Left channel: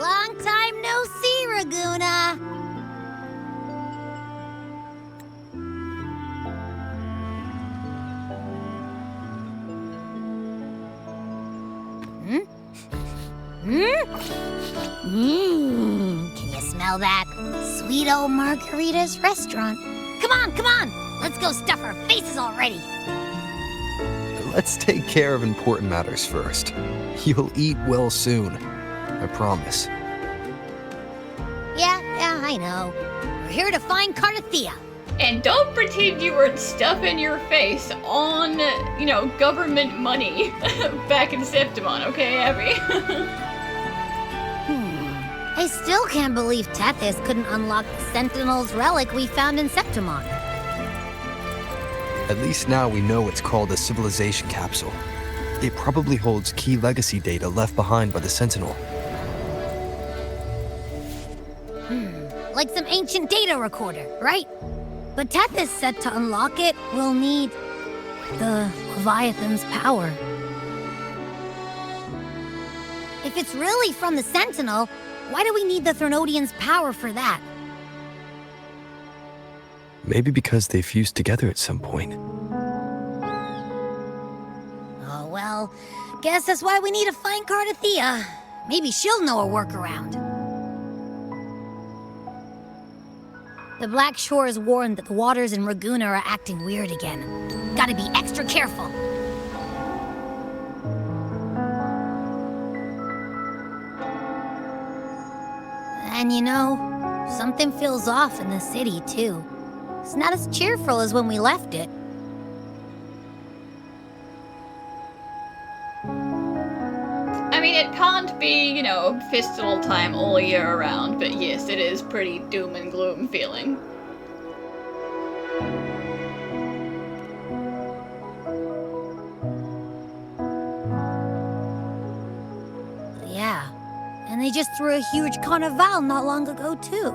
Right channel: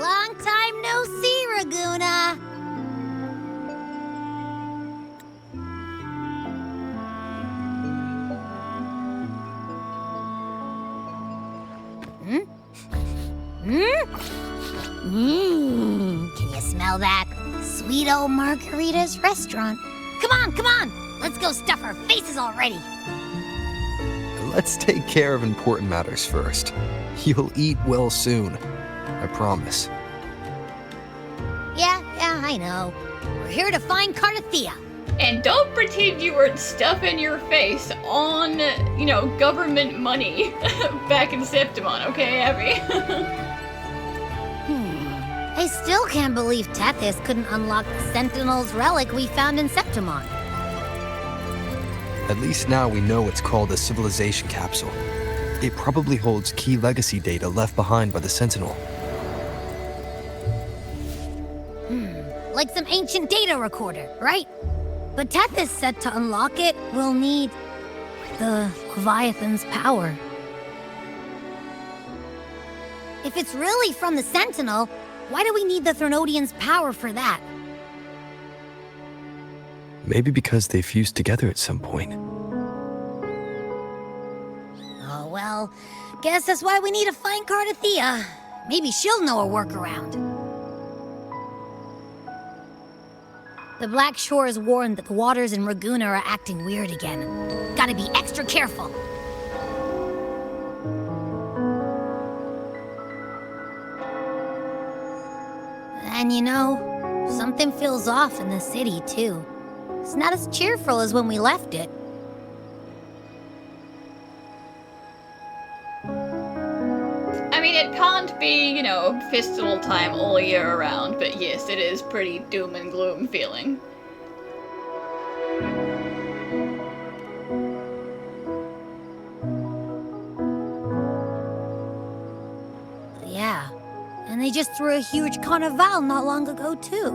Long time no see, Ragunna. Can you smell that? Sweet old Margarita's restaurant. Come on! Let's go stuff our faces already. Let's take care of important matters first. You'll eat well soon. I promise. Yeah, I know. We're here to find Cartethyia. And don't pretend you weren't stuffing your face on, government money back in Septimon, okay, Abby? I still can't believe Tethys couldn't unlock the Sentinel's relic we found in Septimon. At least now we know it's called a Civilization Capsule. It probably holds key legacy data left behind by the Sentinel. Like some ancient data recorder, right? But Tethys said to unlock it, we'll need the Leviathan's power. If it's really from the Sentinel, why do we need the Threnodian's power for that? Maybe because they fused together at some point. Oh, well, guess that's why we need to find Cartethyia. Maybe she'll know a workaround. The Black Shore is warned that the waters in Ragunna are acting weird again. Gotta be extra careful. And something feels off in the city, too. It's not as cheerful as when we left it. I mean, it can't be, festival time all year around, but yes, it is pretty doom and gloom feeling. Yeah, and they just threw a huge carnival not long ago, too.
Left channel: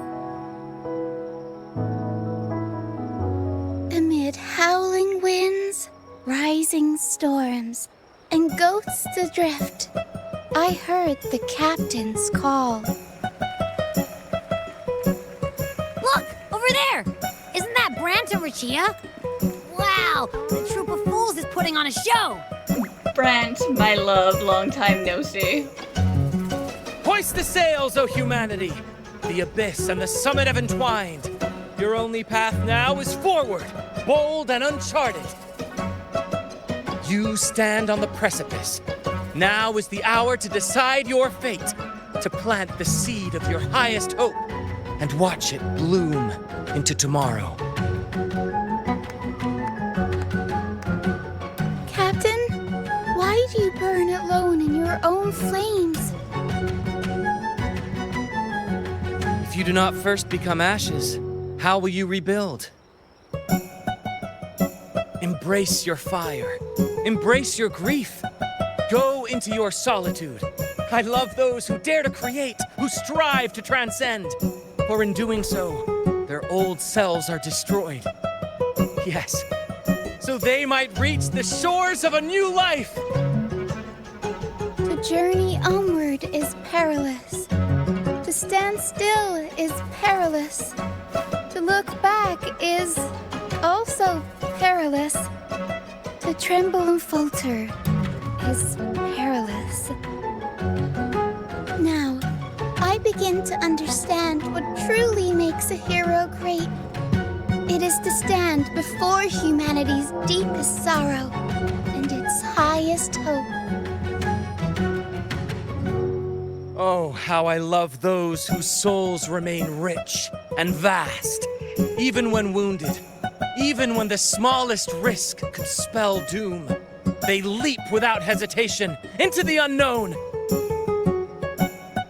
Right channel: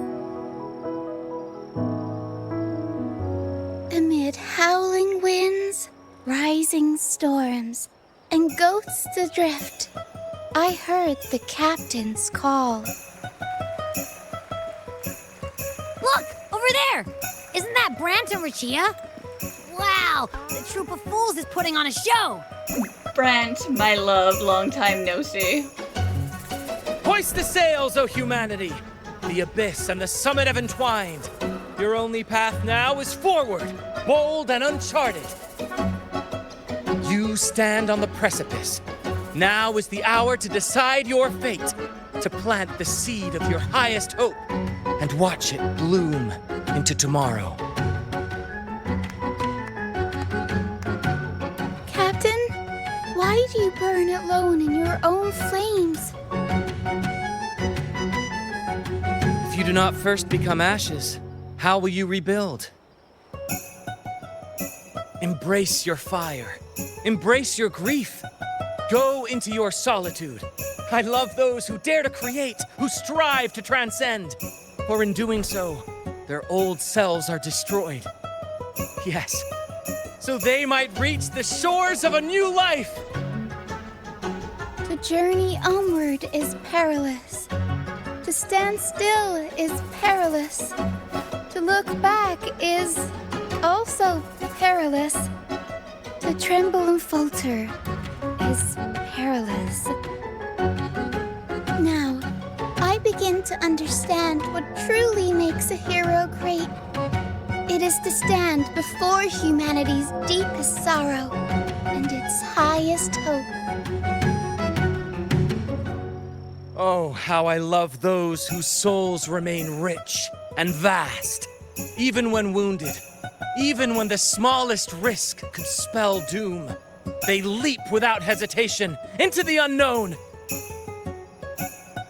Amid howling winds, rising storms, and ghosts adrift, I heard the captain's call. Look! Over there! Isn't that Brant and Rinascita? Wow! The troop of fools is putting on a show! Brant, my love, long time no see. Hoist the sails, O humanity! The abyss and the summit have entwined. Your only path now is forward, bold and uncharted. You stand on the precipice. Now is the hour to decide your fate, to plant the seed of your highest hope, and watch it bloom into tomorrow. Captain, why do you burn alone in your own flames? If you do not first become ashes, how will you rebuild? Embrace your fire. Embrace your grief. Go into your solitude. I love those who dare to create, who strive to transcend. For in doing so, their old selves are destroyed. Yes, so they might reach the shores of a new life. To journey onward is perilous. To stand still is perilous. To look back is also perilous. To tremble and falter is perilous. Now, I begin to understand what truly makes a hero great. It is to stand before humanity's deepest sorrow and its highest hope. Oh, how I love those whose souls remain rich and vast, even when wounded, even when the smallest risk could spell doom. They leap without hesitation into the unknown.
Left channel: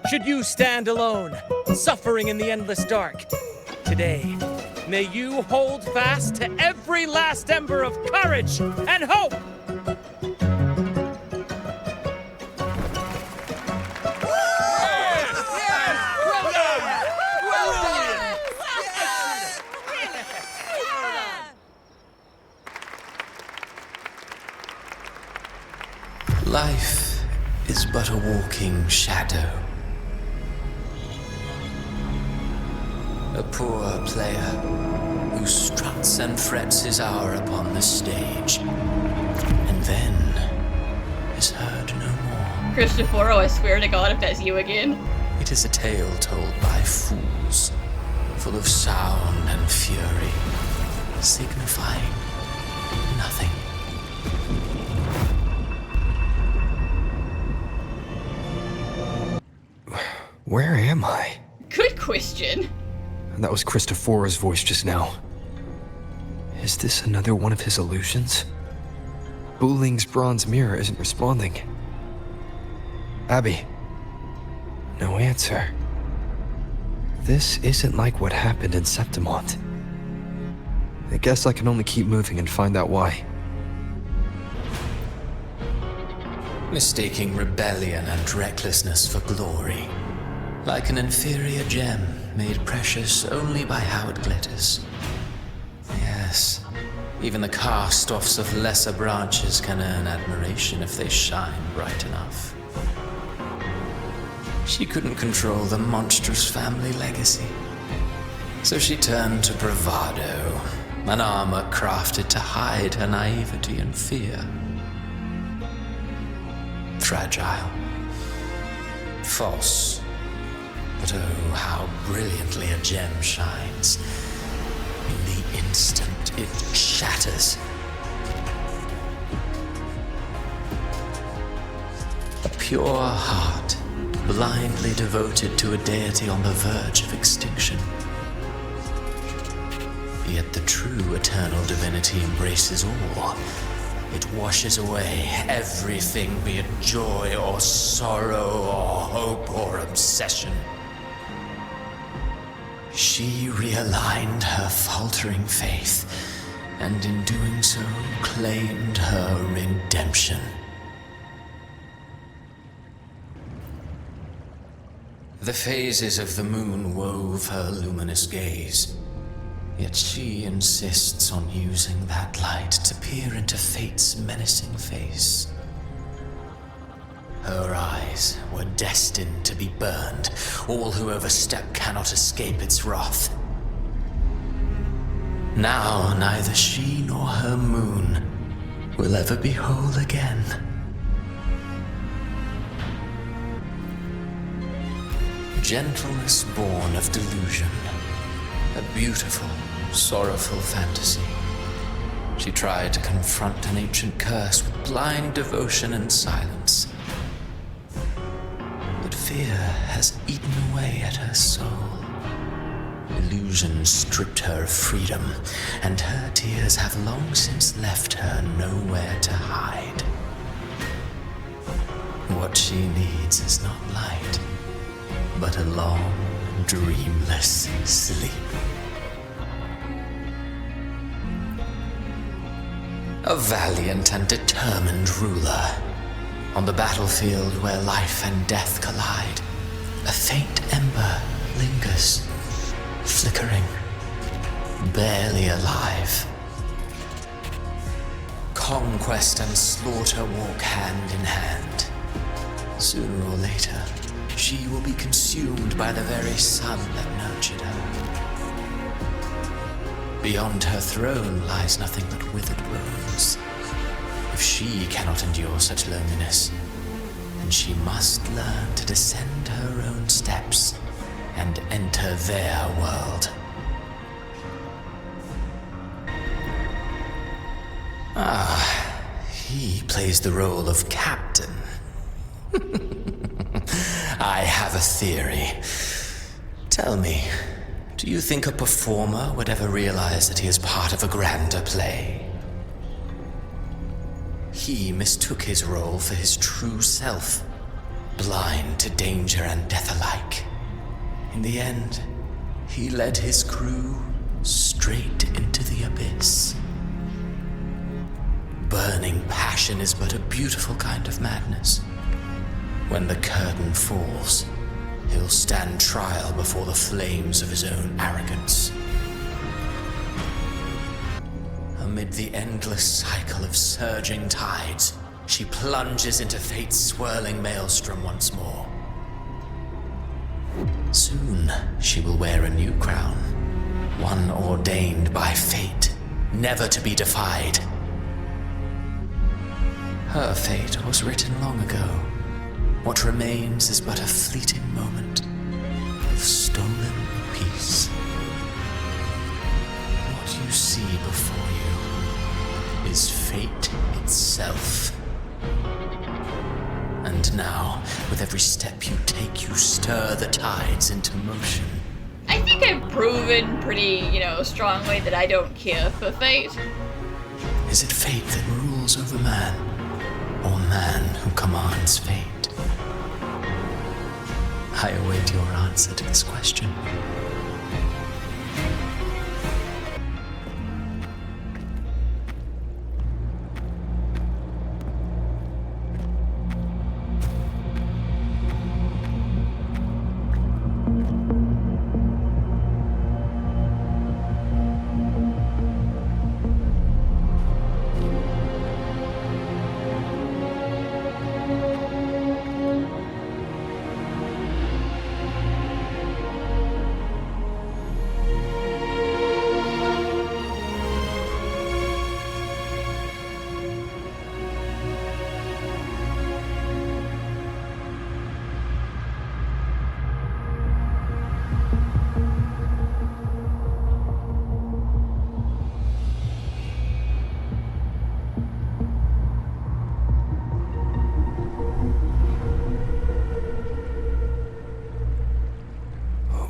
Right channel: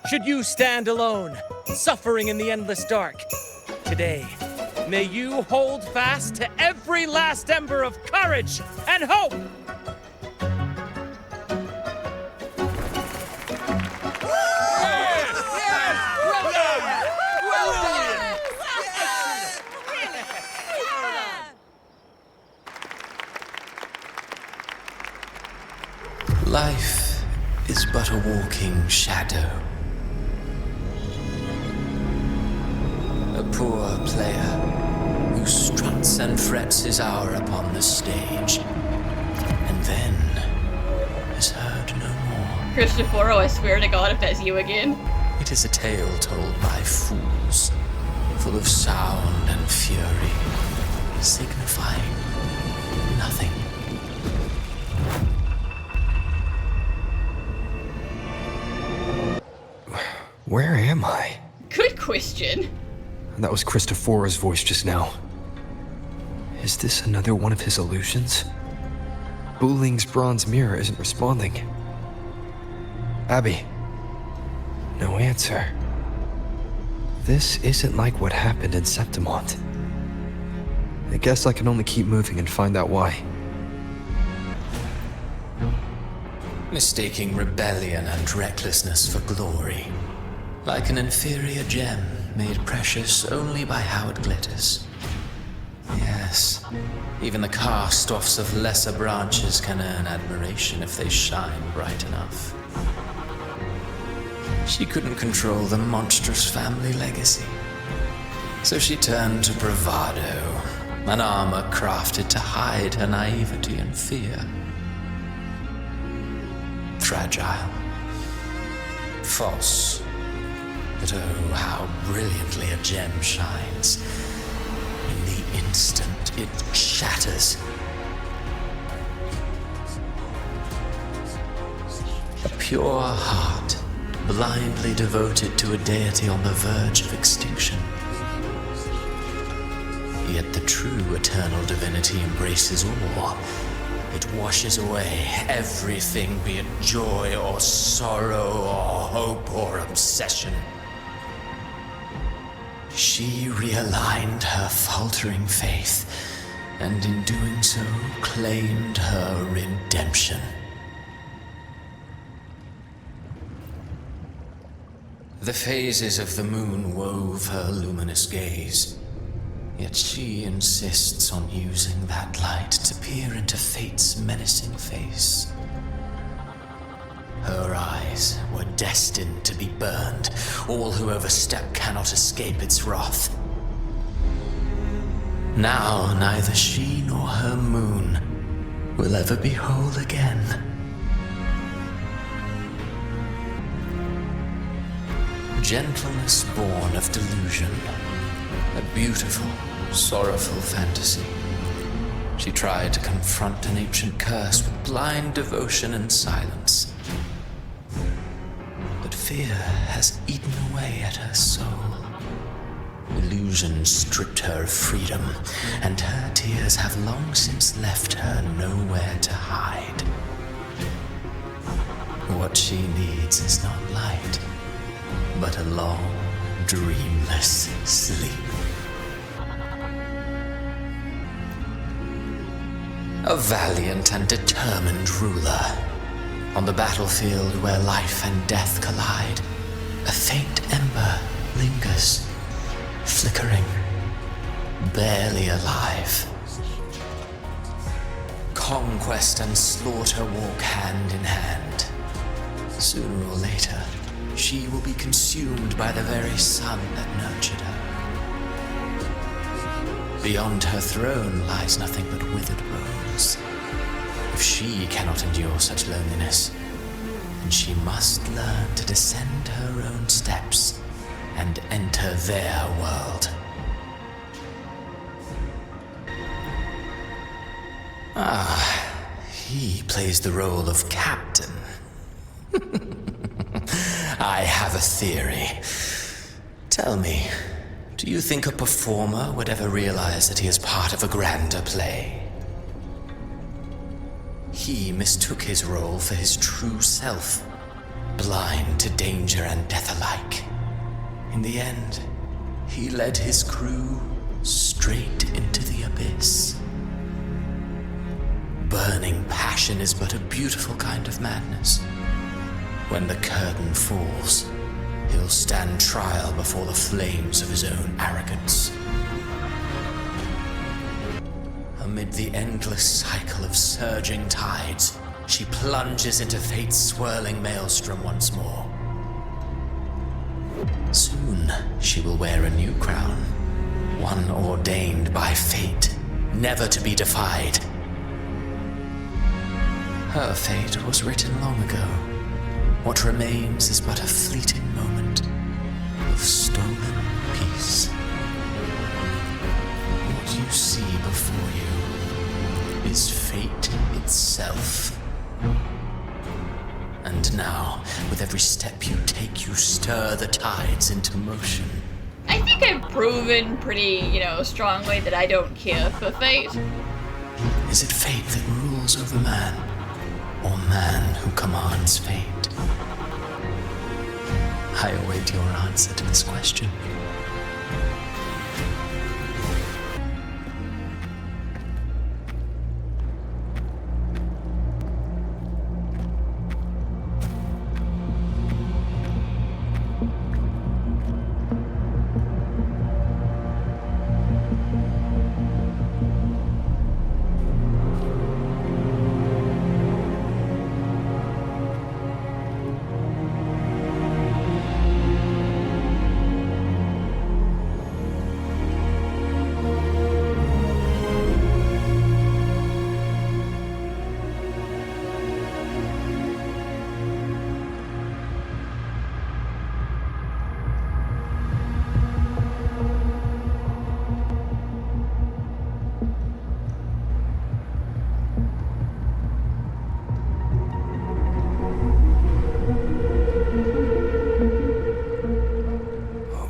Should you stand alone, suffering in the endless dark, today, may you hold fast to every last ember of courage and hope! Life is but a walking shadow. poor player who struts and frets his hour upon the stage, and then is heard no more. Christoforo, I swear to God if that's you again. It is a tale told by fools, full of sound and fury, signifying nothing. Where am I? Good question. That was Christoforo's voice just now. Is this another one of his illusions? Buling's bronze mirror isn't responding. Abby. No answer. This isn't like what happened in Septimont. I guess I can only keep moving and find out why. Mistaking rebellion and recklessness for glory, like an inferior gem made precious only by how it glitters. Yes, even the cast-offs of lesser branches can earn admiration if they shine bright enough. She couldn't control the monstrous family legacy, so she turned to bravado, an armor crafted to hide her naivety and fear. Fragile, false, but oh, how brilliantly a gem shines. In the instant it shatters. A pure heart, blindly devoted to a deity on the verge of extinction. Yet the true eternal divinity embraces all. It washes away everything, be it joy or sorrow or hope or obsession. She realigned her faltering faith, and in doing so, claimed her redemption. The phases of the moon wove her luminous gaze, yet she insists on using that light to peer into fate's menacing face. Her eyes were destined to be burned. All who overstep cannot escape its wrath. Now neither she nor her moon will ever be whole again. Gentleness born of delusion. A beautiful, sorrowful fantasy. She tried to confront an ancient curse with blind devotion and silence. But fear has eaten away at her soul. Illusion stripped her of freedom, and her tears have long since left her nowhere to hide. What she needs is not light, but a long, dreamless sleep. A valiant and determined ruler. On the battlefield where life and death collide, a faint ember lingers, flickering, barely alive. Conquest and slaughter walk hand in hand. Sooner or later, she will be consumed by the very sun that nurtured her. Beyond her throne lies nothing but withered bones. If she cannot endure such loneliness, then she must learn to descend her own steps and enter their world. Ah, he plays the role of captain. I have a theory. Tell me, do you think a performer would ever realize that he is part of a grander play? He mistook his role for his true self, blind to danger and death alike. In the end, he led his crew straight into the abyss. Burning passion is but a beautiful kind of madness. When the curtain falls, he'll stand trial before the flames of his own arrogance. Amid the endless cycle of surging tides, she plunges into fate's swirling maelstrom once more. Soon, she will wear a new crown, one ordained by fate, never to be defied. Her fate was written long ago. What remains is but a fleeting moment of stolen peace. What you see before you is fate itself. And now, with every step you take, you stir the tides into motion. I think I've proven pretty, strongly that I don't care for fate. Is it fate that rules over man, or man who commands fate? I await your answer to this question.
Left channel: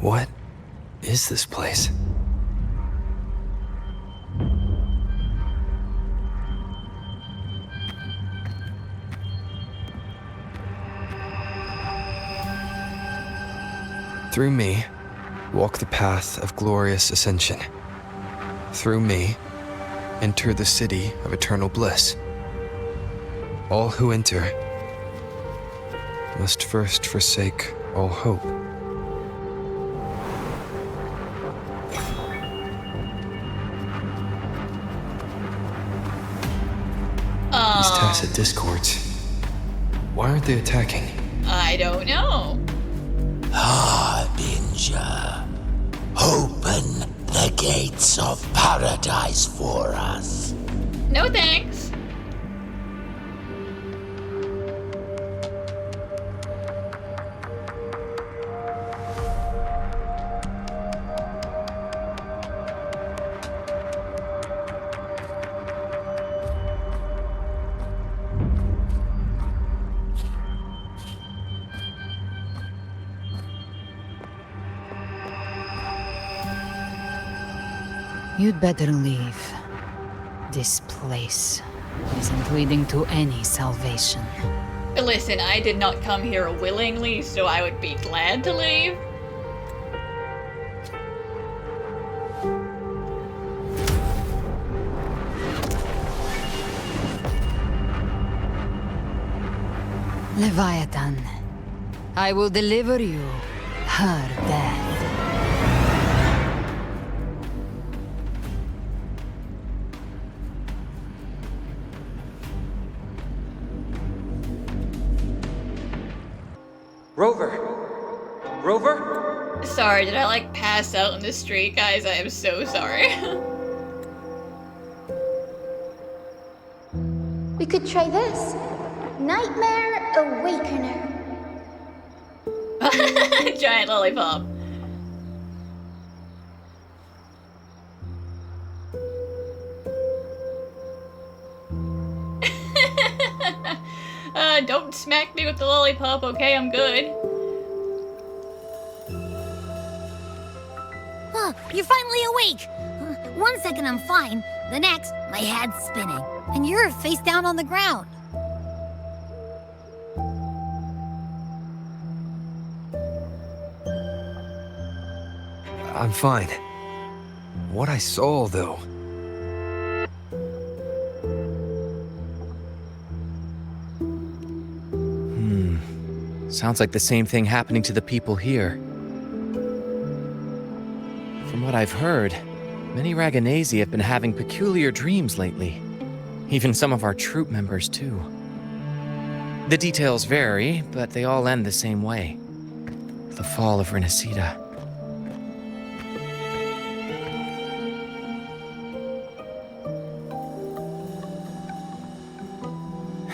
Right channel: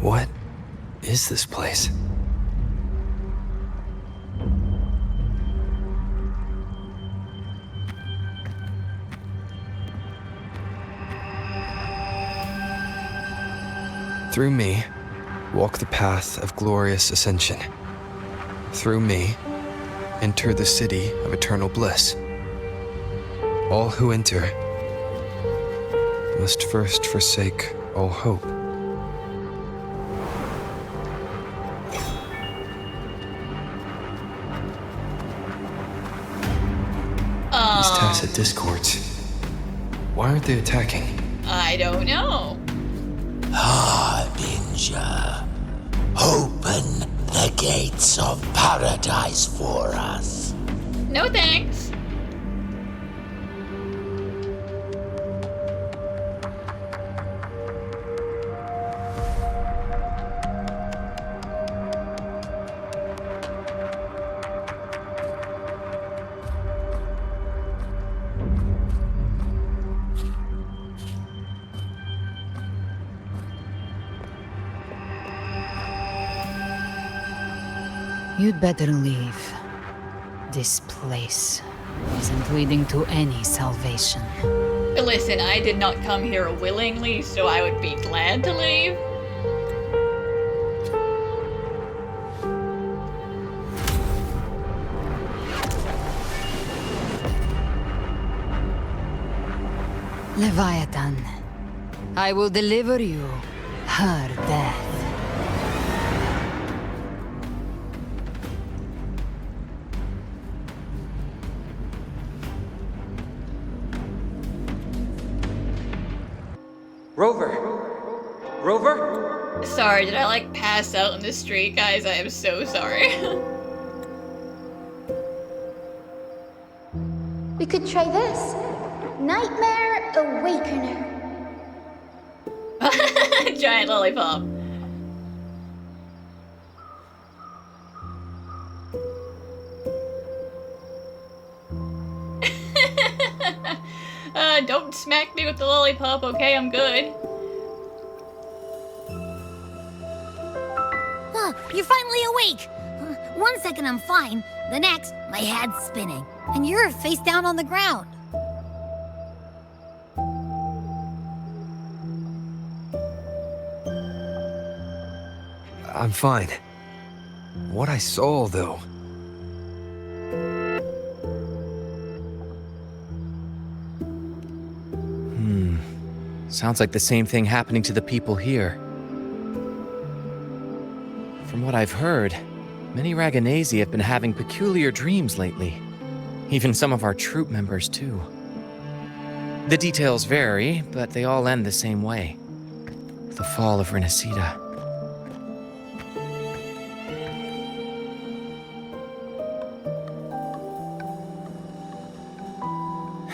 What is this place? Through me, walk the path of glorious ascension. Through me, enter the city of eternal bliss. All who enter must first forsake all hope. These tacit discords, why aren't they attacking? I don't know. Harbinger, open the gates of paradise for us. No thanks. You'd better leave. This place isn't leading to any salvation. Listen, I did not come here willingly, so I would be glad to leave. Leviathan, I will deliver you her death. Rover? Sorry, did I pass out in the street, guys? I am so sorry. We could try this. Nightmare Awakener. Giant lollipop. Don't smack me with the lollipop, okay? I'm good. Huh, you're finally awake! 1 second I'm fine, the next, my head's spinning. And you're face down on the ground. I'm fine. What I saw, though. Sounds like the same thing happening to the people here. From what I've heard, many Ragunesi have been having peculiar dreams lately. Even some of our troop members, too. The details vary, but they all end the same way. The fall of Rinascita.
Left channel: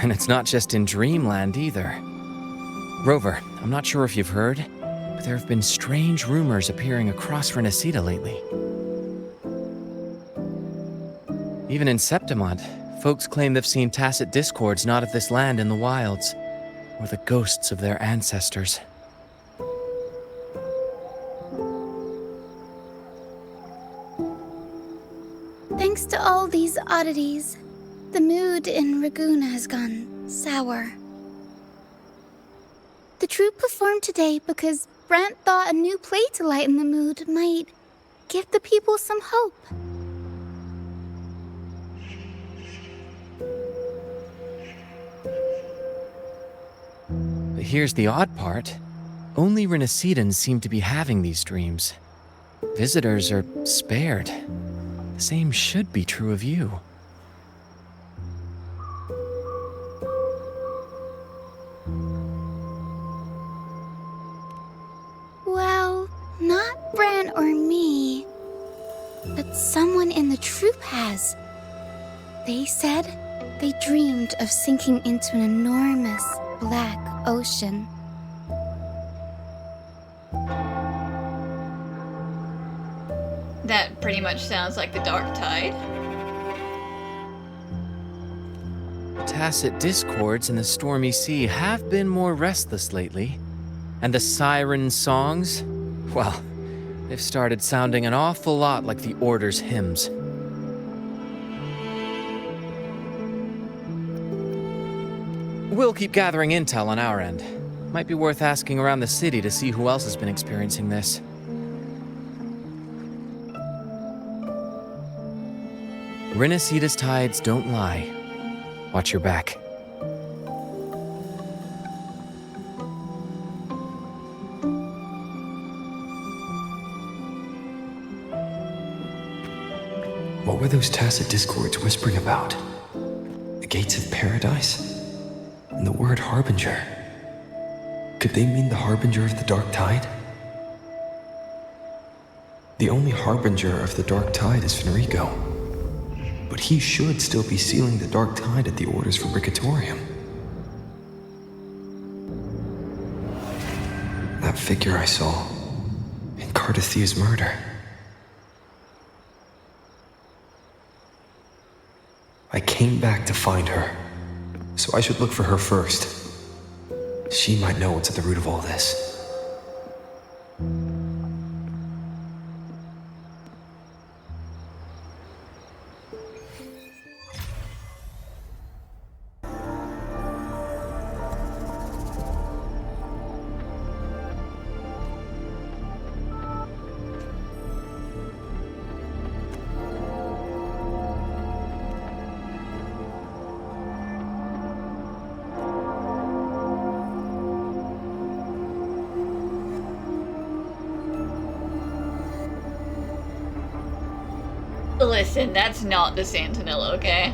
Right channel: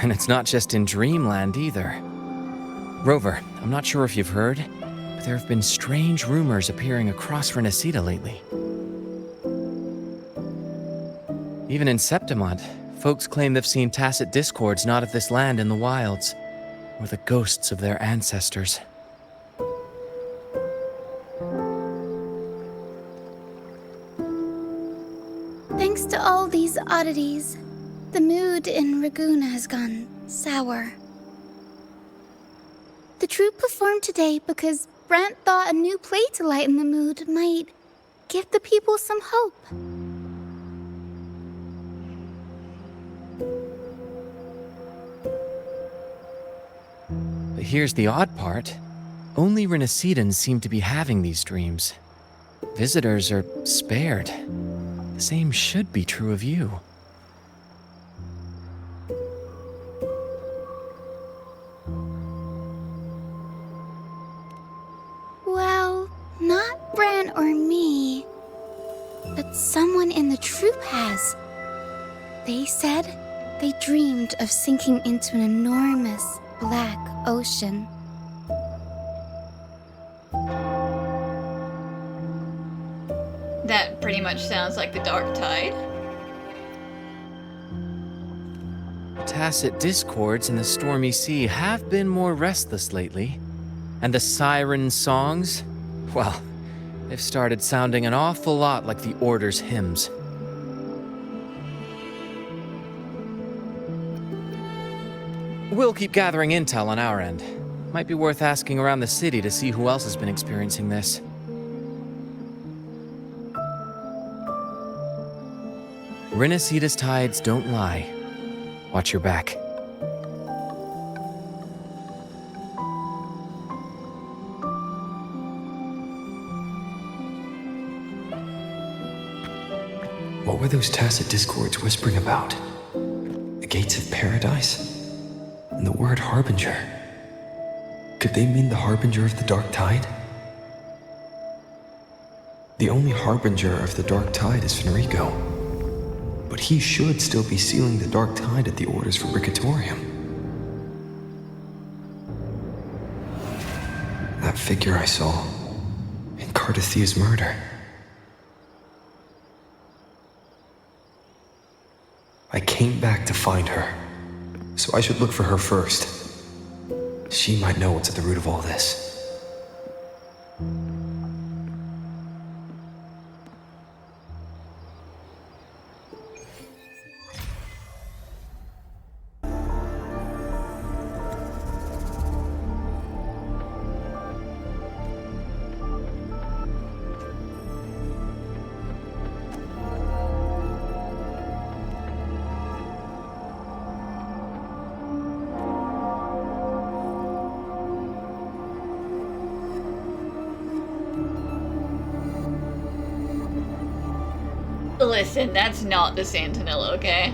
And it's not just in Dreamland either. Rover, I'm not sure if you've heard, but there have been strange rumors appearing across Rinascita lately. Even in Septimont, folks claim they've seen tacit discords not of this land in the wilds, or the ghosts of their ancestors. Thanks to all these oddities, the mood in Ragunna has gone sour. The troupe performed today because Brant thought a new play to lighten the mood might give the people some hope. But here's the odd part. Only Rinascitans seem to be having these dreams. Visitors are spared. The same should be true of you. Well, not Bran or me, but someone in the troupe has. They said they dreamed of sinking into an enormous black ocean. That pretty much sounds like the Dark Tide. Tacit discords in the stormy sea have been more restless lately. And the siren songs, well, they've started sounding an awful lot like the Order's hymns. We'll keep gathering intel on our end. Might be worth asking around the city to see who else has been experiencing this. Rinascita's tides don't lie. Watch your back. What were those tacit discords whispering about? The gates of paradise? And the word harbinger? Could they mean the harbinger of the dark tide? The only harbinger of the dark tide is Fenrico. But he should still be sealing the dark tide at the Order's Fabricatorium. That figure I saw in Cartethyia's murder. I came back to find her, so I should look for her first. She might know what's at the root of all this. Listen, that's not the Sentinel, okay?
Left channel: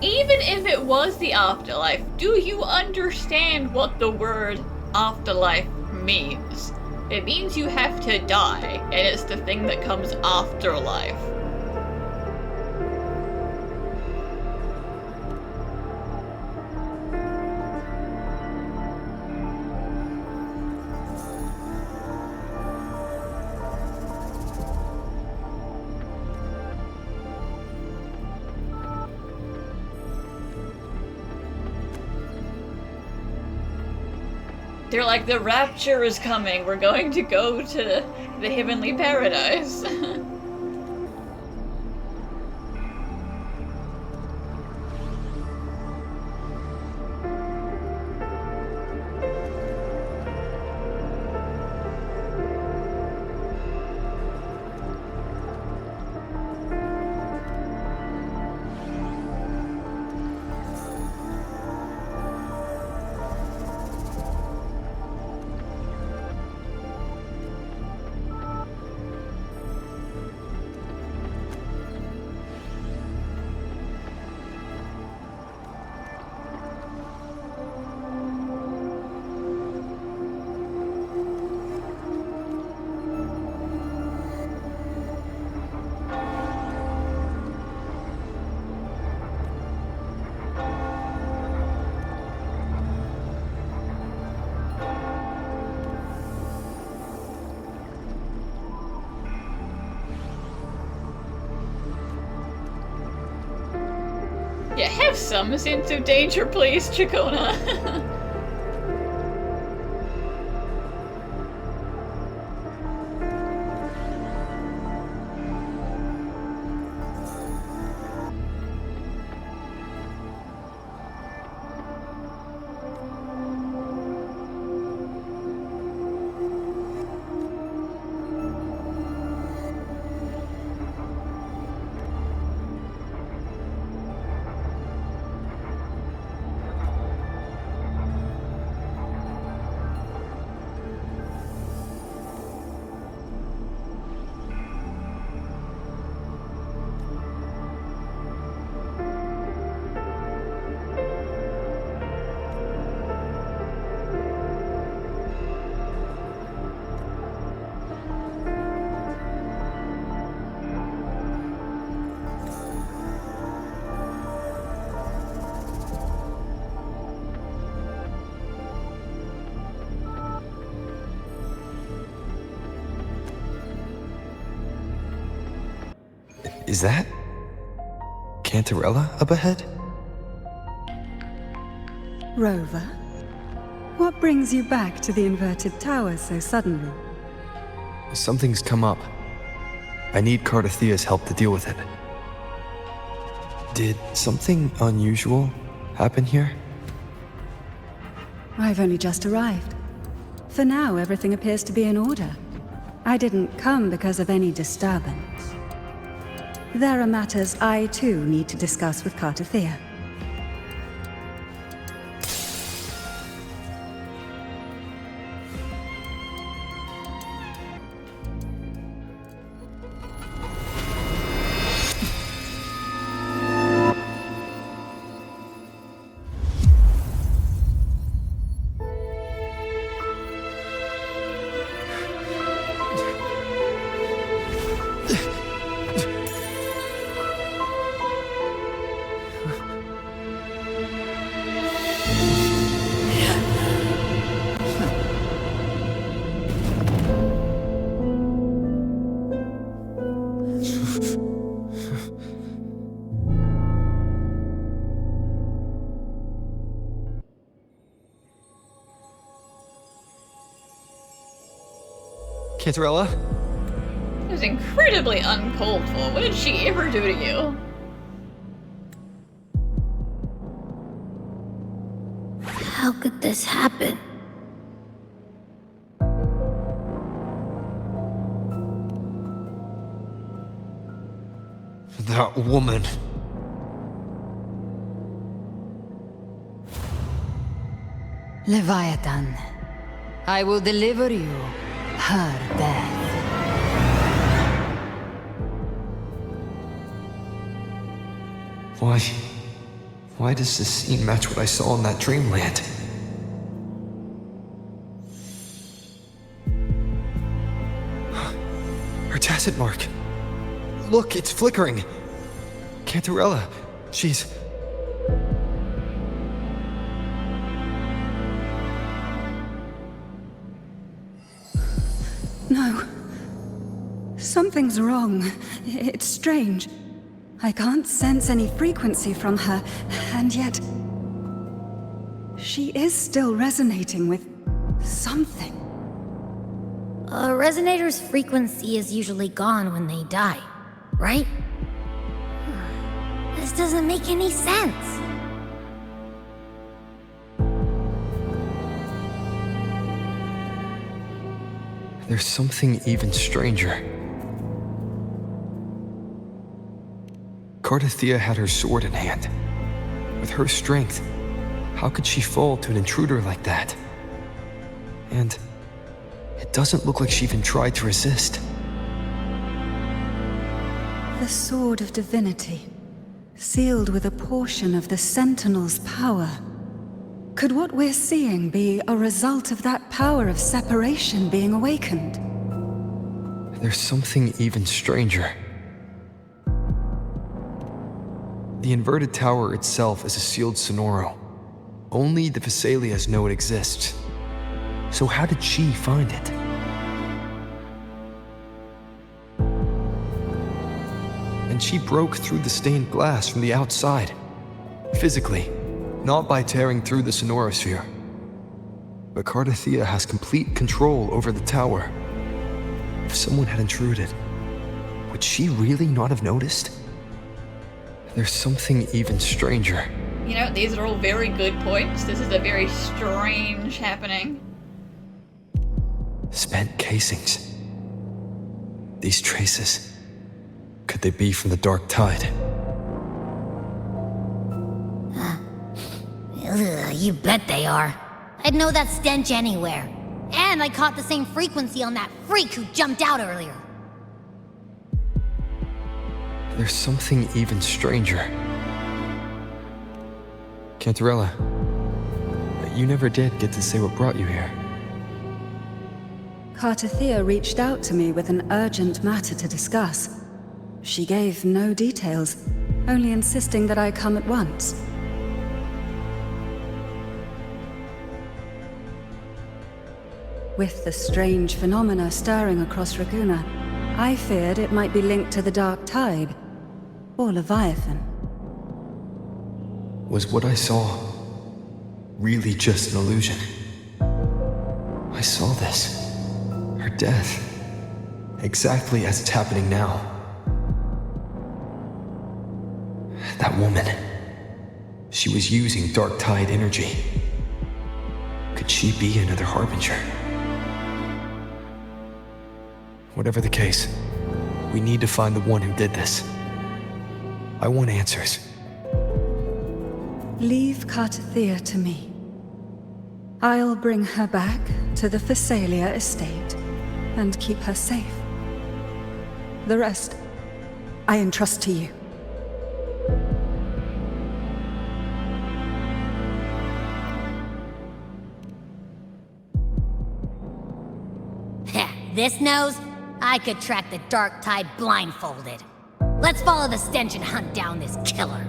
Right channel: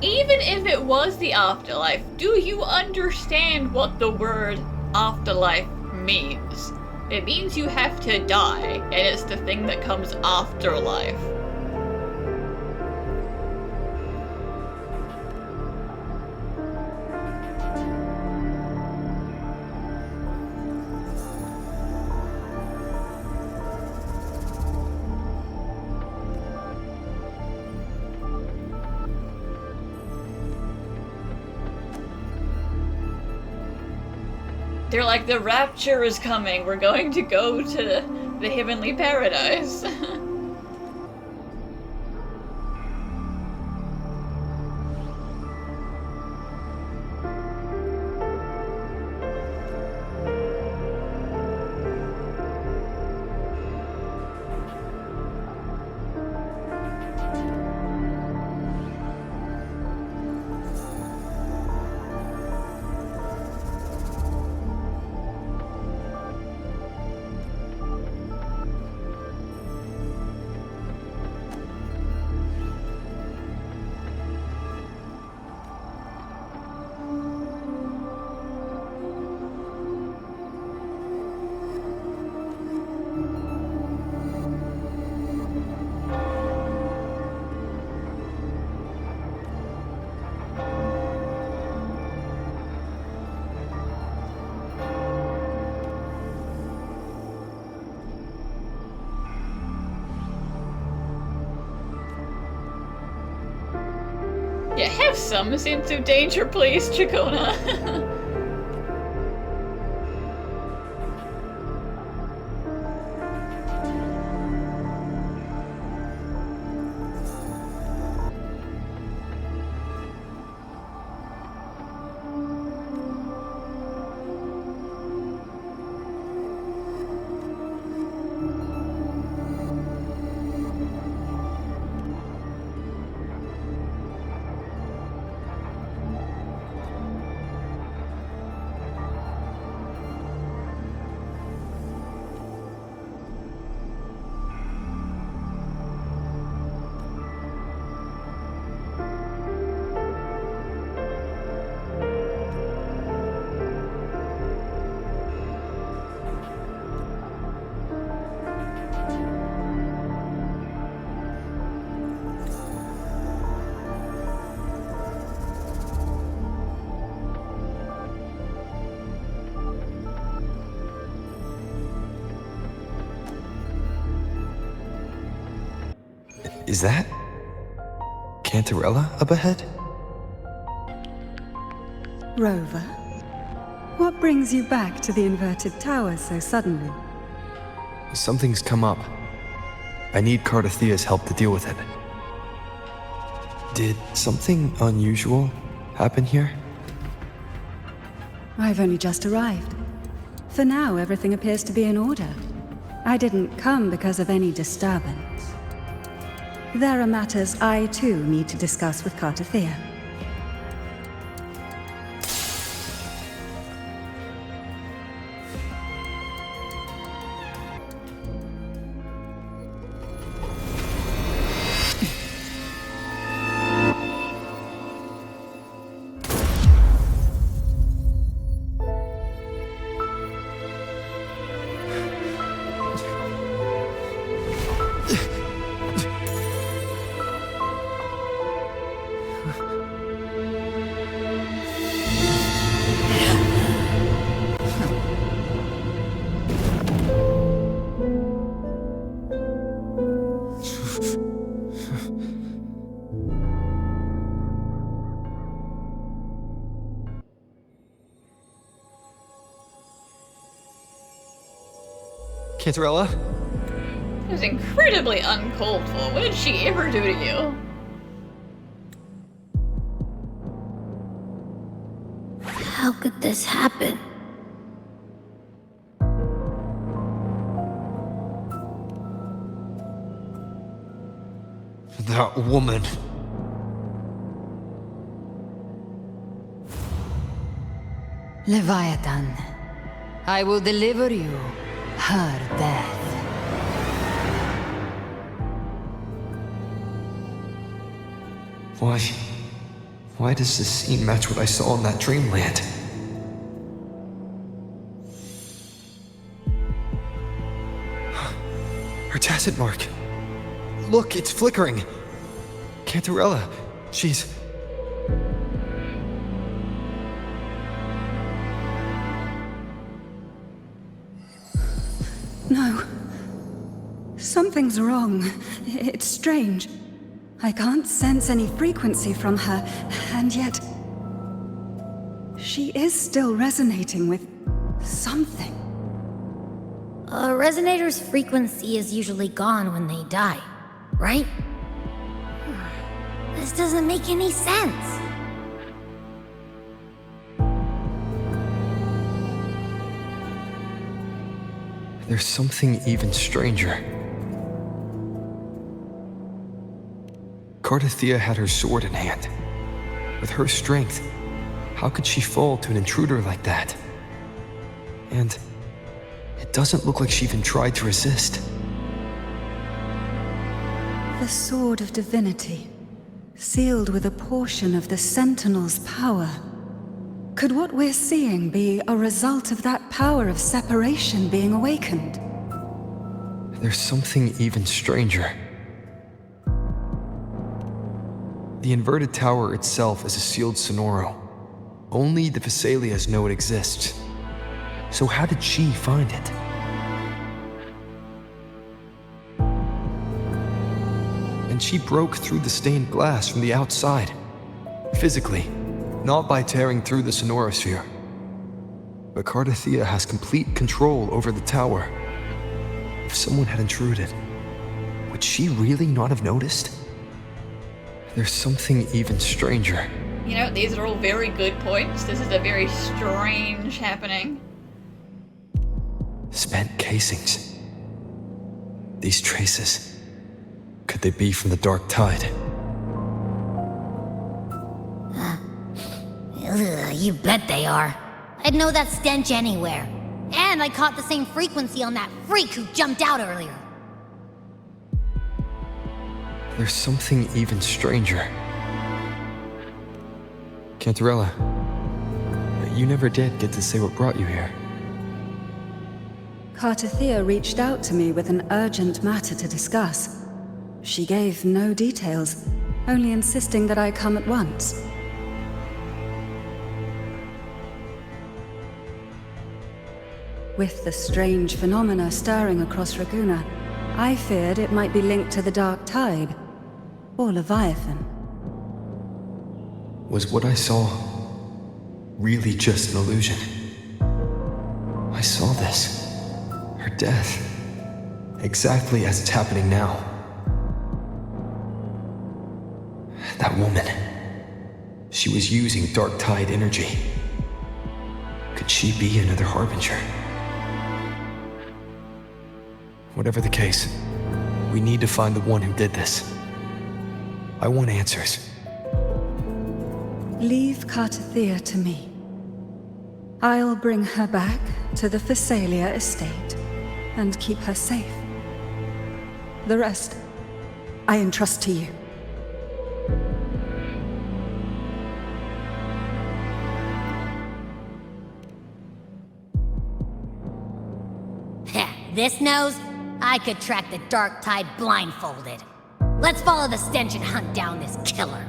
Even if it was the afterlife, do you understand what the word afterlife means? It means you have to die, and it's the thing that comes after life. They're like, the rapture is coming, we're going to go to the heavenly paradise. Yeah, have some sense of danger, please, Chacona. Is that Cantarella up ahead? Rover, what brings you back to the inverted tower so suddenly? Something's come up. I need Cartethyia's help to deal with it. Did something unusual happen here? I've only just arrived. For now, everything appears to be in order. I didn't come because of any disturbance. There are matters I, too, need to discuss with Cartethyia. Cantarella? It was incredibly uncalled for. What did she ever do to you? How could this happen? That woman. Leviathan, I will deliver you her death. Why does this scene match what I saw in that dreamland? Her tacit mark. Look, it's flickering. Cantarella, she's... No. Something's wrong. It's strange. I can't sense any frequency from her, and yet... she is still resonating with something. A resonator's frequency is usually gone when they die, right? This doesn't make any sense. There's something even stranger. Cartethyia had her sword in hand. With her strength, how could she fall to an intruder like that? And it doesn't look like she even tried to resist. The Sword of Divinity, sealed with a portion of the Sentinel's power. Could what we're seeing be a result of that power of separation being awakened? There's something even stranger. The inverted tower itself is a sealed sonoro. Only the Vesalias know it exists. So how did she find it? And she broke through the stained glass from the outside. physically, not by tearing through the sonorosphere. But Cartethyia has complete control over the tower. If someone had intruded, would she really not have noticed? There's something even stranger. You know, these are all very good points. This is a very strange happening. Spent casings. These traces. Could they be from the dark tide? Ugh, you bet they are. I'd know that stench anywhere. And I caught the same frequency on that freak who jumped out earlier. There's something even stranger. Cantarella, you never did get to say what brought you here. Cartethyia reached out to me with an urgent matter to discuss. She gave no details, only insisting that I come at once. With the strange phenomena stirring across Ragunna, I feared it might be linked to the dark tide, or Leviathan. Was what I saw really just an illusion? I saw this. Her death. Exactly as it's happening now. That woman. She was using dark tide energy. Could she be another harbinger? Whatever the case, we need to find the one who did this. I want answers. Leave Cartethyia to me. I'll bring her back to the Phasalia estate and keep her safe. The rest, I entrust to you. This nose? I could track the dark tide blindfolded. Let's follow the stench and hunt down this killer.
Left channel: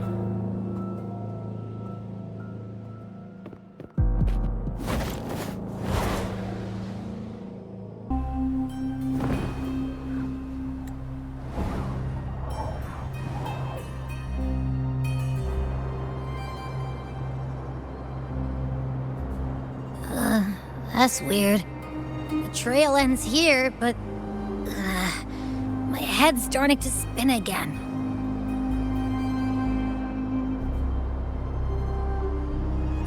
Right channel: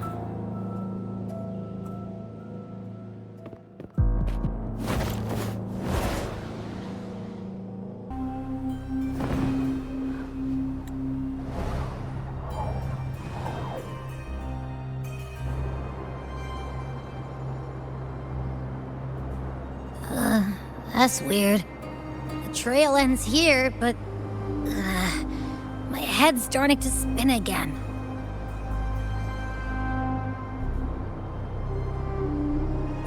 That's weird. The trail ends here, but my head's starting to spin again.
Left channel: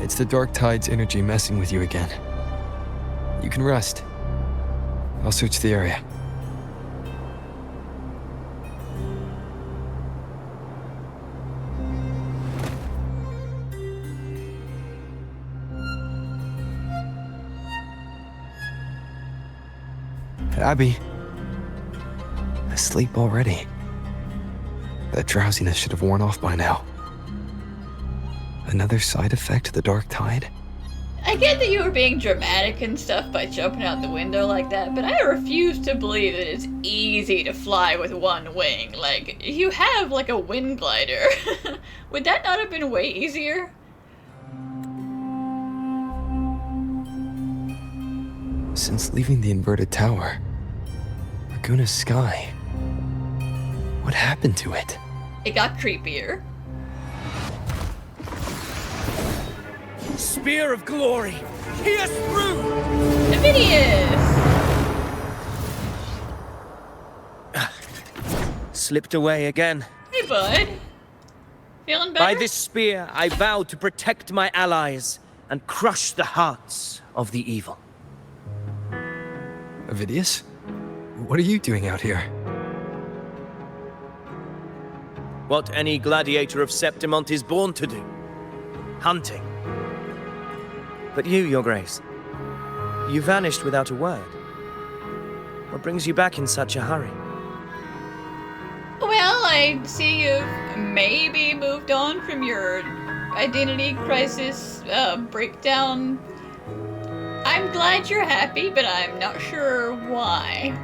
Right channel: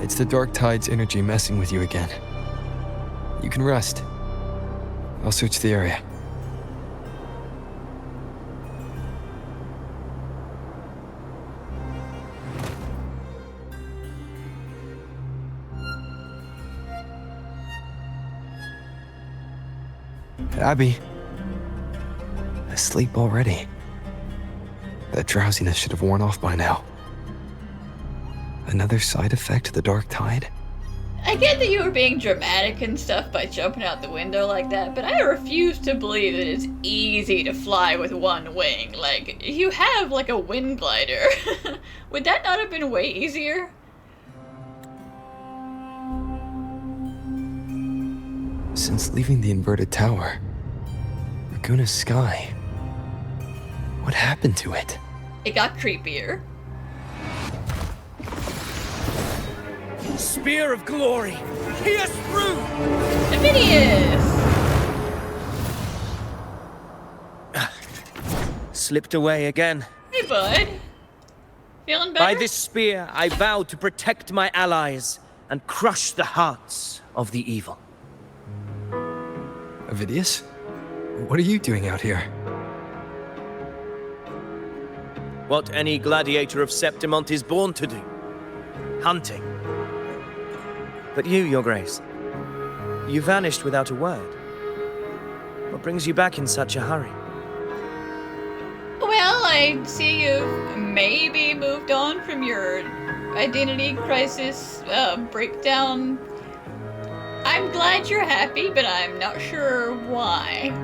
It's the dark tide's energy messing with you again. You can rest. I'll search the area. Abby. Asleep already. That drowsiness should have worn off by now. Another side effect of the dark tide? I get that you were being dramatic and stuff by jumping out the window like that, but I refuse to believe that it's easy to fly with one wing. Like, you have like a wind glider. Would that not have been way easier? Since leaving the inverted tower, Ragunna's sky. What happened to it? It got creepier. Spear of glory! Pierce through! Avidius! Slipped away again. Hey, bud. Feeling better? By this spear, I vow to protect my allies and crush the hearts of the evil. Avidius? What are you doing out here? What any gladiator of Septimont is born to do. Hunting. But you, Your Grace, you vanished without a word. What brings you back in such a hurry? Well, I see you've maybe moved on from your identity crisis breakdown. I'm glad you're happy, but I'm not sure why.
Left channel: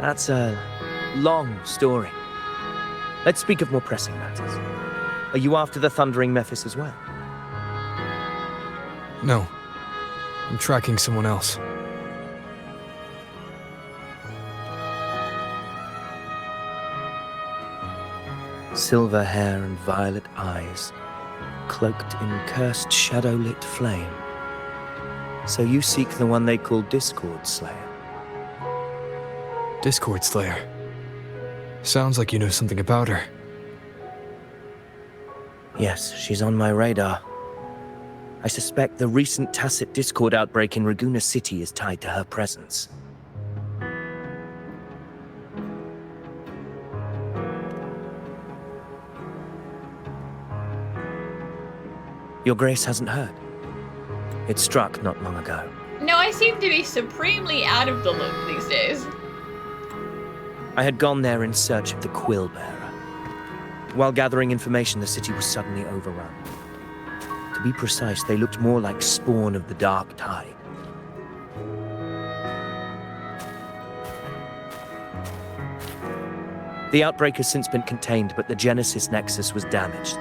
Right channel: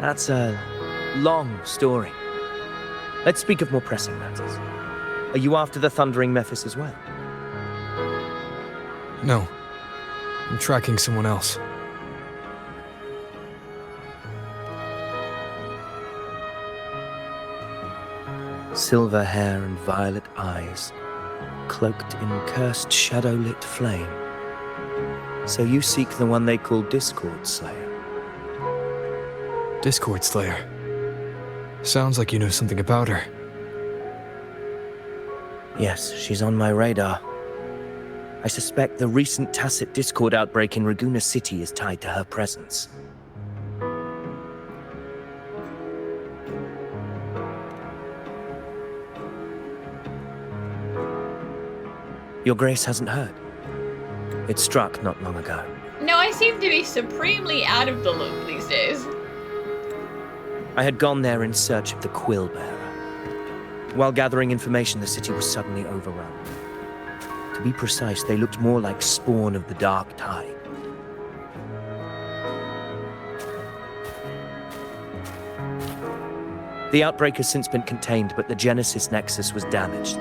That's a long story. Let's speak of more pressing matters. Are you after the Thundering Mephis as well? No. I'm tracking someone else. Silver hair and violet eyes, cloaked in cursed shadow-lit flame. So you seek the one they call Discord Slayer. Discord Slayer. Sounds like you know something about her. Yes, she's on my radar. I suspect the recent tacit Discord outbreak in Ragunna City is tied to her presence. Your Grace hasn't heard. It struck not long ago. No, I seem to be supremely out of the loop these days. I had gone there in search of the Quill Bearer. While gathering information, the city was suddenly overrun. To be precise, they looked more like spawn of the Dark Tide. The outbreak has since been contained, but the Genesis Nexus was damaged.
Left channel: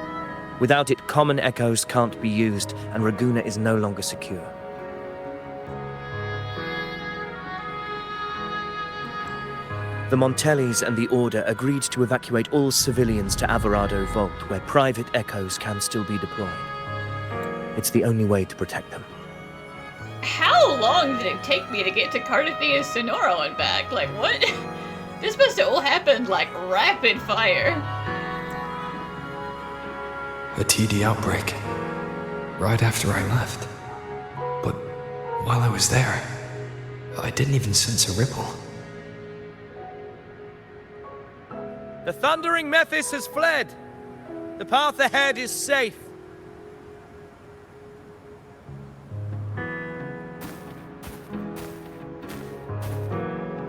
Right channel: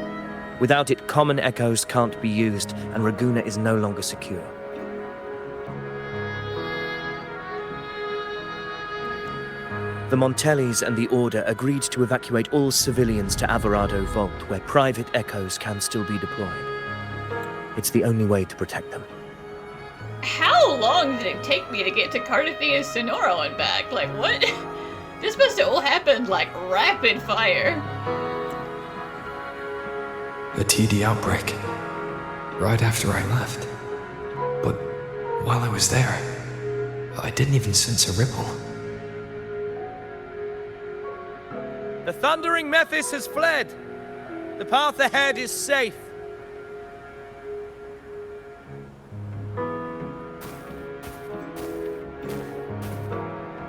Without it, common echoes can't be used, and Ragunna is no longer secure. The Montellis and the Order agreed to evacuate all civilians to Averado Vault, where private echoes can still be deployed. It's the only way to protect them. How long did it take me to get to Cartethyia Sonoro and back? Like, what? This must have all happened like rapid fire. A TD outbreak. Right after I left. But while I was there, I didn't even sense a ripple. The thundering Mephis has fled. The path ahead is safe.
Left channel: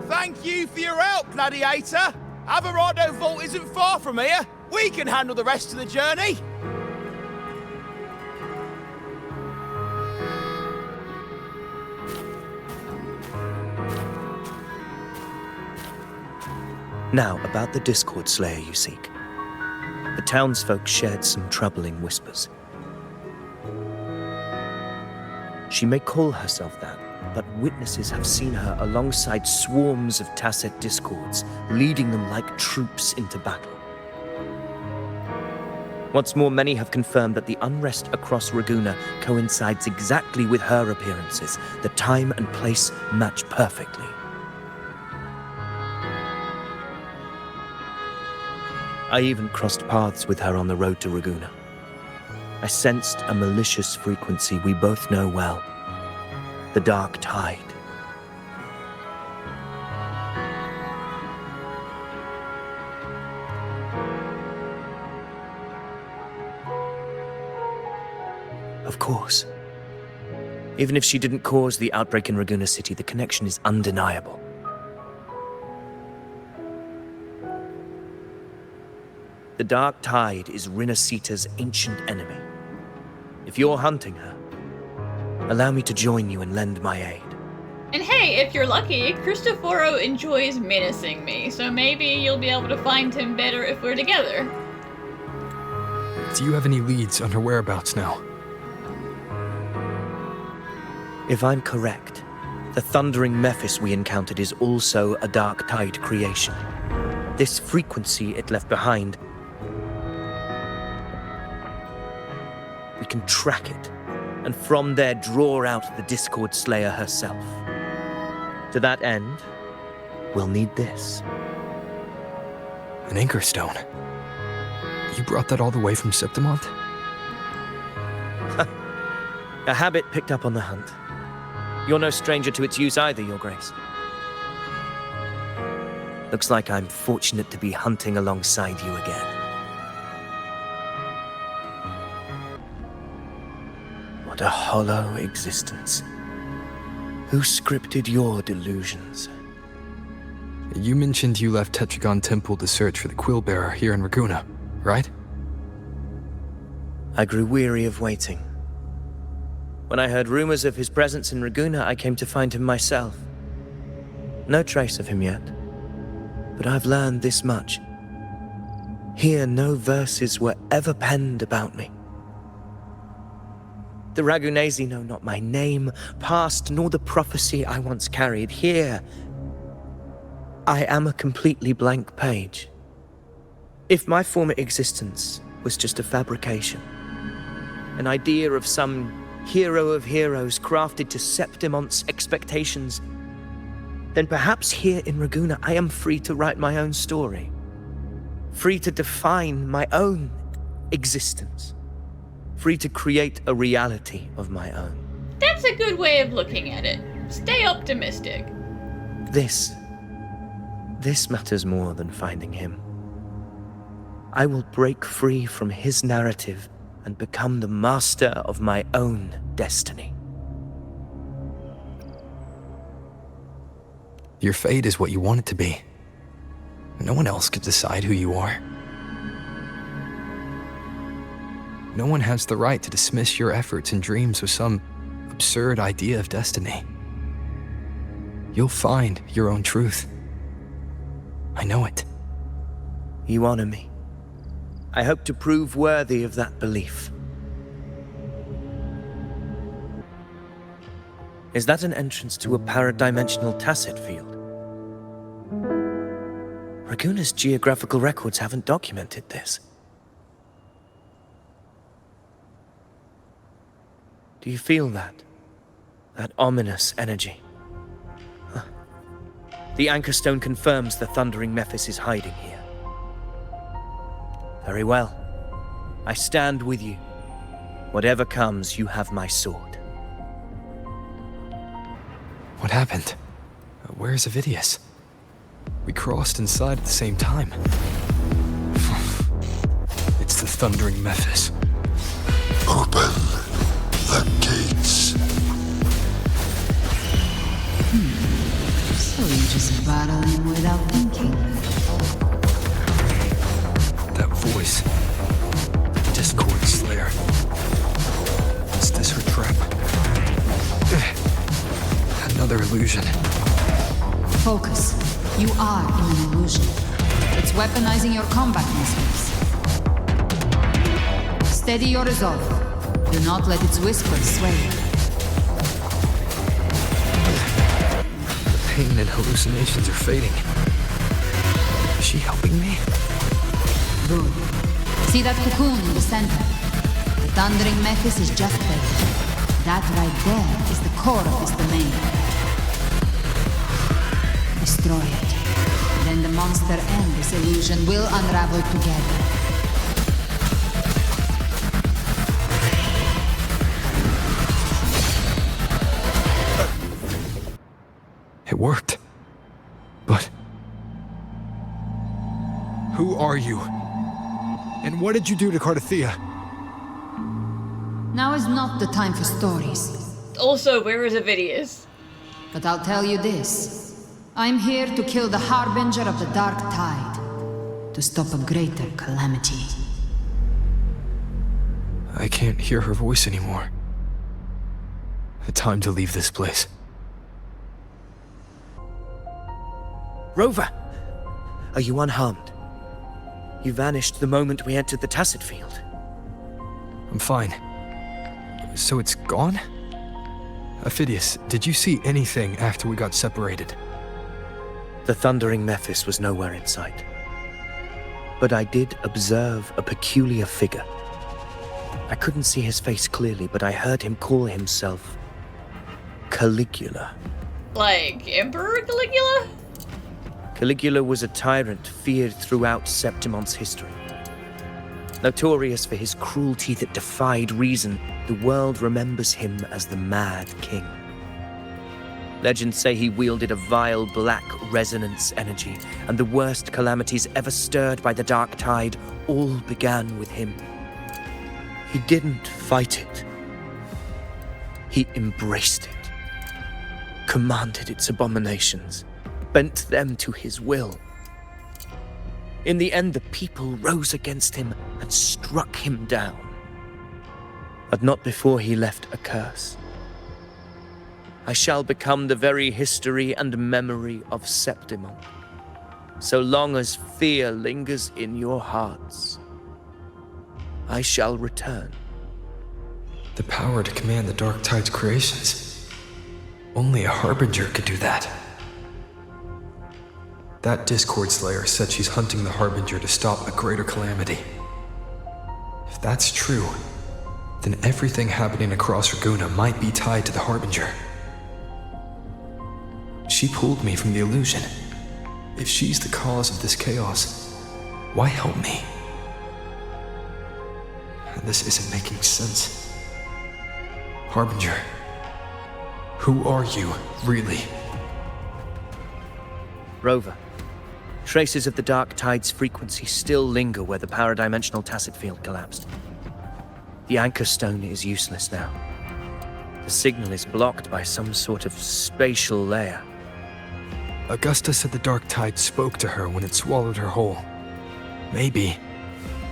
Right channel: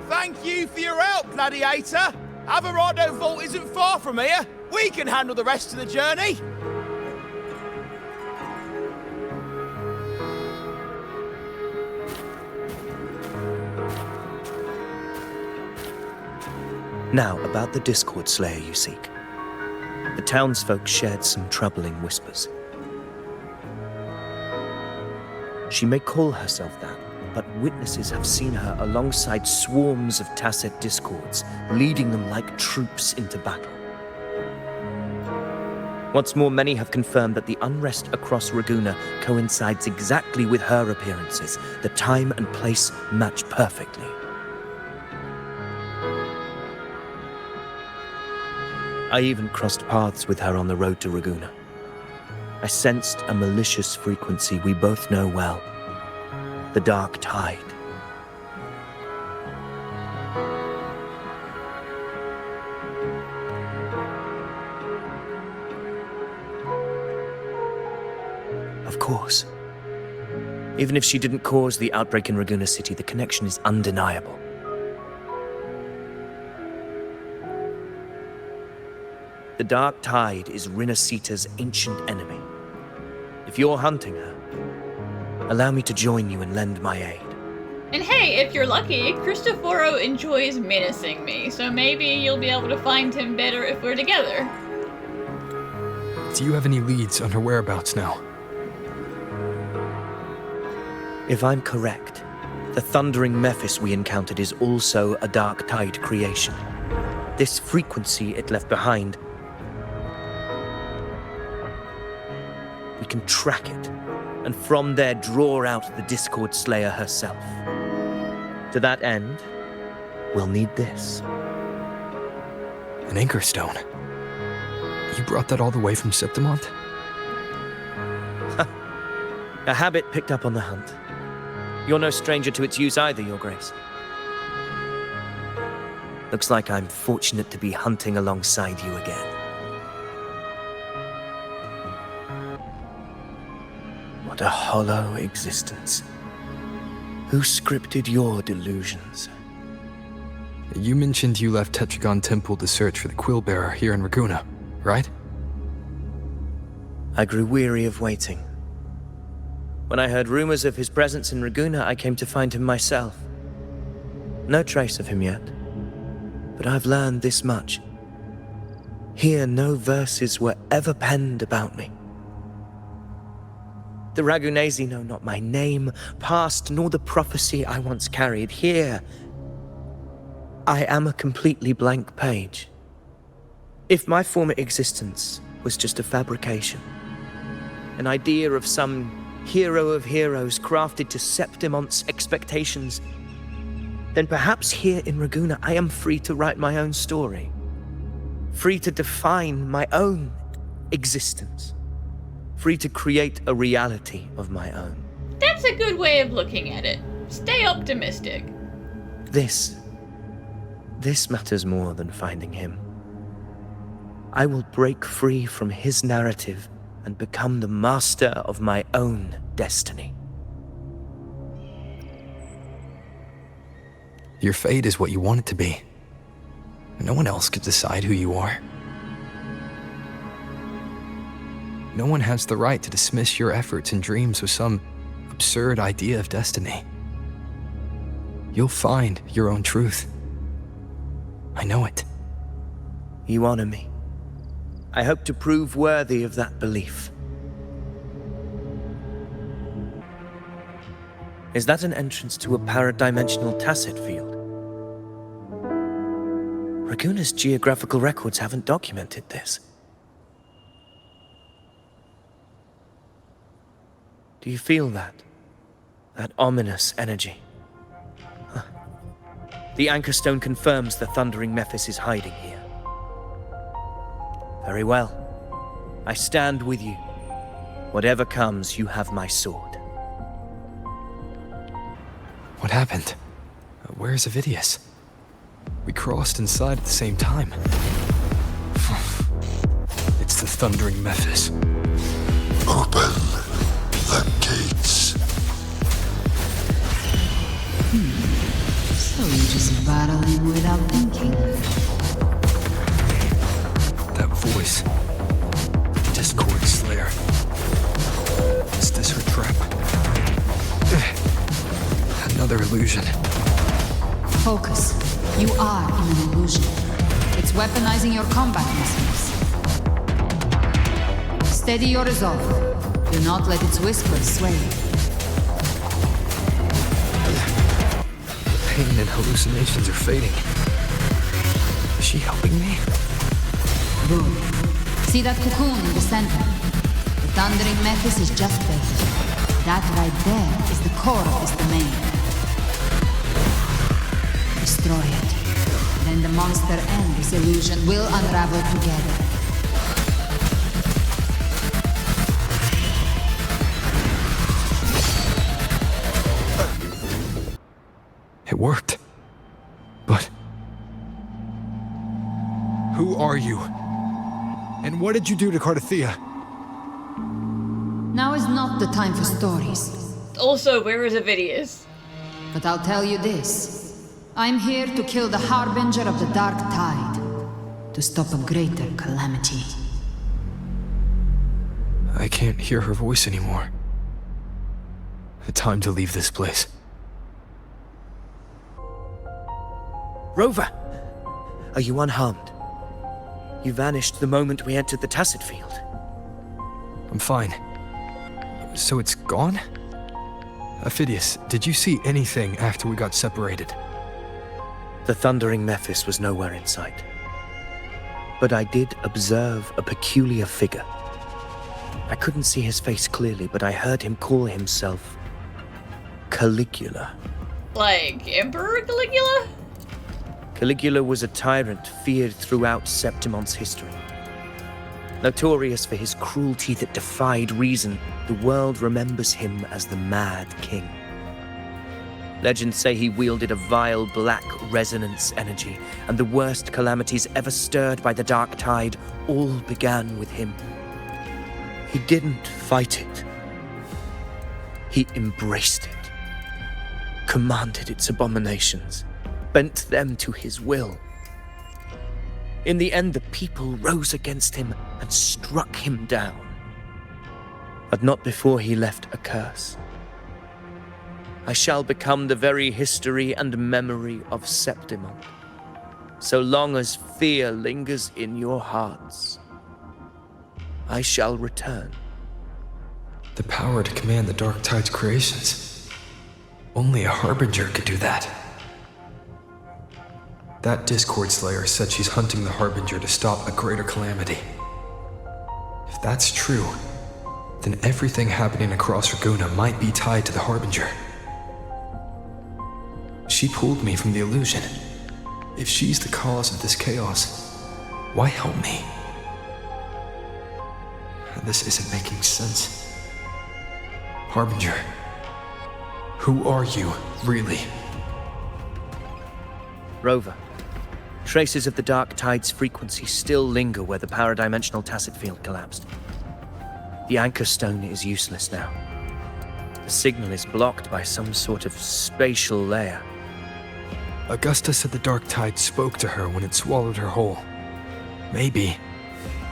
Thank you for your help, Gladiator. Averado Vault isn't far from here. We can handle the rest of the journey. Now, about the Discord Slayer you seek. The townsfolk shared some troubling whispers. She may call herself that, but witnesses have seen her alongside swarms of tacit discords, leading them like troops into battle. What's more, many have confirmed that the unrest across Ragunna coincides exactly with her appearances. The time and place match perfectly. I even crossed paths with her on the road to Ragunna. I sensed a malicious frequency we both know well. The Dark Tide. Of course. Even if she didn't cause the outbreak in Ragunna City, the connection is undeniable. The Dark Tide is Rinascita's ancient enemy. If you're hunting her, allow me to join you and lend my aid. And hey, if you're lucky, Cristoforo enjoys menacing me, so maybe you'll be able to find him better if we're together. Do you have any leads on her whereabouts now? If I'm correct, the thundering Mephis we encountered is also a Dark Tide creation. This frequency it left behind, we can track it, and from there draw out the Discord Slayer herself. To that end, we'll need this. An anchor stone. You brought that all the way from Septimont? A habit picked up on the hunt. You're no stranger to its use either, Your Grace. Looks like I'm fortunate to be hunting alongside you again. What a hollow existence. Who scripted your delusions? You mentioned you left Tetragon Temple to search for the Quill Bearer here in Ragunna, right? I grew weary of waiting. When I heard rumors of his presence in Ragunna, I came to find him myself. No trace of him yet, but I've learned this much. Here, no verses were ever penned about me. The Ragunesi know not my name, past, nor the prophecy I once carried. Here, I am a completely blank page. If my former existence was just a fabrication, an idea of some hero of heroes crafted to Septimon's expectations, then perhaps here in Ragunna I am free to write my own story. Free to define my own existence. Free to create a reality of my own. That's a good way of looking at it. Stay optimistic. This matters more than finding him. I will break free from his narrative and become the master of my own destiny. Your fate is what you want it to be. No one else could decide who you are. No one has the right to dismiss your efforts and dreams with some absurd idea of destiny. You'll find your own truth. I know it. You honor me. I hope to prove worthy of that belief. Is that an entrance to a paradimensional tacit field? Ragunna's geographical records haven't documented this. Do you feel that? That ominous energy? Huh. The Anchor Stone confirms the Thundering Mephis is hiding here. Very well. I stand with you. Whatever comes, you have my sword. What happened? Where's Avidius? We crossed inside at the same time. It's the Thundering Mephis. Open the gates. So you just battle him without thinking. That voice. Discord Slayer. Is this her trap? Another illusion. Focus. You are in an illusion. It's weaponizing your combat instincts. Steady your resolve. Do not let its whispers sway you. The pain and hallucinations are fading. Is she helping me? Good. See that cocoon in the center? The Thundering Mephis is just there. That right there is the core of this domain. Destroy it. Then the monster and this illusion will unravel together. It worked. But... who are you? And what did you do to Cartethyia? Now is not the time for stories. Also, where is Avidius? But I'll tell you this. I'm here to kill the Harbinger of the Dark Tide. To stop a greater calamity. I can't hear her voice anymore. Time to leave this place. Rover! Are you unharmed? You vanished the moment we entered the Tacit Field. I'm fine. So it's gone? Avidius, did you see anything after we got separated? The Thundering Mephis was nowhere in sight. But I did observe a peculiar figure. I couldn't see his face clearly, but I heard him call himself Caligula. Like Emperor Caligula? Caligula was a tyrant feared throughout Septimon's history. Notorious for his cruelty that defied reason, the world remembers him as the Mad King. Legends say he wielded a vile black resonance energy, and the worst calamities ever stirred by the Dark Tide all began with him. He didn't fight it. He embraced it, commanded its abominations, bent them to his will. In the end, the people rose against him and struck him down. But not before he left a curse. I shall become the very history and memory of Septimon. So long as fear lingers in your hearts, I shall return. The power to command the Dark Tide's creations. Only a Harbinger could do that. That Discord Slayer said she's hunting the Harbinger to stop a greater calamity. If that's true, then everything happening across Ragunna might be tied to the Harbinger. She pulled me from the illusion. If she's the cause of this chaos, why help me? This isn't making sense. Harbinger, who are you, really? Rover, traces of the Dark Tide's frequency still linger where the paradimensional tacit field collapsed. The anchor stone is useless now. The signal is blocked by some sort of spatial layer. Augusta said the Dark Tide spoke to her when it swallowed her whole. Maybe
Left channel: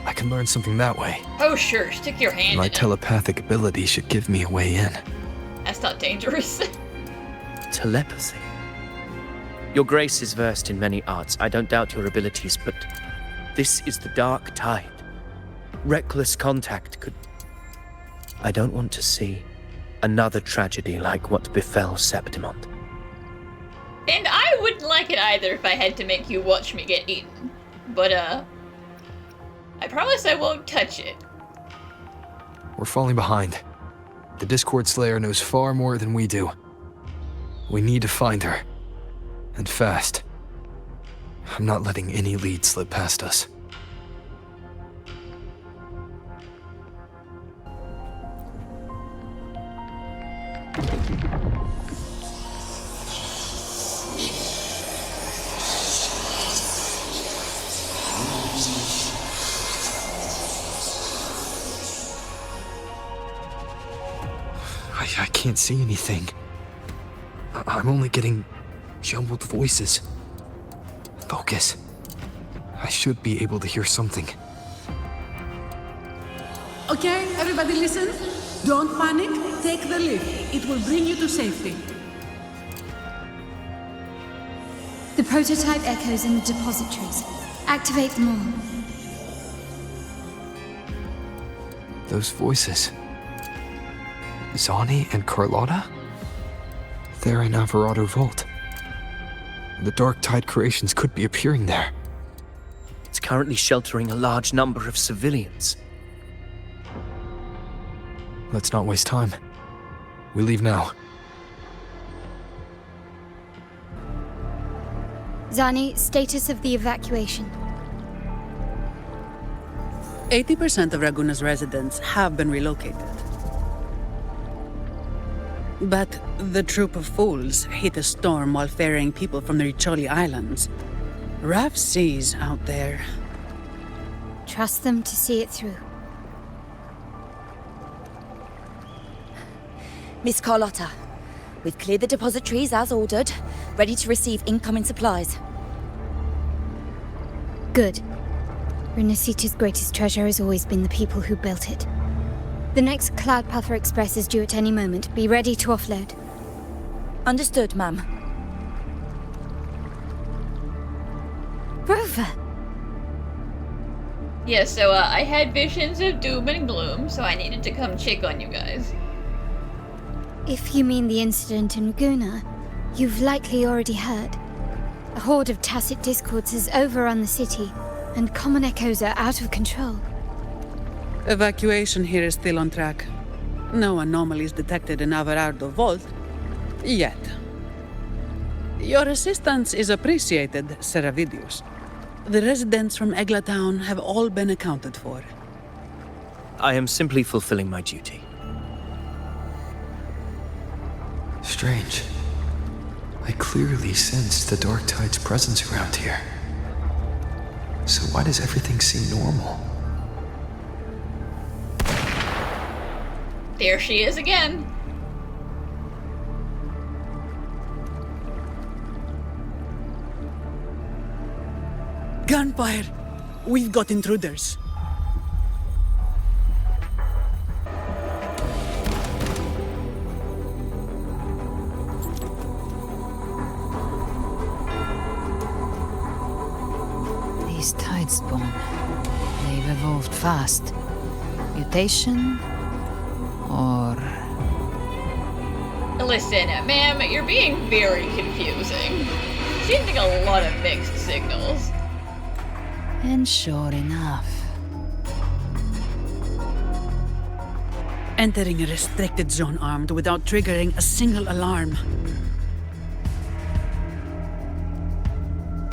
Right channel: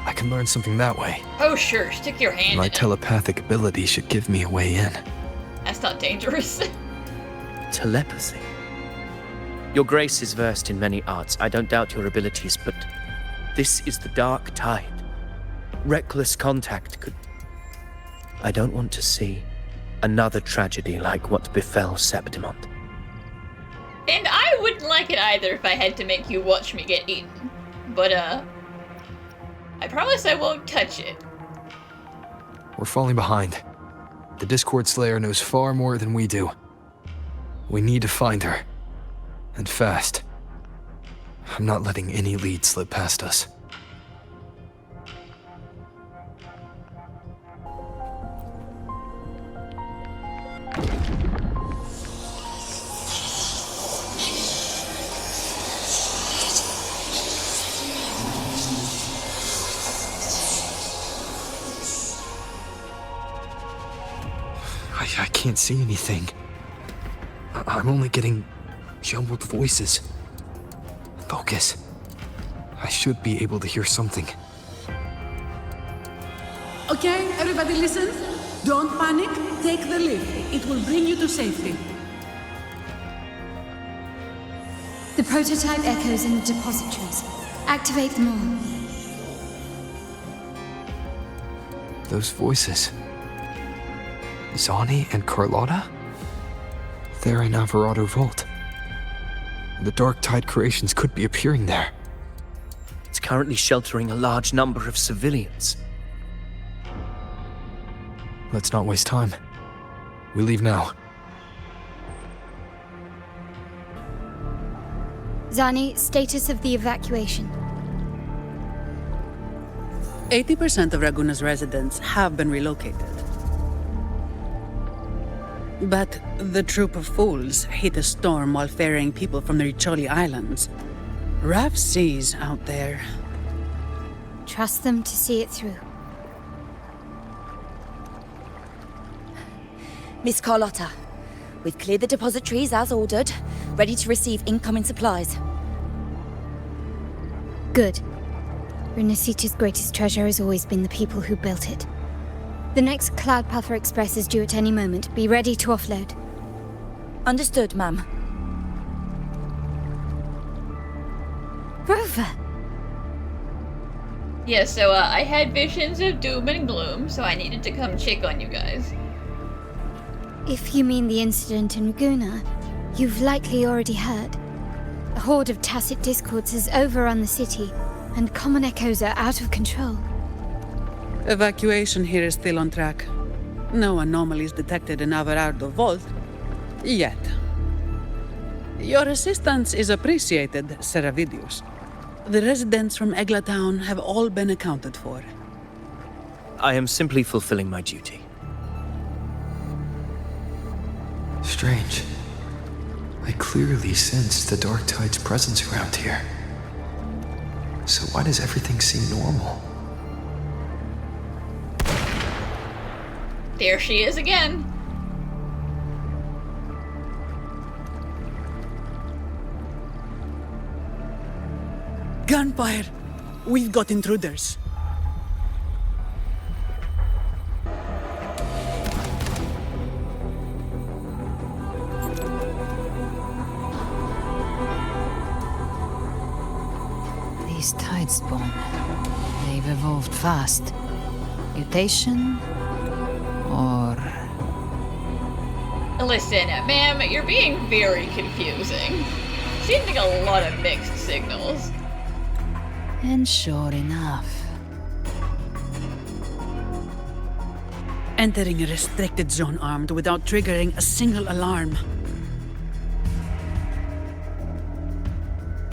I can learn something that way. Oh sure, stick your hand My in it. telepathic ability should give me a way in. That's not dangerous. Telepathy. Your Grace is versed in many arts. I don't doubt your abilities, but this is the Dark Tide. Reckless contact could... I don't want to see another tragedy like what befell Septimont. And I wouldn't like it either if I had to make you watch me get eaten. But, I promise I won't touch it. We're falling behind. The Discord Slayer knows far more than we do. We need to find her. And fast. I'm not letting any lead slip past us. I can't see anything. I'm only getting jumbled voices. Focus. I should be able to hear something. Okay, everybody listen. Don't panic. Take the lift. It will bring you to safety. The prototype echoes in the depositories. Activate them all. Those voices. Zani and Carlotta? They're in Alvarado Vault. The Dark Tide creations could be appearing there. It's currently sheltering a large number of civilians. Let's not waste time. We leave now. Zani, status of the evacuation. 80% of Ragunna's residents have been relocated. But the troop of fools hit a storm while ferrying people from the Riccioli Islands. Rough seas out there. Trust them to see it through. Miss Carlotta, we've cleared the depositories as ordered, ready to receive incoming supplies. Good. Rinascita's greatest treasure has always been the people who built it. The next Cloudpather Express is due at any moment. Be ready to offload. Understood, ma'am. Rover! Yeah, so I had visions of doom and gloom, so I needed to come check on you guys. If you mean the incident in Ragunna, you've likely already heard. A horde of tacit discords has overrun the city, and common echoes are out of control. Evacuation here is still on track. No anomalies detected in Alvarado Vault. Yet. Your assistance is appreciated, Seravidius. The residents from Eglatown have all been accounted for. I am simply fulfilling my duty. Strange. I clearly sensed the Dark Tide's presence around here. So why does everything seem normal? There she is again. Gunfire! We've got intruders. These tide spawn. They've evolved fast. Mutation? Or... Listen, ma'am, you're being very confusing. sending a lot of mixed signals. And sure enough. Entering a restricted zone armed without triggering a single alarm.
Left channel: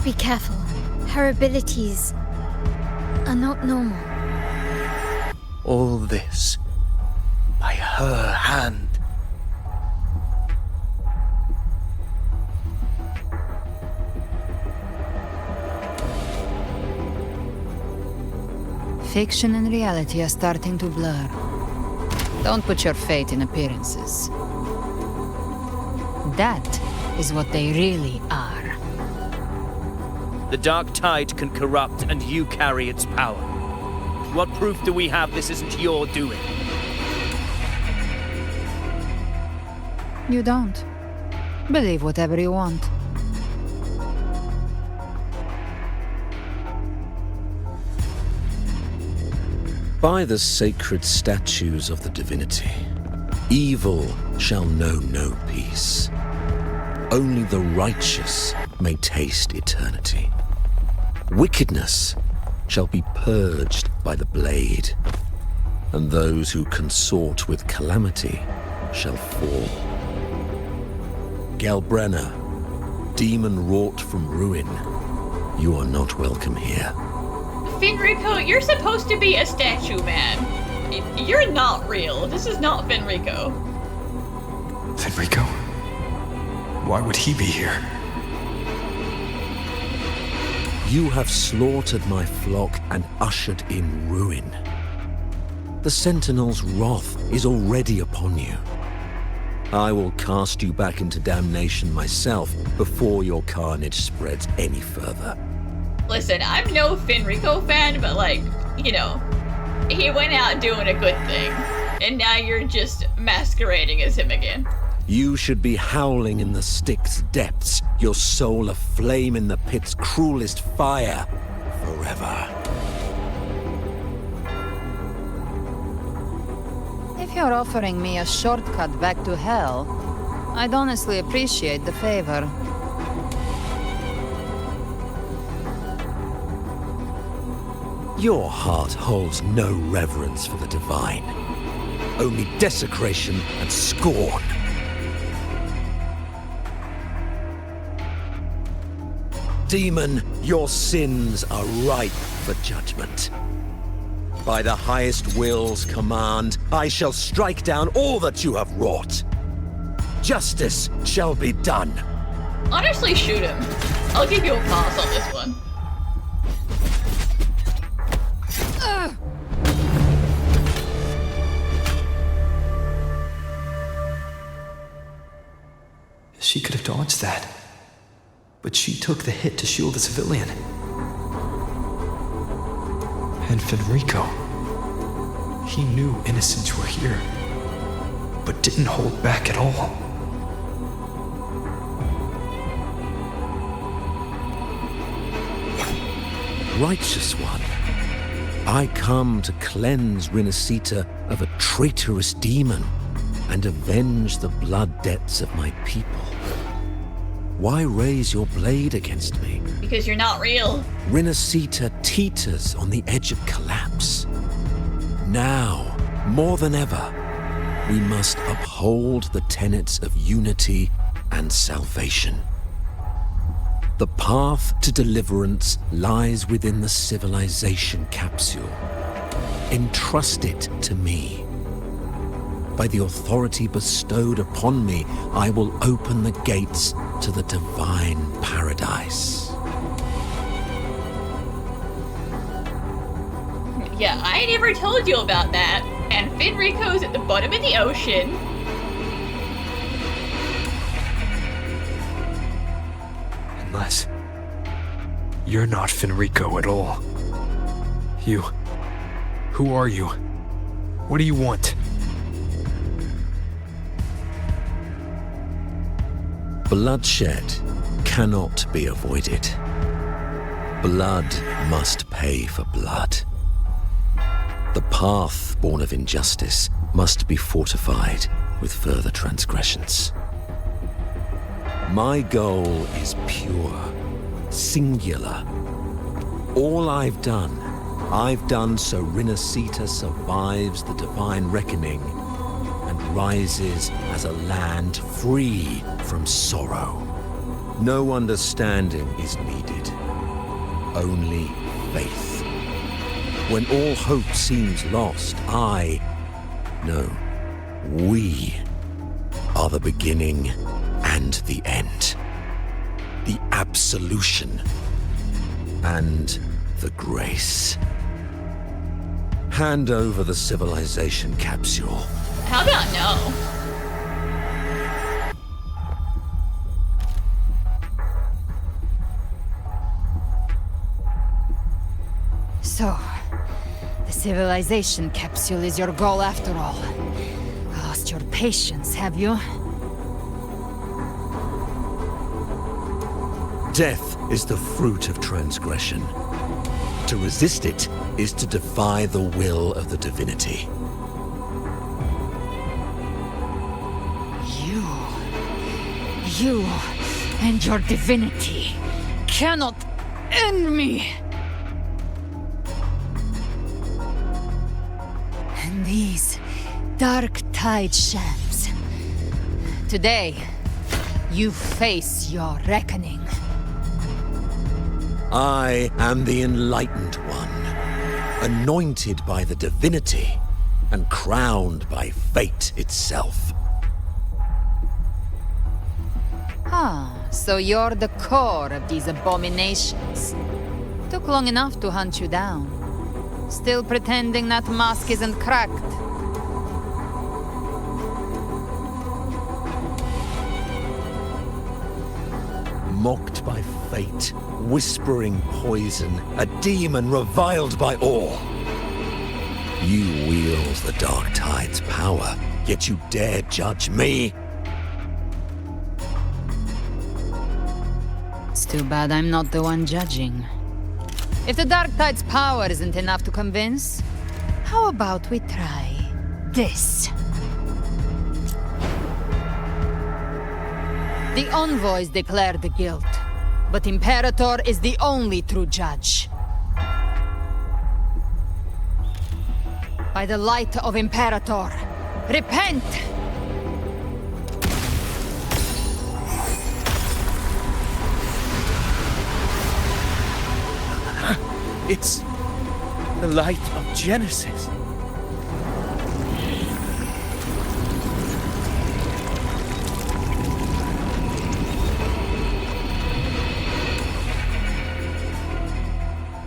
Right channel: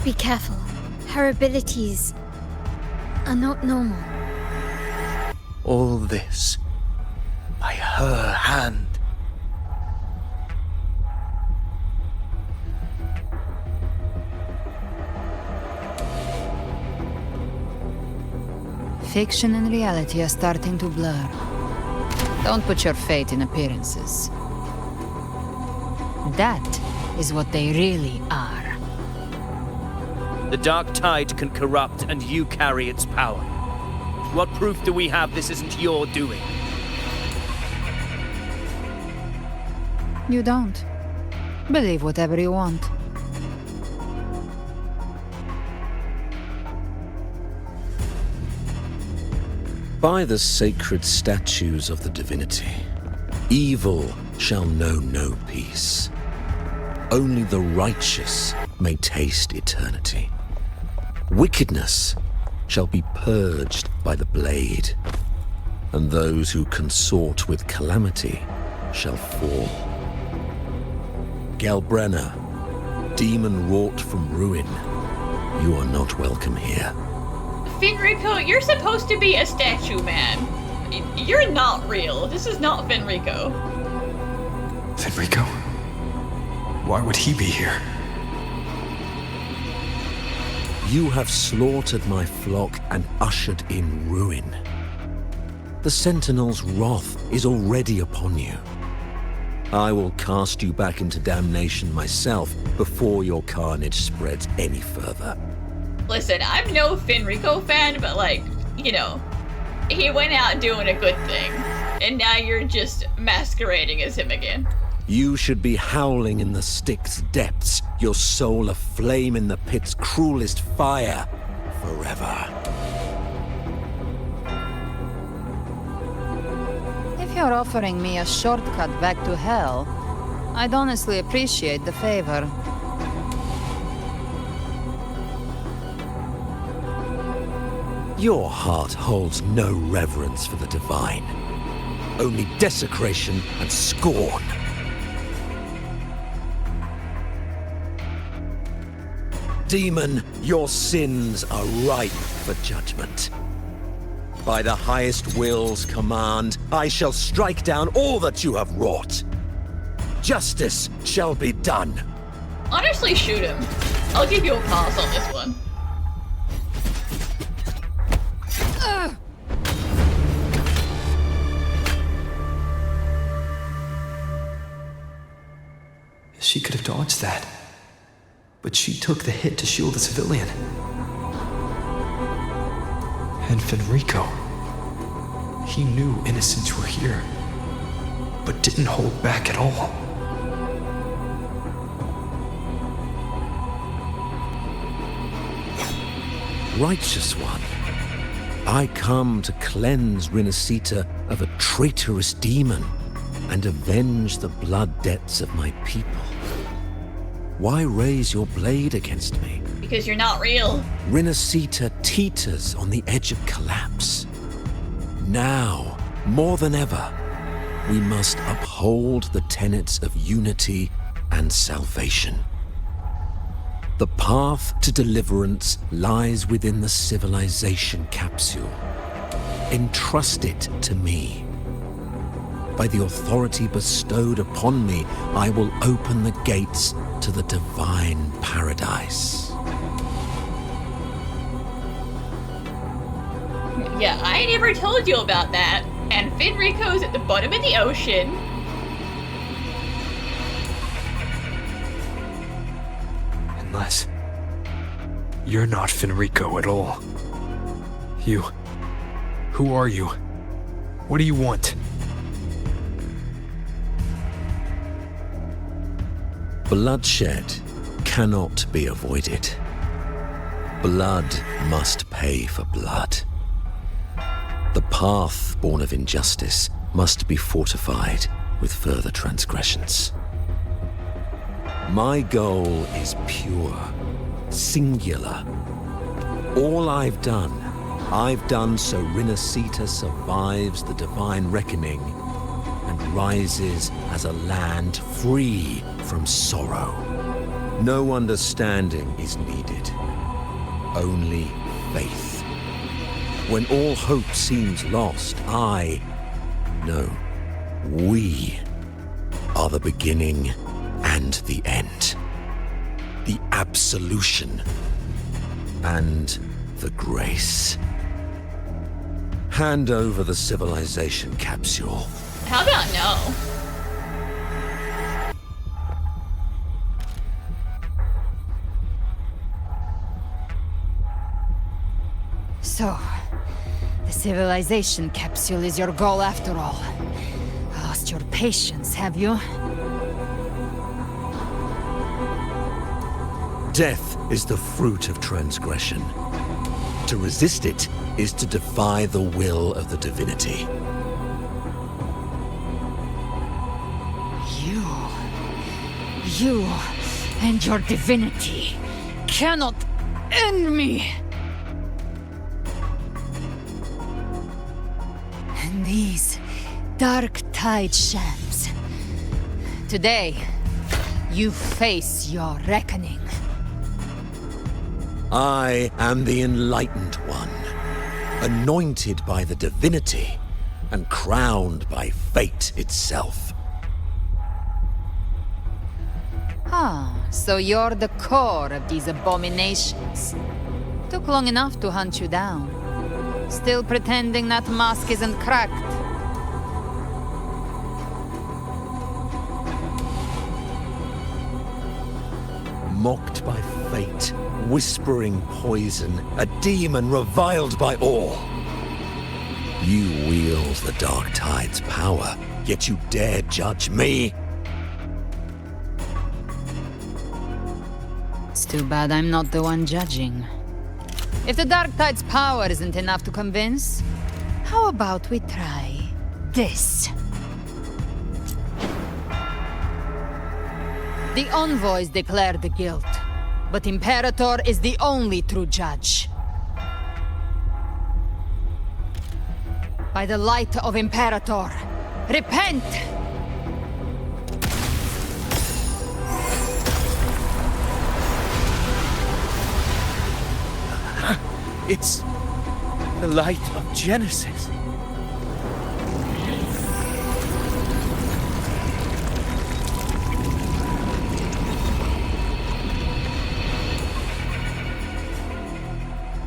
Be careful. Her abilities are not normal. All this by her hand. Fiction and reality are starting to blur. Don't put your faith in appearances. That is what they really are. The dark tide can corrupt, and you carry its power. What proof do we have this isn't your doing? You don't. Believe whatever you want. By the sacred statues of the divinity, evil shall know no peace. Only the righteous may taste eternity. Wickedness shall be purged by the blade, and those who consort with calamity shall fall. Galbrenna, demon wrought from ruin, you are not welcome here. Fenrico, you're supposed to be a statue man. You're not real. This is not Fenrico. Fenrico? Why would he be here? You have slaughtered my flock and ushered in ruin. The Sentinel's wrath is already upon you. I will cast you back into damnation myself before your carnage spreads any further. Listen, I'm no Fenrico fan, but like, you know, he went out doing a good thing. And now you're just masquerading as him again. You should be howling in the Styx's depths, your soul aflame in the pit's cruelest fire, forever. If you're offering me a shortcut back to hell, I'd honestly appreciate the favor. Your heart holds no reverence for the divine, only desecration and scorn. Demon, your sins are ripe for judgment. By the highest will's command, I shall strike down all that you have wrought. Justice shall be done. Honestly, shoot him. I'll give you a pass on this one. She could have dodged that. But she took the hit to shield the civilian. And Fenrico. He knew innocents were here, but didn't hold back at all. Righteous one, I come to cleanse Rinascita of a traitorous demon and avenge the blood debts of my people. Why raise your blade against me? Because you're not real. Rinascita teeters on the edge of collapse. Now, more than ever, we must uphold the tenets of unity and salvation. The path to deliverance lies within the Civilization Capsule. Entrust it to me. By the authority bestowed upon me, I will open the gates to the divine paradise. Yeah, I never told you about that. And Fenrico's at the bottom of the ocean. Unless you're not Fenrico at all. Who are you? What do you want? Bloodshed cannot be avoided. Blood must pay for blood. The path born of injustice must be fortified with further transgressions. My goal is pure, singular. All I've done so Rinascita survives the divine reckoning and rises as a land free from sorrow. No understanding is needed, only faith. When all hope seems lost, we are the beginning and the end. The absolution and the grace. Hand over the Civilization Capsule. How about no? So, the Civilization Capsule is your goal after all. Lost your patience, have you? Death is the fruit of transgression. To resist it is to defy the will of the divinity. You and your divinity cannot end me! And these dark tide shams. Today, you face your reckoning. I am the Enlightened One, anointed by the divinity and crowned by fate itself. Ah, so you're the core of these abominations. Took long enough to hunt you down. Still pretending that mask isn't cracked. Mocked by fate, whispering poison, a demon reviled by all. You wield the Dark Tide's power, yet you dare judge me? It's too bad I'm not the one judging. If the Dark Tide's power isn't enough to convince, how about we try this? The envoys declare the guilt, but Imperator is the only true judge. By the light of Imperator, repent! It's the light of Genesis.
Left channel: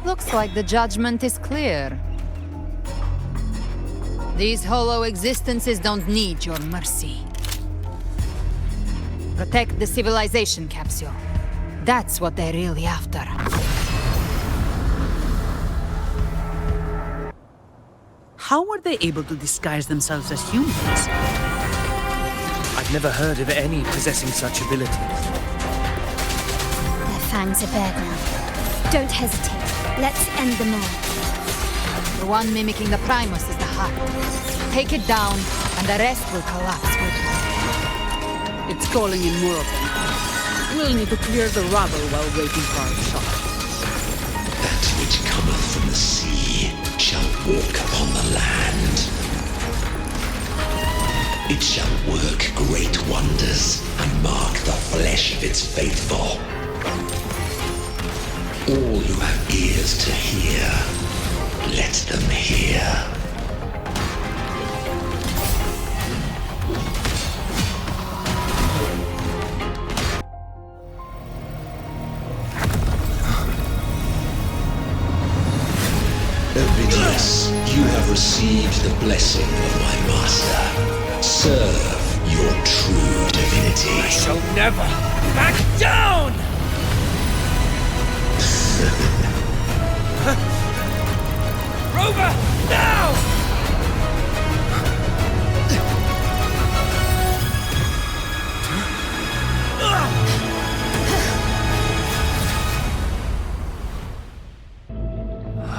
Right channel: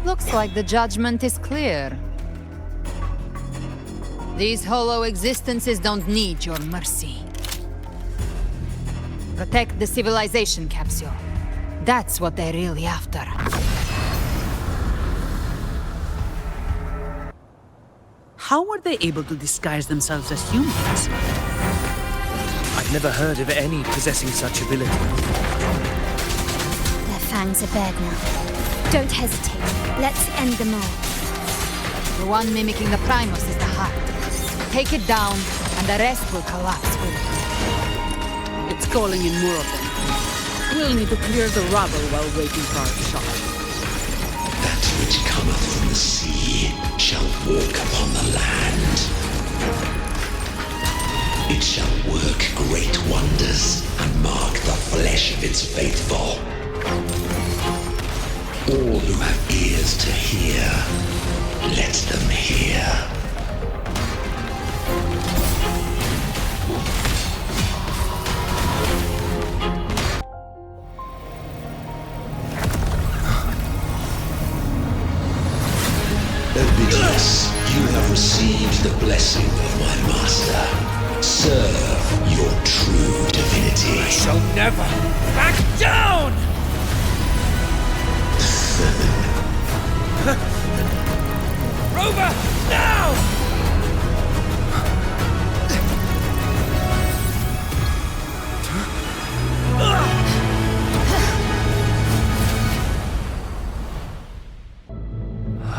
Looks like the judgment is clear. These hollow existences don't need your mercy. Protect the Civilization Capsule. That's what they're really after. How were they able to disguise themselves as humans? I've never heard of any possessing such abilities. Their fangs are bared now. Don't hesitate. Let's end them all. The one mimicking the Primus is the heart. Take it down, and the rest will collapse with it. It's calling in more of them. We'll need to clear the rubble while waiting for our shot. That which cometh from the sea shall walk upon the land. It shall work great wonders and mark the flesh of its faithful. All who have ears to hear, let them hear. Ovidius, you have received the blessing of my master. Serve your true divinity. I shall never back down! Rover, now!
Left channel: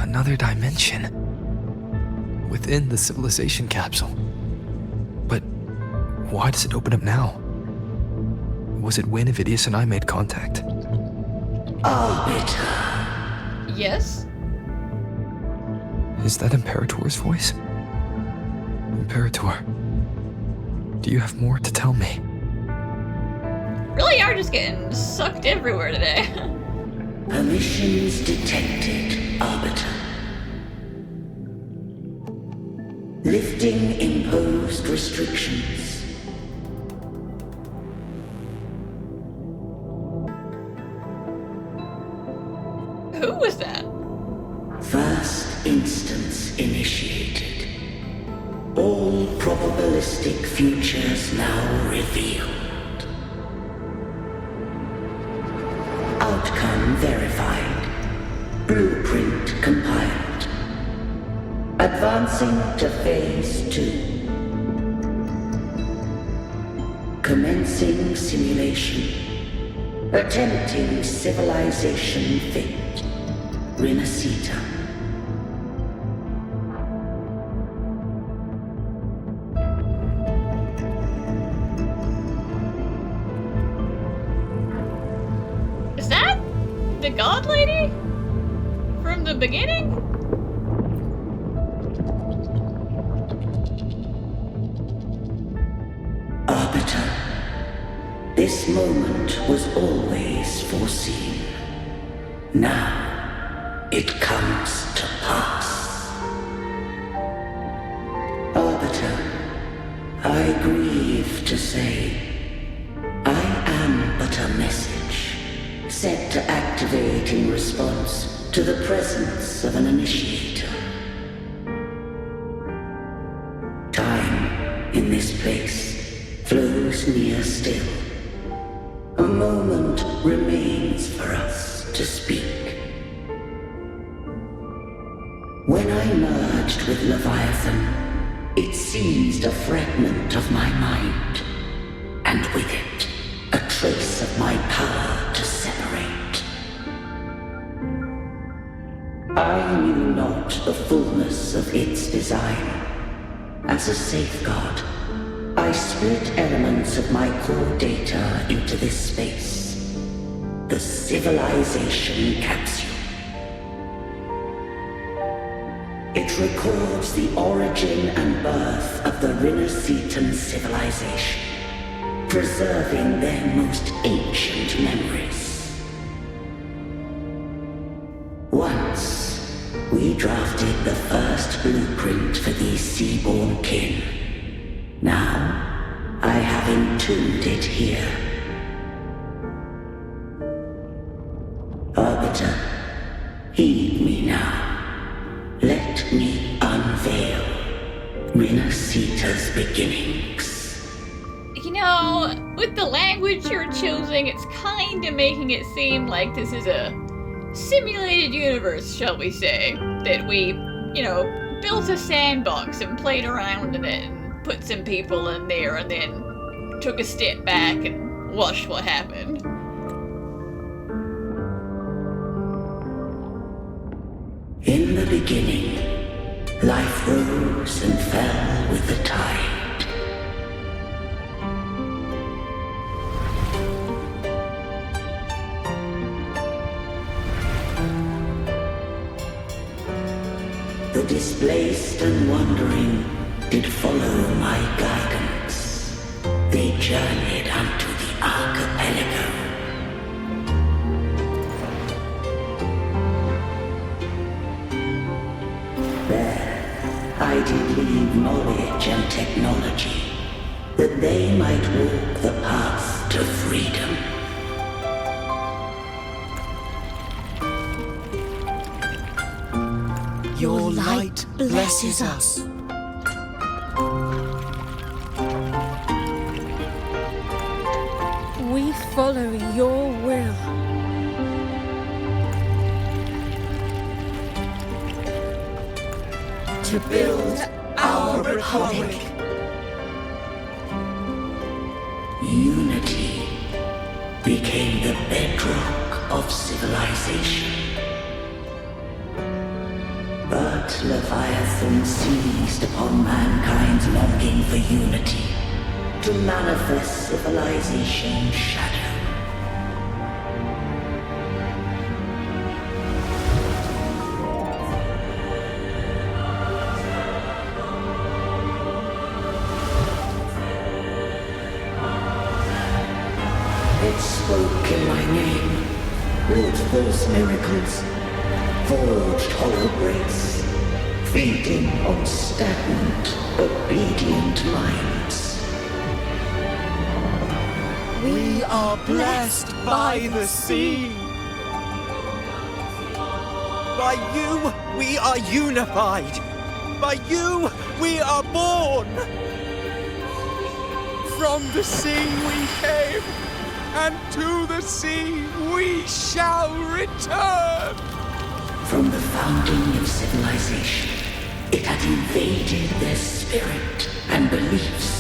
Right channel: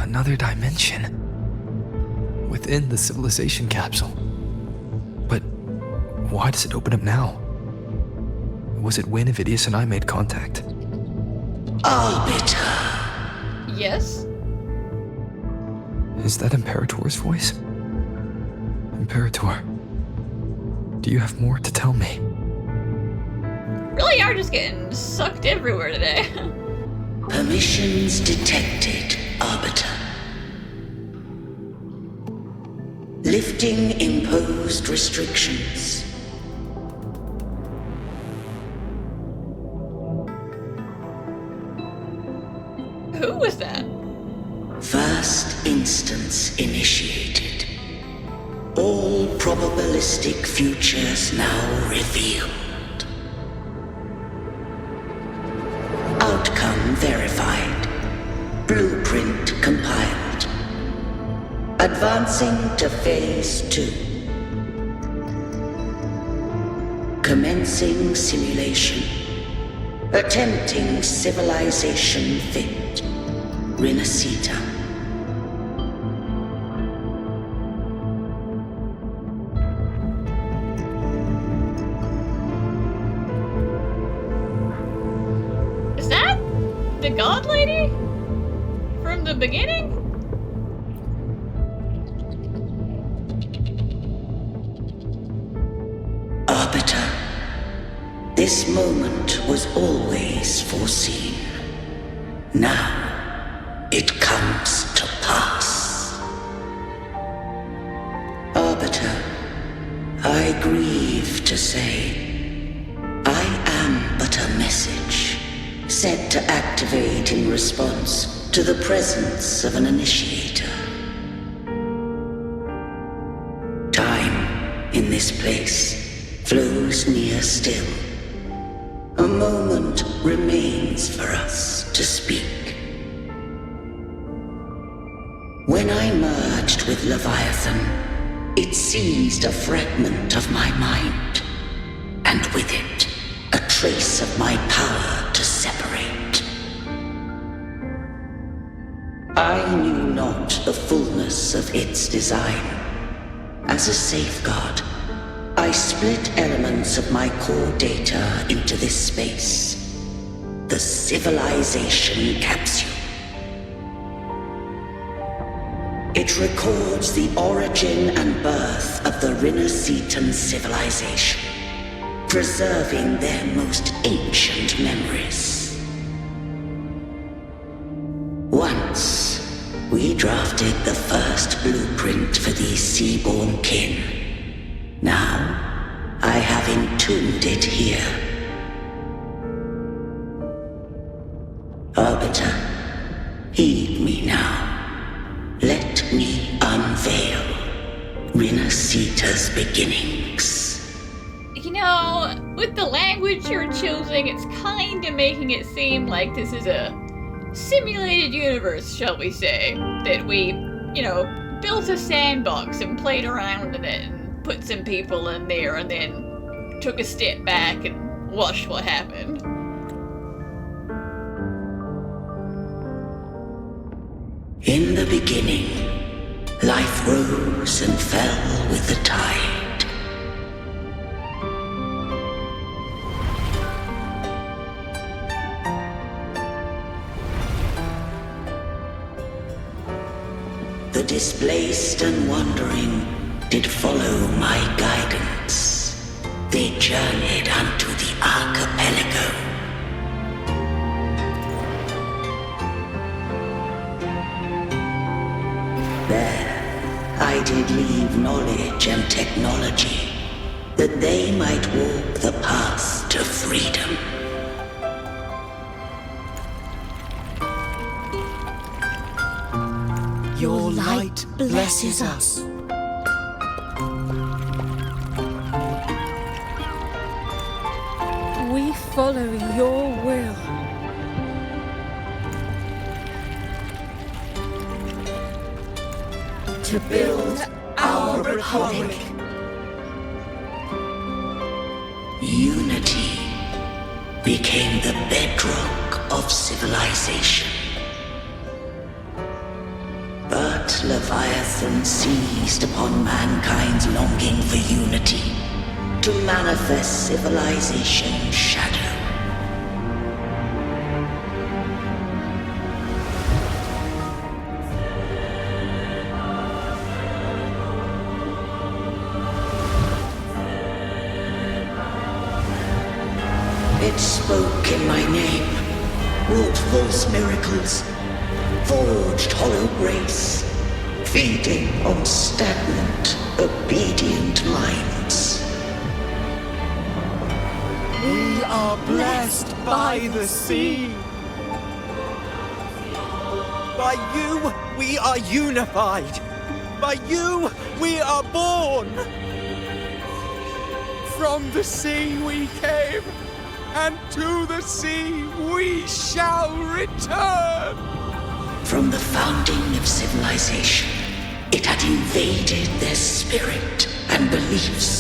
Another dimension. Within the Civilization Capsule. But why does it open up now? was it when Avidius and I made contact? Arbiter. Yes? Is that Imperator's voice? Imperator, do you have more to tell me? Really are just getting sucked everywhere today. Permissions detected, Arbiter. Lifting imposed restrictions. Who was that? First instance initiated. All probabilistic futures now revealed. Outcome verified. Blueprint compiled. Advancing to Phase 2. Commencing simulation. Attempting civilization fit. Rinascita. Is that the god lady? From the beginning? Arbiter, this moment was always foreseen. Now, it comes to pass. Arbiter, I grieve to say, I am but a message, set to activate in response to the presence of an initiator. Time, in this place, flows near still. A moment remains for us to speak. When I merged with Leviathan, it seized a fragment of my mind, and with it, a trace of my power to separate. I knew not the fullness of its design. As a safeguard, I split elements of my core data into this space, the Civilization Capsule. It records the origin and birth of the Rinascitan civilization, preserving their most ancient memories. Once, we drafted the first blueprint for these seaborn kin. Now, I have entombed it here. Arbiter, heed me now. Let me unveil Rinascita's beginnings. You know, with the language you're choosing, it's kind of making it seem like this is a simulated universe, shall we say. That we, built a sandbox and played around in it and put some people in there and then took a step back and watched what happened. In the beginning, life rose and fell with the tide. The displaced and wandering did follow my guidance. They journeyed unto the archipelago. There, I did leave knowledge and technology, that they might walk the path to freedom. Your light blesses us. We follow your will. To build our republic. Unity became the bedrock of civilization. But Leviathan seized upon mankind's longing for unity to manifest Civilization Shadow. It spoke in my name, wrought false miracles, forged hollow grace, feeding on stagnant, obedient minds. We are blessed by the sea. By you, we are unified. By you, we are born. From the sea we came, and to the sea we shall return. From the founding of civilization, it had invaded their spirit and beliefs.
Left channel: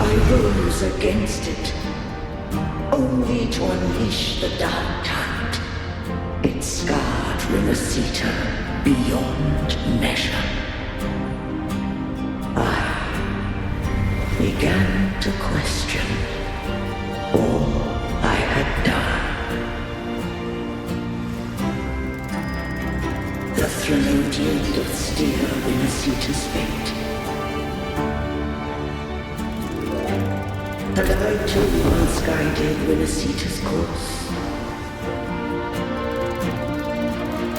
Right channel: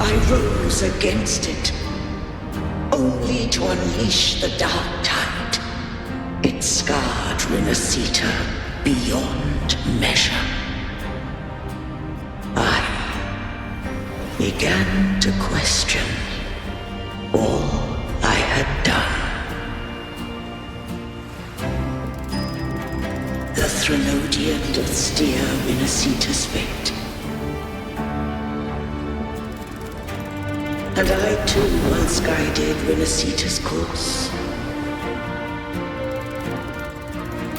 I rose against it, only to unleash the dark tide. It scarred Rinascita beyond measure. I began to question all I had done. The Threnodian doth steer Rinascita's fate. And I too once guided Rinascita's course.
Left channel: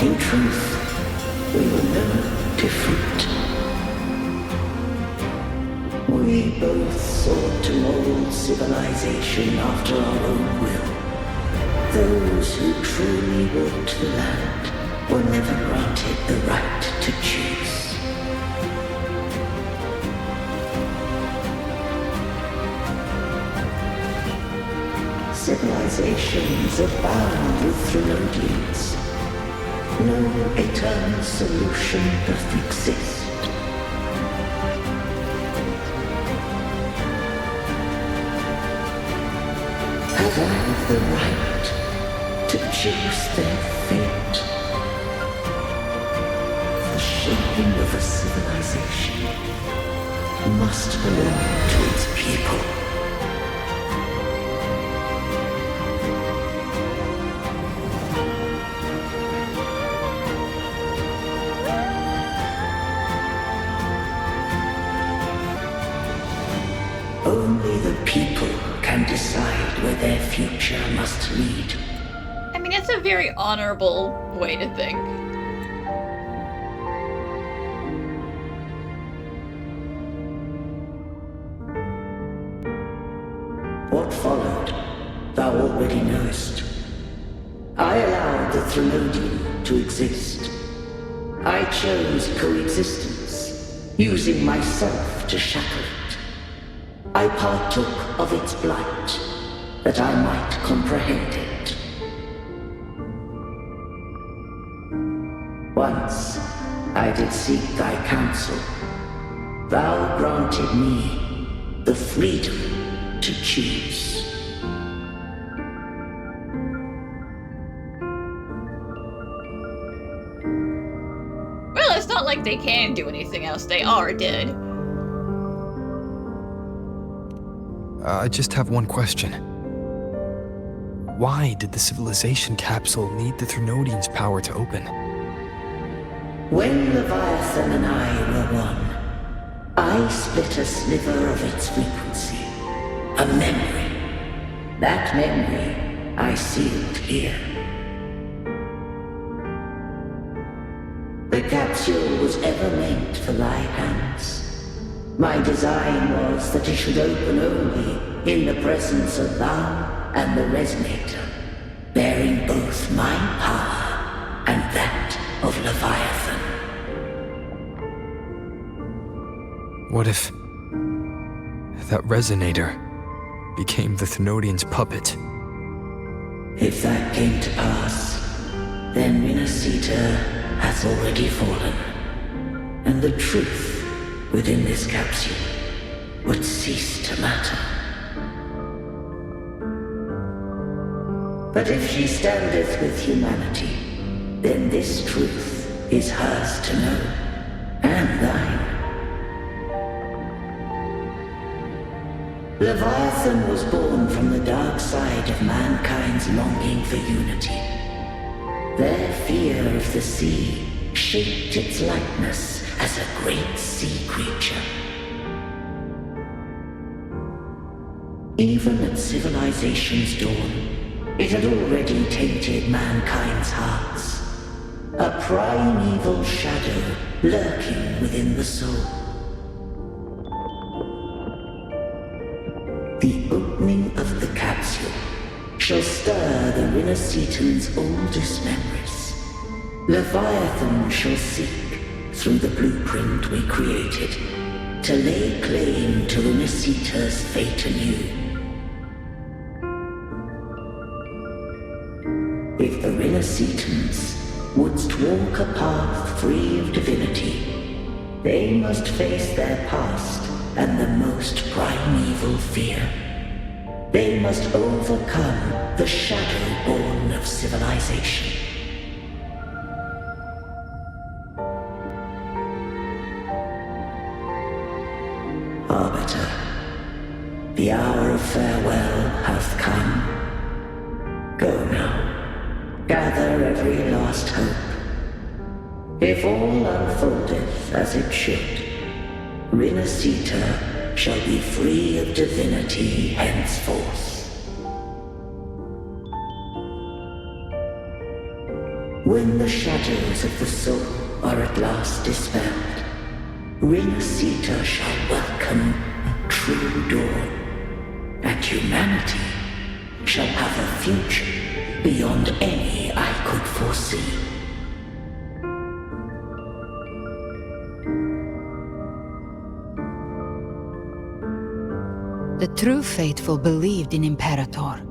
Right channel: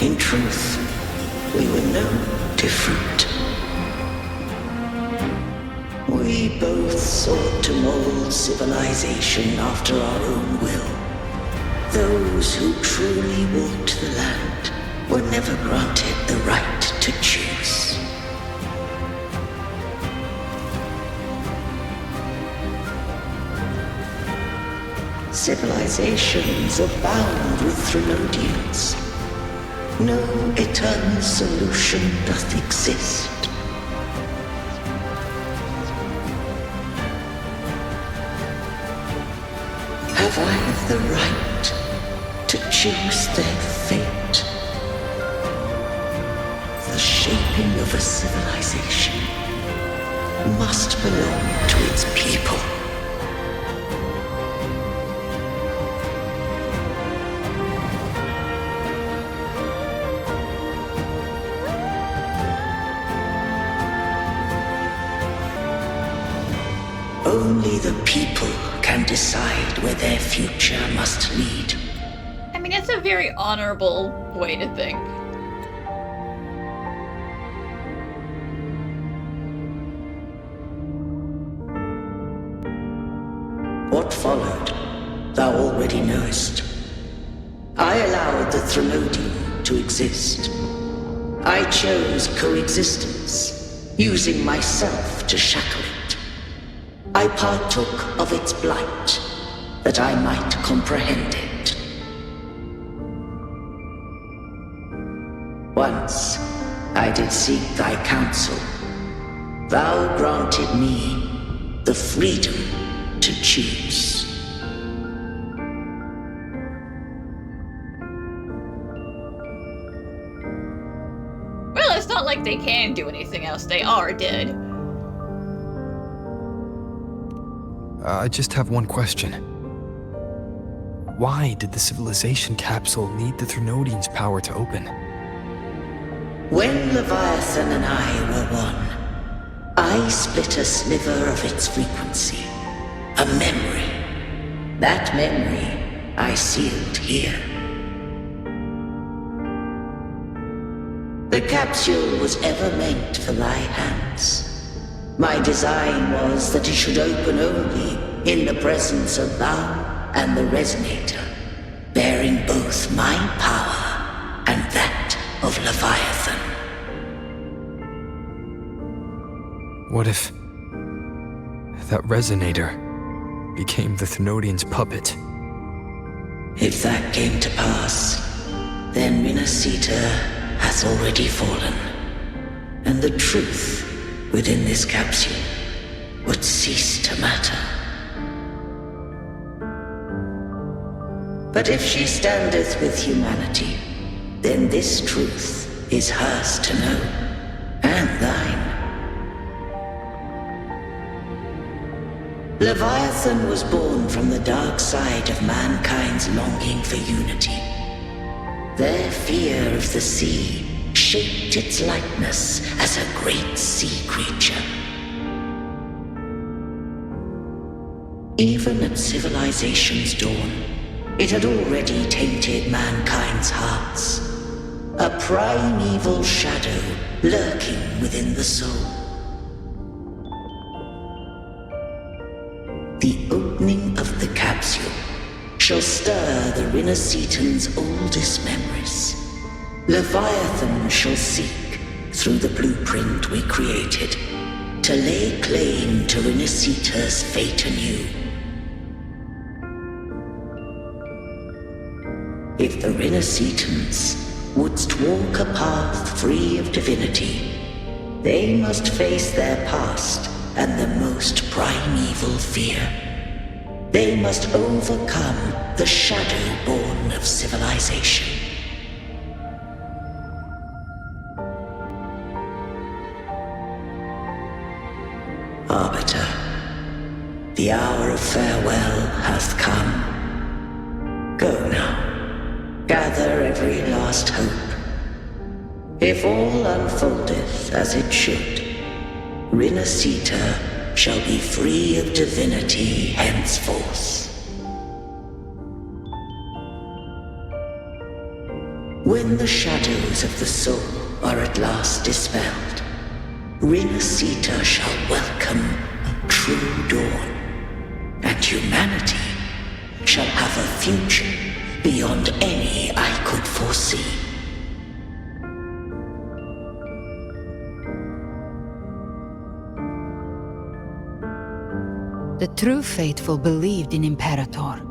In truth, we were no different. We both sought to mold civilization after our own will. Those who truly walked the land were never granted the right to choose. Civilizations abound with Threnodians. No eternal solution doth exist. Have I the right to choose their fate? The shaping of a civilization must belong to its people. Only the people can decide where their future must lead. I mean, it's a very honorable way to think. What followed, thou already knowest. I allowed the Threnodian to exist. I chose coexistence, using myself to shackle it. I partook of its blight, that I might comprehend it. Once I did seek thy counsel. Thou granted me the freedom to choose. Well, it's not like they can do anything else. They are dead. I just have one question. Why did the Civilization Capsule need the Threnodian's power to open? When Leviathan and I were one, I split a sliver of its frequency. A memory. That memory I sealed here. The capsule was ever meant for thy hands. My design was that it should open only in the presence of thou and the Resonator, bearing both my power and that of Leviathan. What if that Resonator became the Threnodian's puppet? If that came to pass, then Rinascita has already fallen, and the truth within this capsule would cease to matter. But if she standeth with humanity, then this truth is hers to know, and thine. Leviathan was born from the dark side of mankind's longing for unity. Their fear of the sea shaped its likeness as a great sea creature. Even at civilization's dawn, it had already tainted mankind's hearts. A primeval shadow lurking within the soul. The opening of the capsule shall stir the Rinascitan's oldest memories. Leviathan shall seek, through the blueprint we created, to lay claim to Rinascita's fate anew. If the Rinascitans wouldst walk a path free of divinity, they must face their past and the most primeval fear. They must overcome the shadow born of civilization. Arbiter, the hour of farewell hath come. Go now. Gather every last hope. If all unfoldeth as it should, Rinascita shall be free of divinity henceforth. When the shadows of the soul are at last dispelled, Rinascita shall welcome a true dawn, and humanity shall have a future beyond any I could foresee. The true faithful believed in Imperator.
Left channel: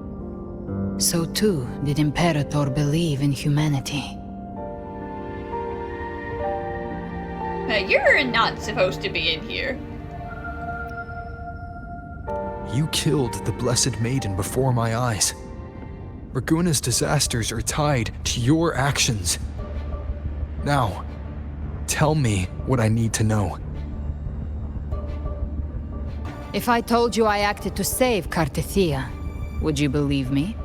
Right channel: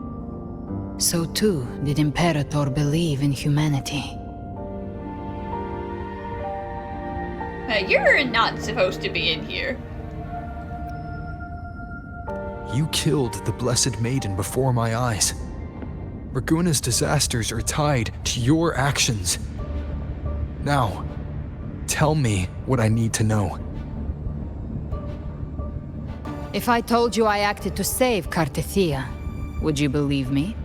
So too did Imperator believe in humanity. You're not supposed to be in here. You killed the Blessed Maiden before my eyes. Ragunna's disasters are tied to your actions. Now, tell me what I need to know. If I told you I acted to save Cartethyia, would you believe me?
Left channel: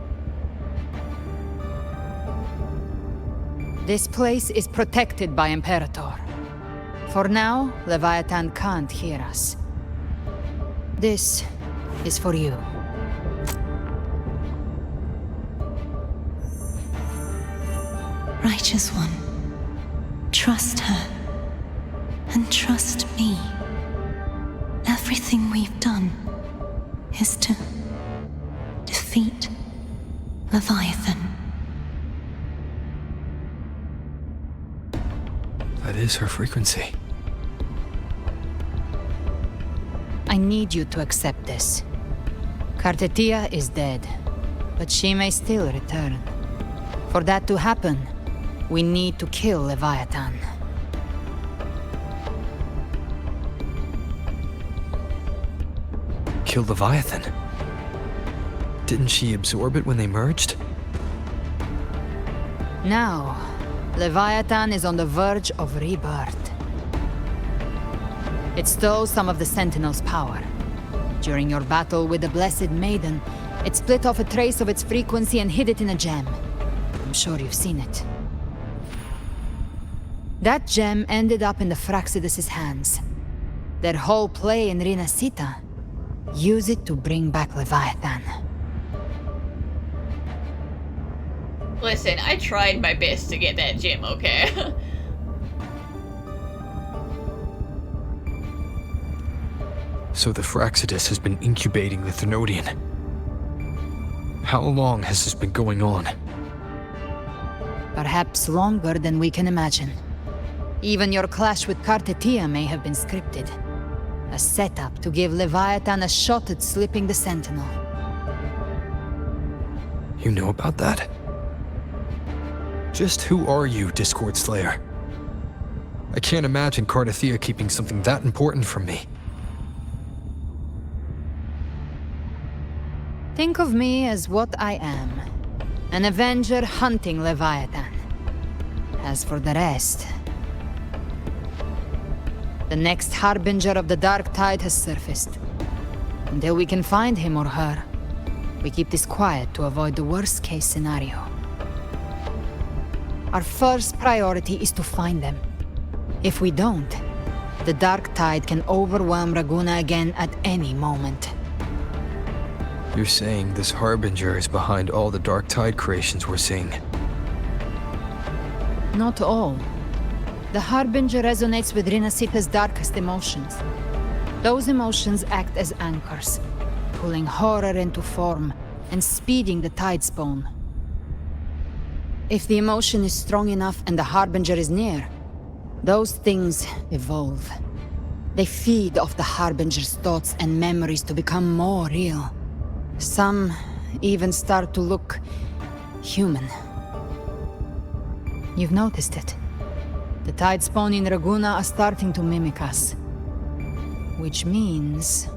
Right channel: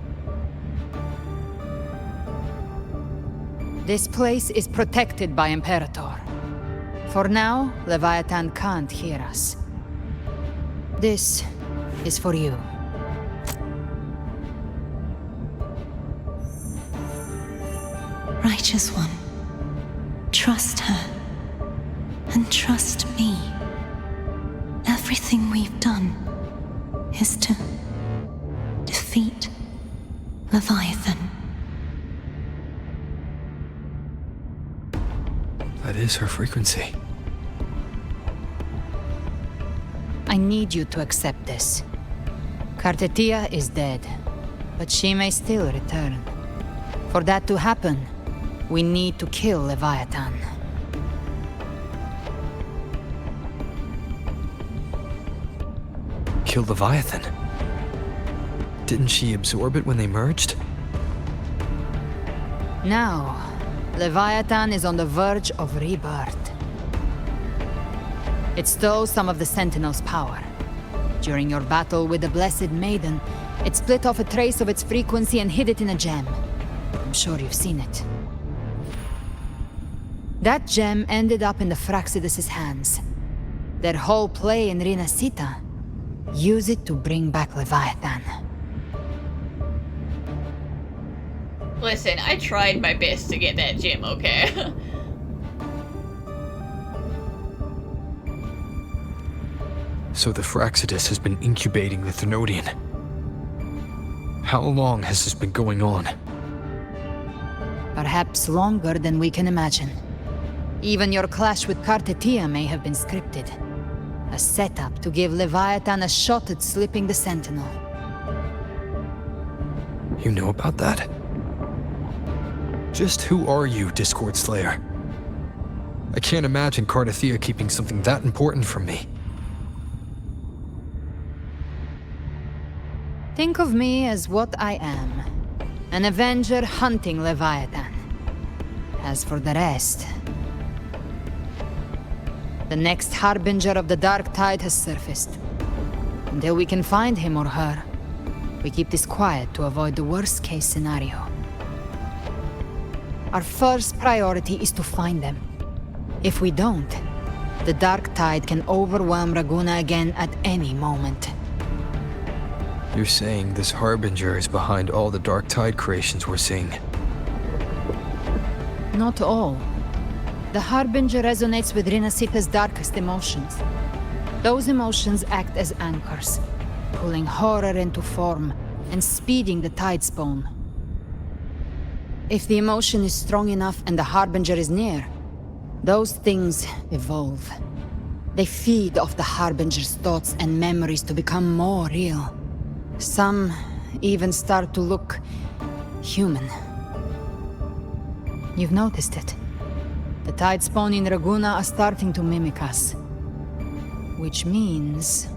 This place is protected by Imperator. For now, Leviathan can't hear us. This is for you. Righteous One, trust her, and trust me. Everything we've done is to defeat Leviathan. That is her frequency. I need you to accept this. Cartethyia is dead, but she may still return. For that to happen, we need to kill Leviathan. Kill Leviathan? Didn't she absorb it when they merged? Now, Leviathan is on the verge of rebirth. It stole some of the Sentinel's power. During your battle with the Blessed Maiden, it split off a trace of its frequency and hid it in a gem. I'm sure you've seen it. That gem ended up in the Fraxidus' hands. Their whole play in Rinascita, use it to bring back Leviathan. Listen, I tried my best to get that gem, okay? So the Fraxidus has been incubating the Thenodian. How long has this been going on? Perhaps longer than we can imagine. Even your clash with Cartethyia may have been scripted. A setup to give Leviathan a shot at slipping the Sentinel. You know about that? Just who are you, Discord Slayer? I can't imagine Cartethyia keeping something that important from me. Think of me as what I am. An Avenger hunting Leviathan. As for the rest... The next harbinger of the Dark Tide has surfaced. Until we can find him or her, we keep this quiet to avoid the worst-case scenario. Our first priority is to find them. If we don't, the dark tide can overwhelm Ragunna again at any moment. You're saying this Harbinger is behind all the dark tide creations we're seeing? Not all. The Harbinger resonates with Rinascita's darkest emotions. Those emotions act as anchors, pulling horror into form and speeding the tide spawn. If the emotion is strong enough and the Harbinger is near, those things evolve. They feed off the Harbinger's thoughts and memories to become more real. Some even start to look human. You've noticed it. The tide spawn in Ragunna are starting to mimic us. Which means...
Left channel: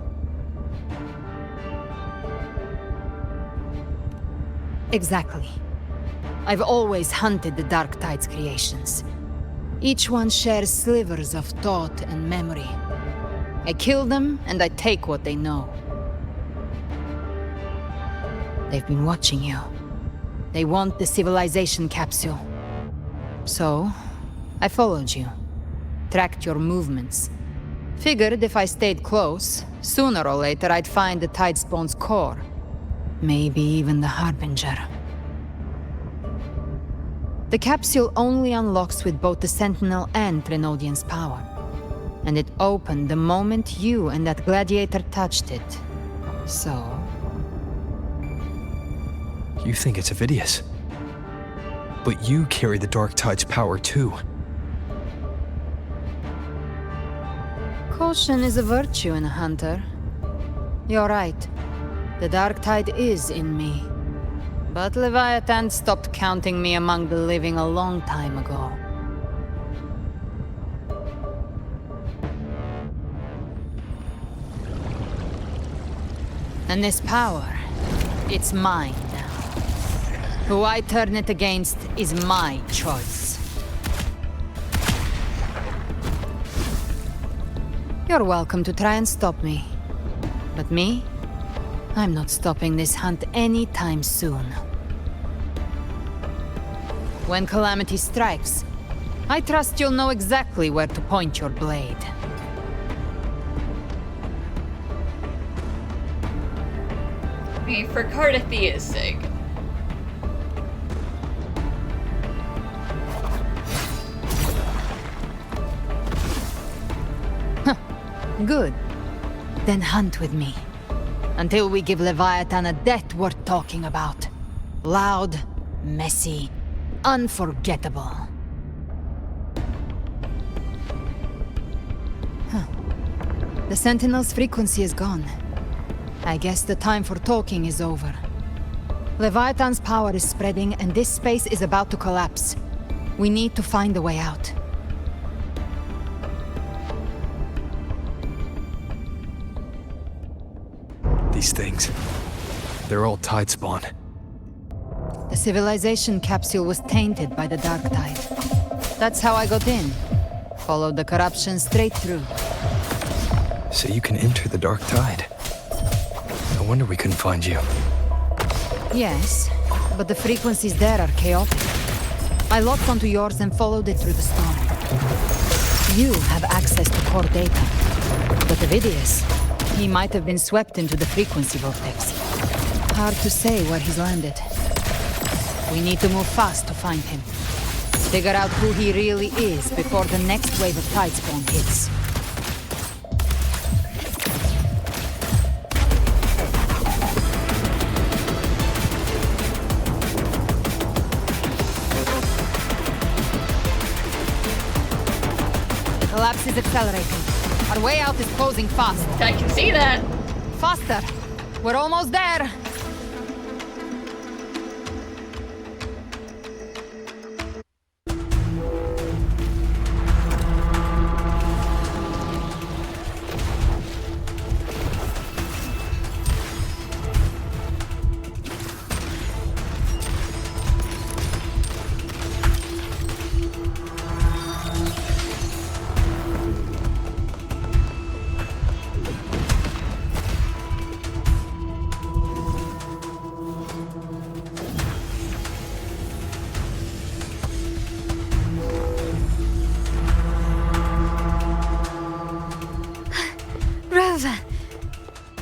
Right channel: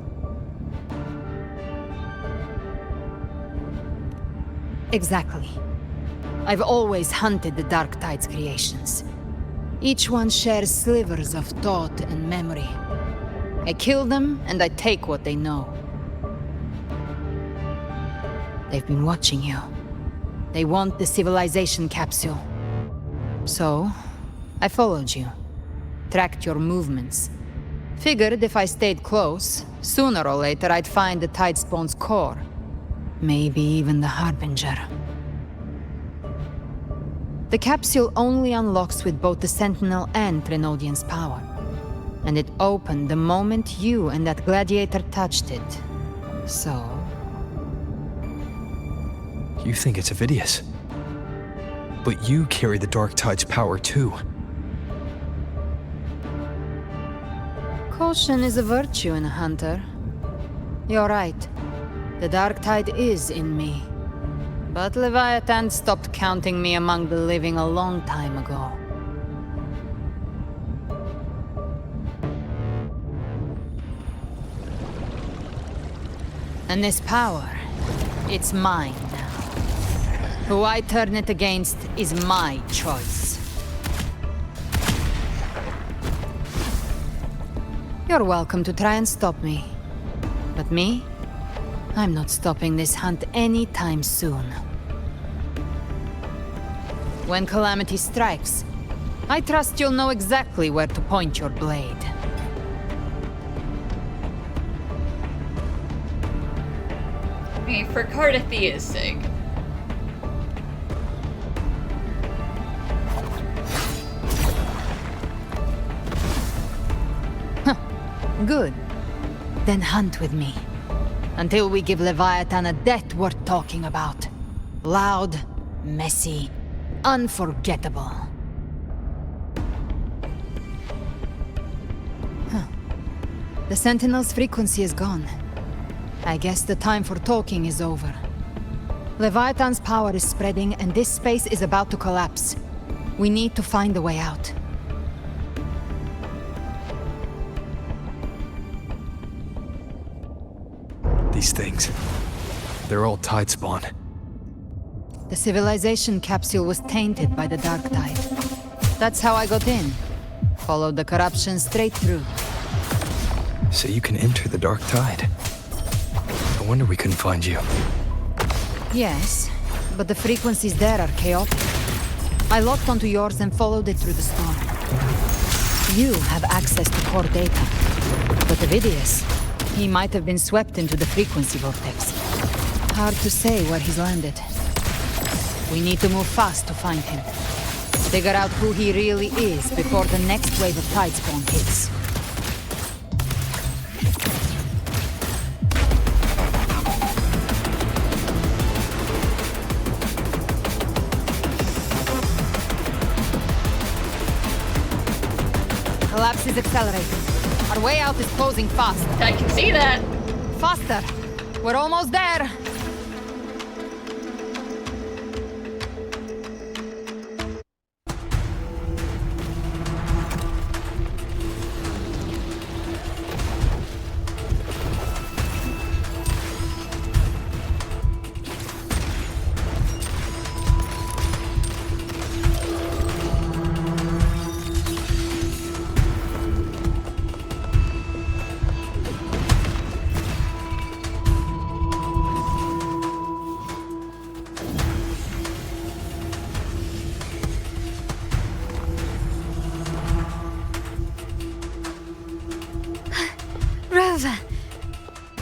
Exactly. I've always hunted the Dark Tide's creations. Each one shares slivers of thought and memory. I kill them, and I take what they know. They've been watching you. They want the Civilization Capsule. So, I followed you. Tracked your movements. Figured if I stayed close, sooner or later I'd find the Tide Spawn's core. Maybe even the Harbinger. The capsule only unlocks with both the Sentinel and Trinodian's power. And it opened the moment you and that gladiator touched it. So... You think it's Avidius. But you carry the Dark Tide's power too. Caution is a virtue in a hunter. You're right. The Dark Tide is in me. But Leviathan stopped counting me among the living a long time ago. And this power, it's mine now. Who I turn it against is my choice. You're welcome to try and stop me. But me? I'm not stopping this hunt anytime soon. When calamity strikes, I trust you'll know exactly where to point your blade. I mean, for Cartethia's sake. Good. Then hunt with me. Until we give Leviathan a death worth talking about. Loud, messy, unforgettable. The Sentinel's frequency is gone. I guess the time for talking is over. Leviathan's power is spreading and this space is about to collapse. We need to find a way out. These things, they're all tide spawn. The Civilization Capsule was tainted by the Dark Tide. That's how I got in. Followed the corruption straight through. So you can enter the Dark Tide. No wonder we couldn't find you. Yes, but the frequencies there are chaotic. I locked onto yours and followed it through the storm. You have access to core data. But Avidius, he might have been swept into the frequency vortex. Hard to say where he's landed. We need to move fast to find him. Figure out who he really is before the next wave of Tidespawn hits. The collapse is accelerating. Our way out is closing fast. I can see that. Faster. We're almost there.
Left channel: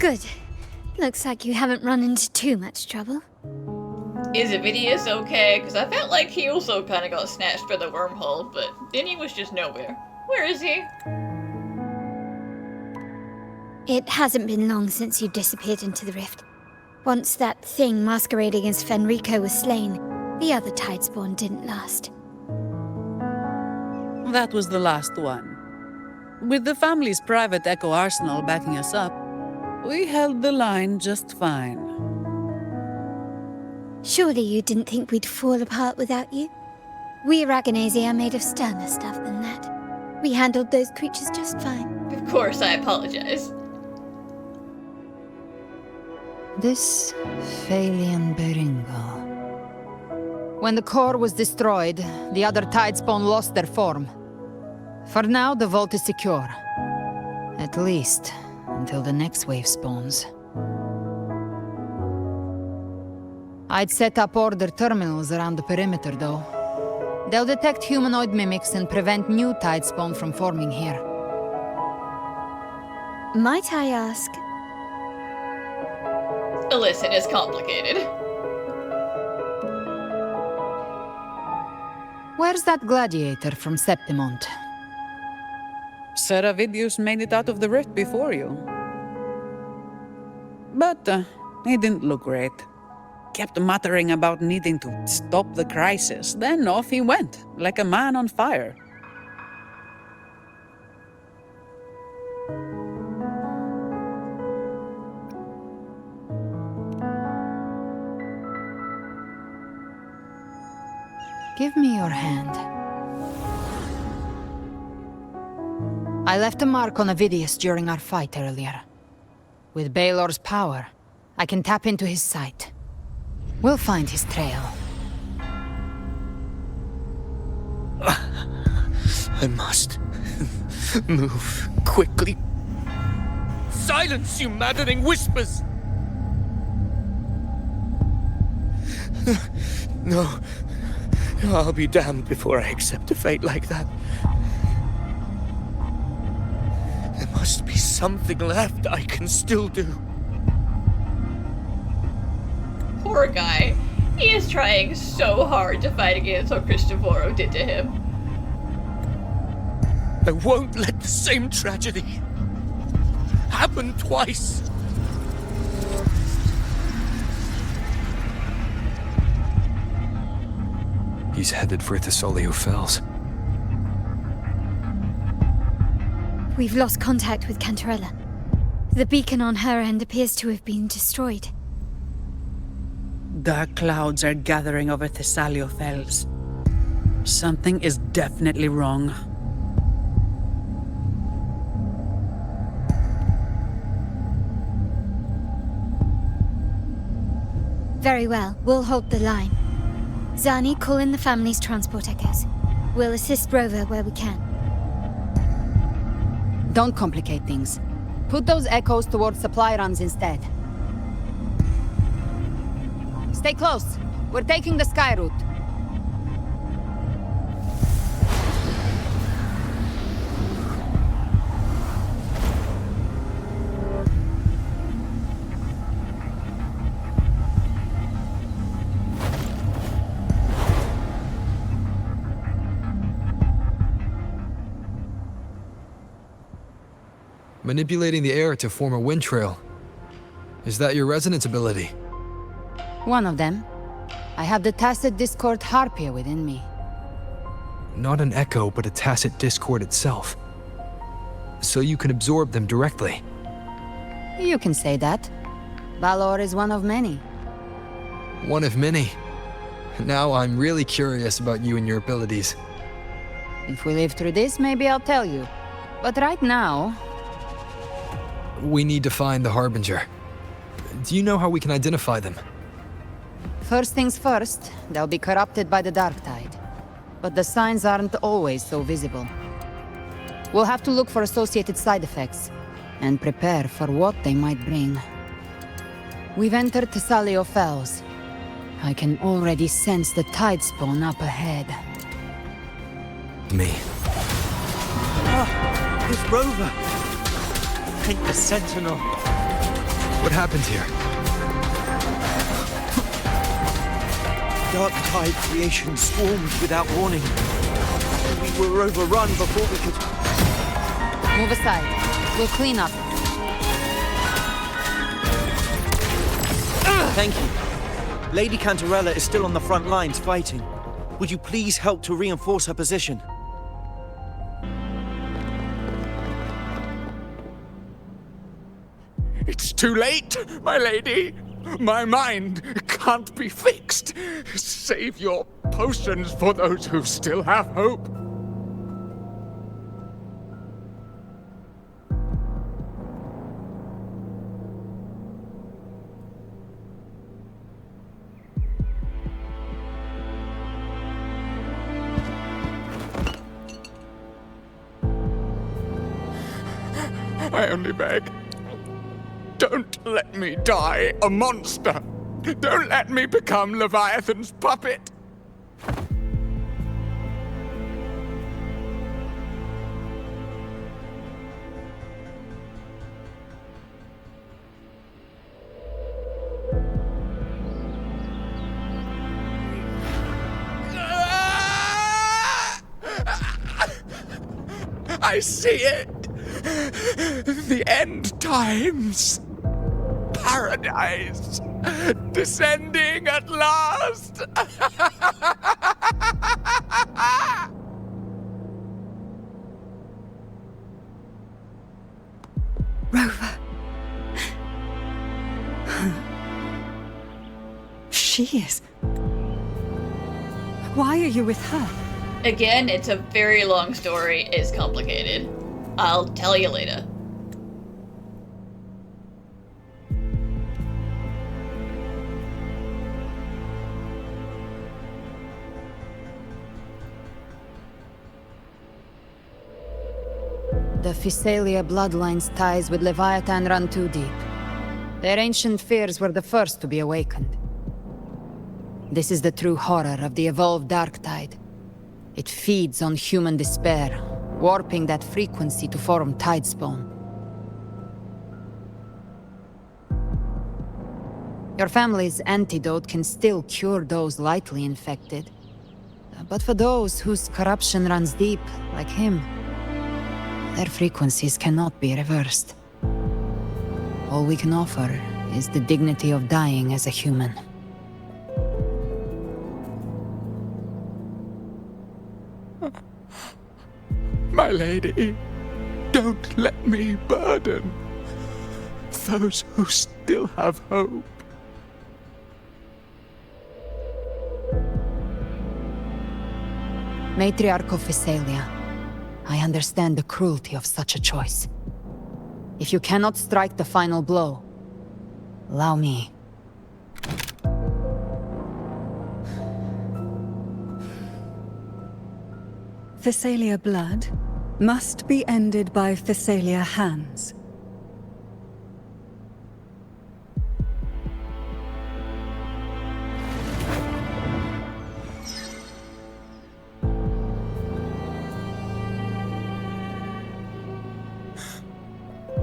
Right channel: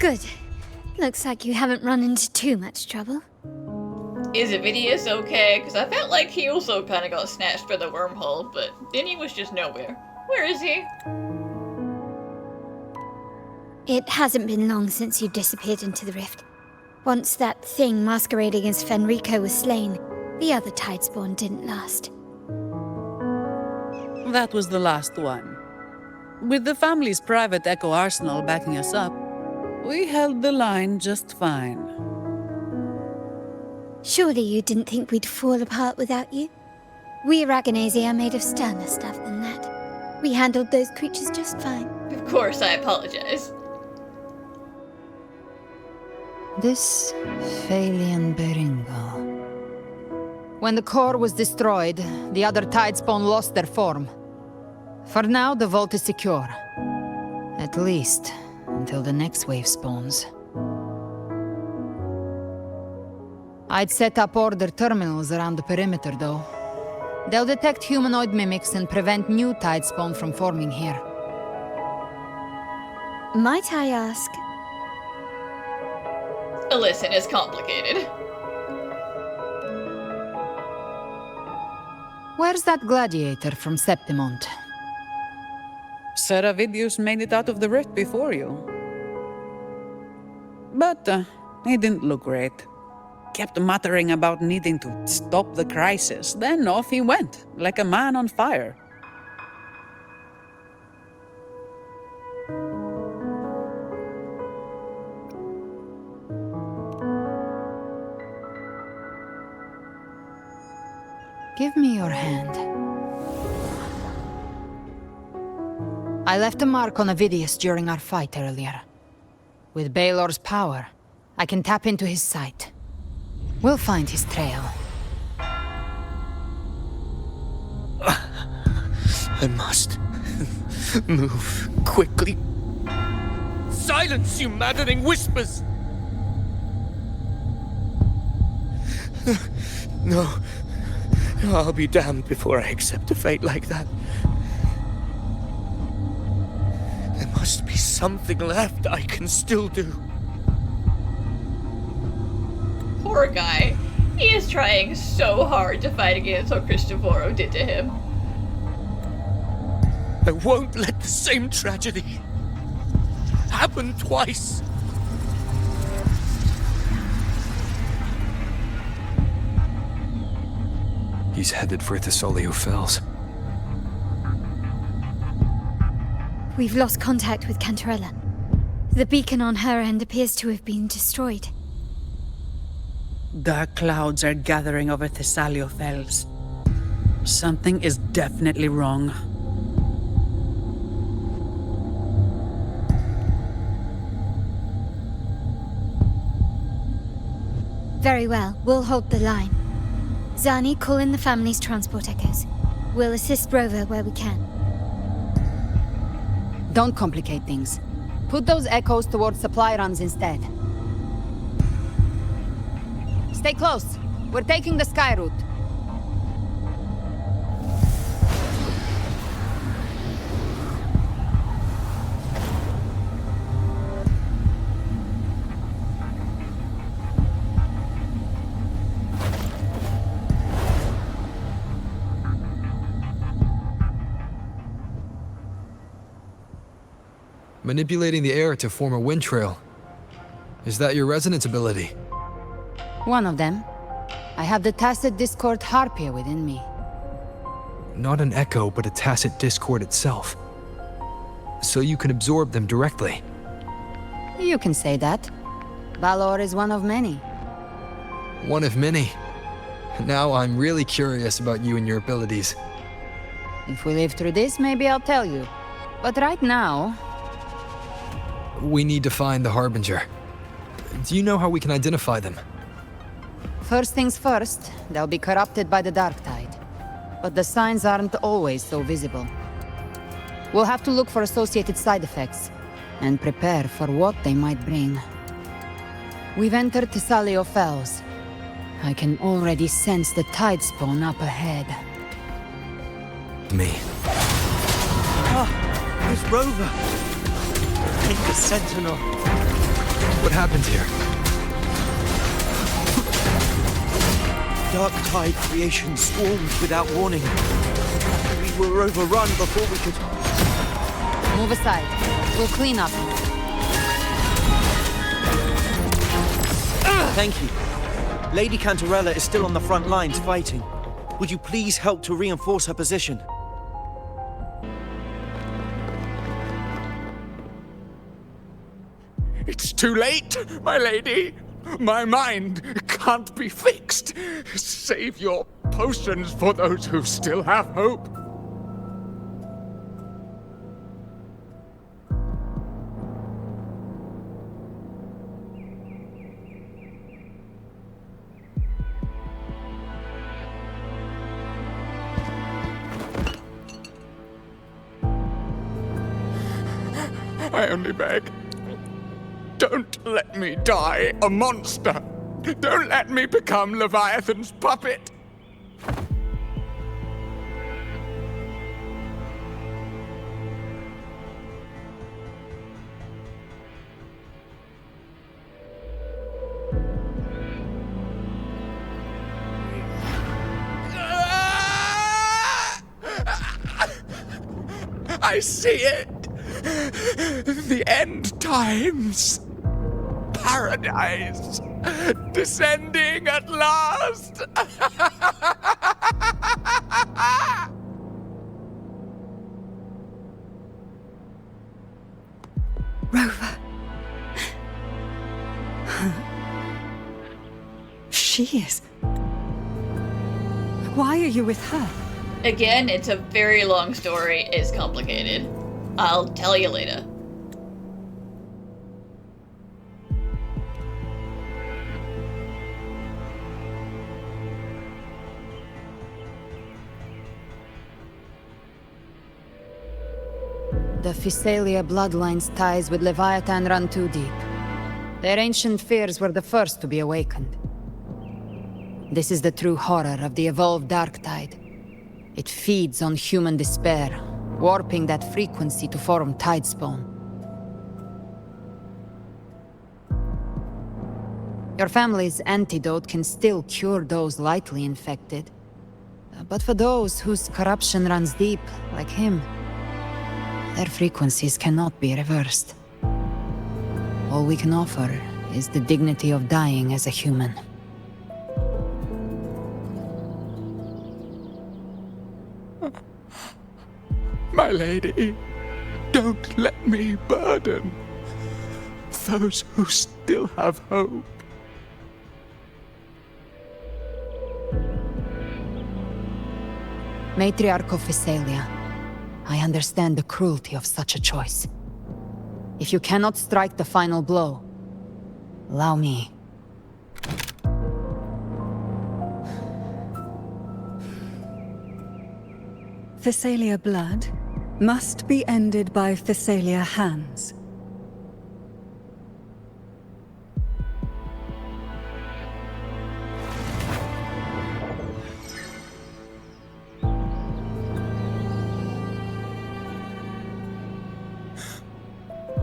Good. Looks like you haven't run into too much trouble. Is Avidius okay? Because I felt like he also kind of got snatched by the wormhole, but then he was just nowhere. Where is he? It hasn't been long since you disappeared into the rift. Once that thing masquerading as Fenrico was slain, the other Tidespawn didn't last. That was the last one. With the family's private Echo arsenal backing us up, we held the line just fine. Surely you didn't think we'd fall apart without you? We Ragunnae are made of sterner stuff than that. We handled those creatures just fine. Of course, I apologize. This Phalian Beringo. When the core was destroyed, the other Tidespawn lost their form. For now, the vault is secure. At least, until the next wave spawns. I'd set up order terminals around the perimeter, though. They'll detect humanoid mimics and prevent new Tidespawn from forming here. Might I ask? Listen, it's complicated. Where's that gladiator from Septimont? Seravidius made it out of the rift before you. But he didn't look great. Kept muttering about needing to stop the crisis, then off he went, like a man on fire. Give me your hand. I left a mark on Avidius during our fight earlier. With Baelor's power, I can tap into his sight. We'll find his trail. I must move quickly. Silence, you maddening whispers! No, I'll be damned before I accept a fate like that. There must be something left I can still do. Poor guy. He is trying so hard to fight against what Cristoforo did to him. I won't let the same tragedy happen twice. He's headed for Thessalio Fells. We've lost contact with Cantarella. The beacon on her end appears to have been destroyed. Dark clouds are gathering over Thessalio Fells. Something is definitely wrong. Very well, we'll hold the line. Zani, call in the family's transport echoes. We'll assist Rover where we can. Don't complicate things. Put those echoes towards supply runs instead. Stay close. We're taking the sky route. Manipulating the air to form a wind trail. Is that your resonance ability? One of them. I have the tacit discord Harpia within me. Not an echo, but a tacit discord itself. So you can absorb them directly. You can say that. Balor is one of many. One of many. Now I'm really curious about you and your abilities. If we live through this, maybe I'll tell you. But right now... We need to find the Harbinger. Do you know how we can identify them? First things first, they'll be corrupted by the dark tide. But the signs aren't always so visible. We'll have to look for associated side effects, and prepare for what they might bring. We've entered Thessalio Fells. I can already sense the Tidespawn up ahead. Me. Ah, it's Rover. Take the Sentinel. What happened here? Dark tide creation swarmed without warning. We were overrun before we could... Move aside. We'll clean up. Thank you. Lady Cantarella is still on the front lines fighting. Would you please help to reinforce her position? It's too late, my lady. My mind can't be fixed. Save your potions for those who still have hope. I only beg. Don't let me die a monster. Don't let me become Leviathan's puppet. I see it. The end times. Paradise. Descending at last. Rover. She is... Why are you with her? Again, it's a very long story. It's complicated. I'll tell you later. The Physalia bloodline's ties with Leviathan run too deep. Their ancient fears were the first to be awakened. This is the true horror of the evolved dark tide. It feeds on human despair, warping that frequency to form tidespawn. Your family's antidote can still cure those lightly infected. But for those whose corruption runs deep, like him, their frequencies cannot be reversed. All we can offer is the dignity of dying as a human. My lady, don't let me burden those who still have hope. Matriarch of Physalia, I understand the cruelty of such a choice. If you cannot strike the final blow, allow me. Physalia blood must be ended by Physalia hands.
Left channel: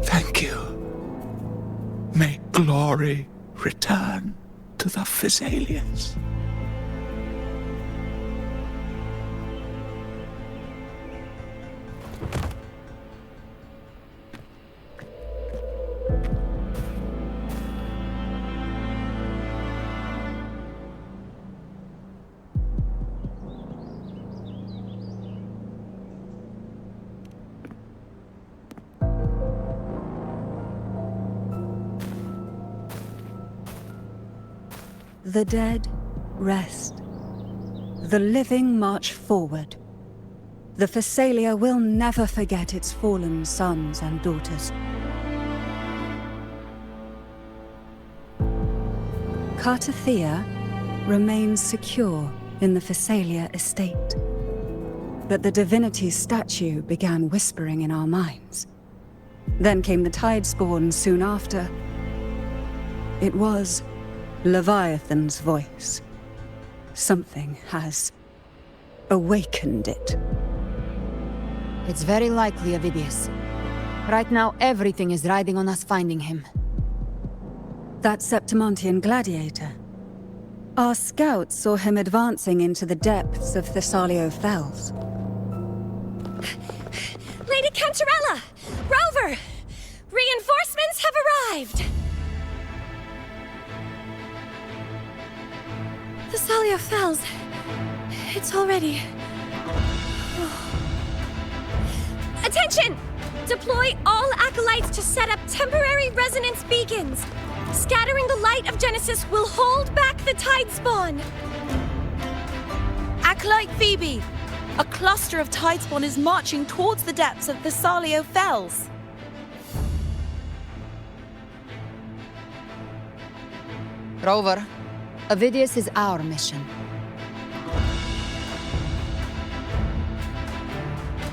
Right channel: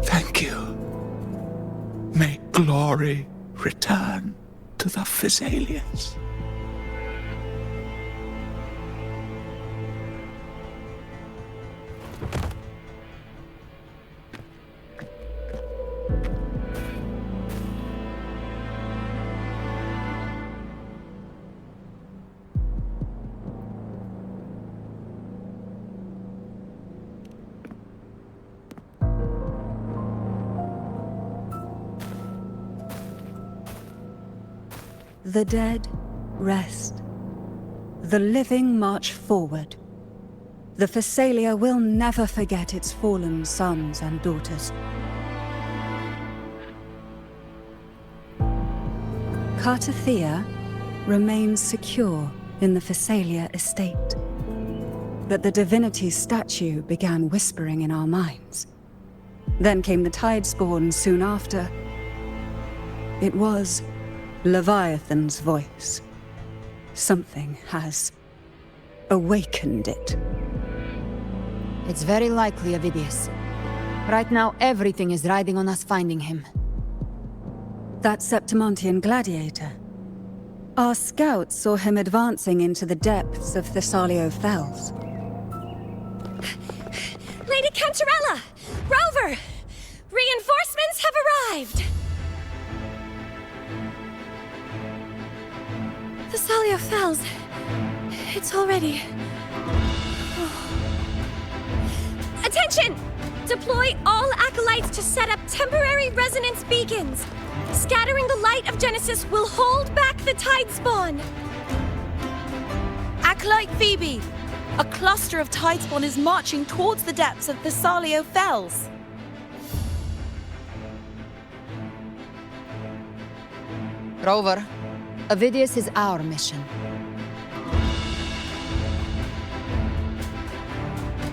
Thank you. May glory return to the Physalians. The dead rest. The living march forward. The Physalia will never forget its fallen sons and daughters. Cartethyia remains secure in the Physalia estate. But the divinity's statue began whispering in our minds. Then came the Tidespawn soon after. It was Leviathan's voice. Something has awakened it. It's very likely, Avidius. Right now, everything is riding on us finding him. That Septimontian gladiator. Our scouts saw him advancing into the depths of Thessalio Fells. Lady Cantarella! Rover! Reinforcements have arrived! Thessalio Fells. It's already... Attention! Deploy all acolytes to set up temporary resonance beacons. Scattering the light of Genesis will hold back the tide spawn. Acolyte Phoebe! A cluster of tidespawn is marching towards the depths of Thessalio Fells. Rover, Avidius is our mission.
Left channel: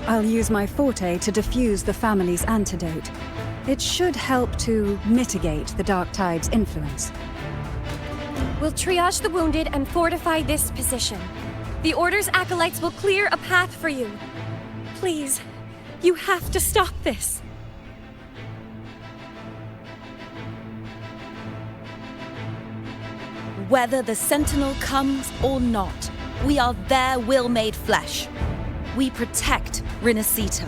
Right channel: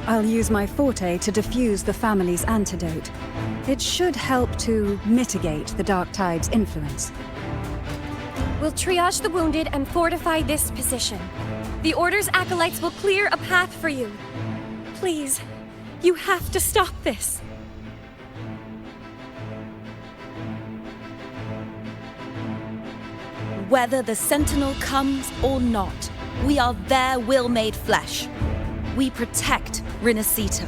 I'll use my forte to defuse the family's antidote. It should help to mitigate the Dark Tide's influence. We'll triage the wounded and fortify this position. The Order's acolytes will clear a path for you. Please, you have to stop this. Whether the Sentinel comes or not, we are their will made flesh. We protect Rinascita.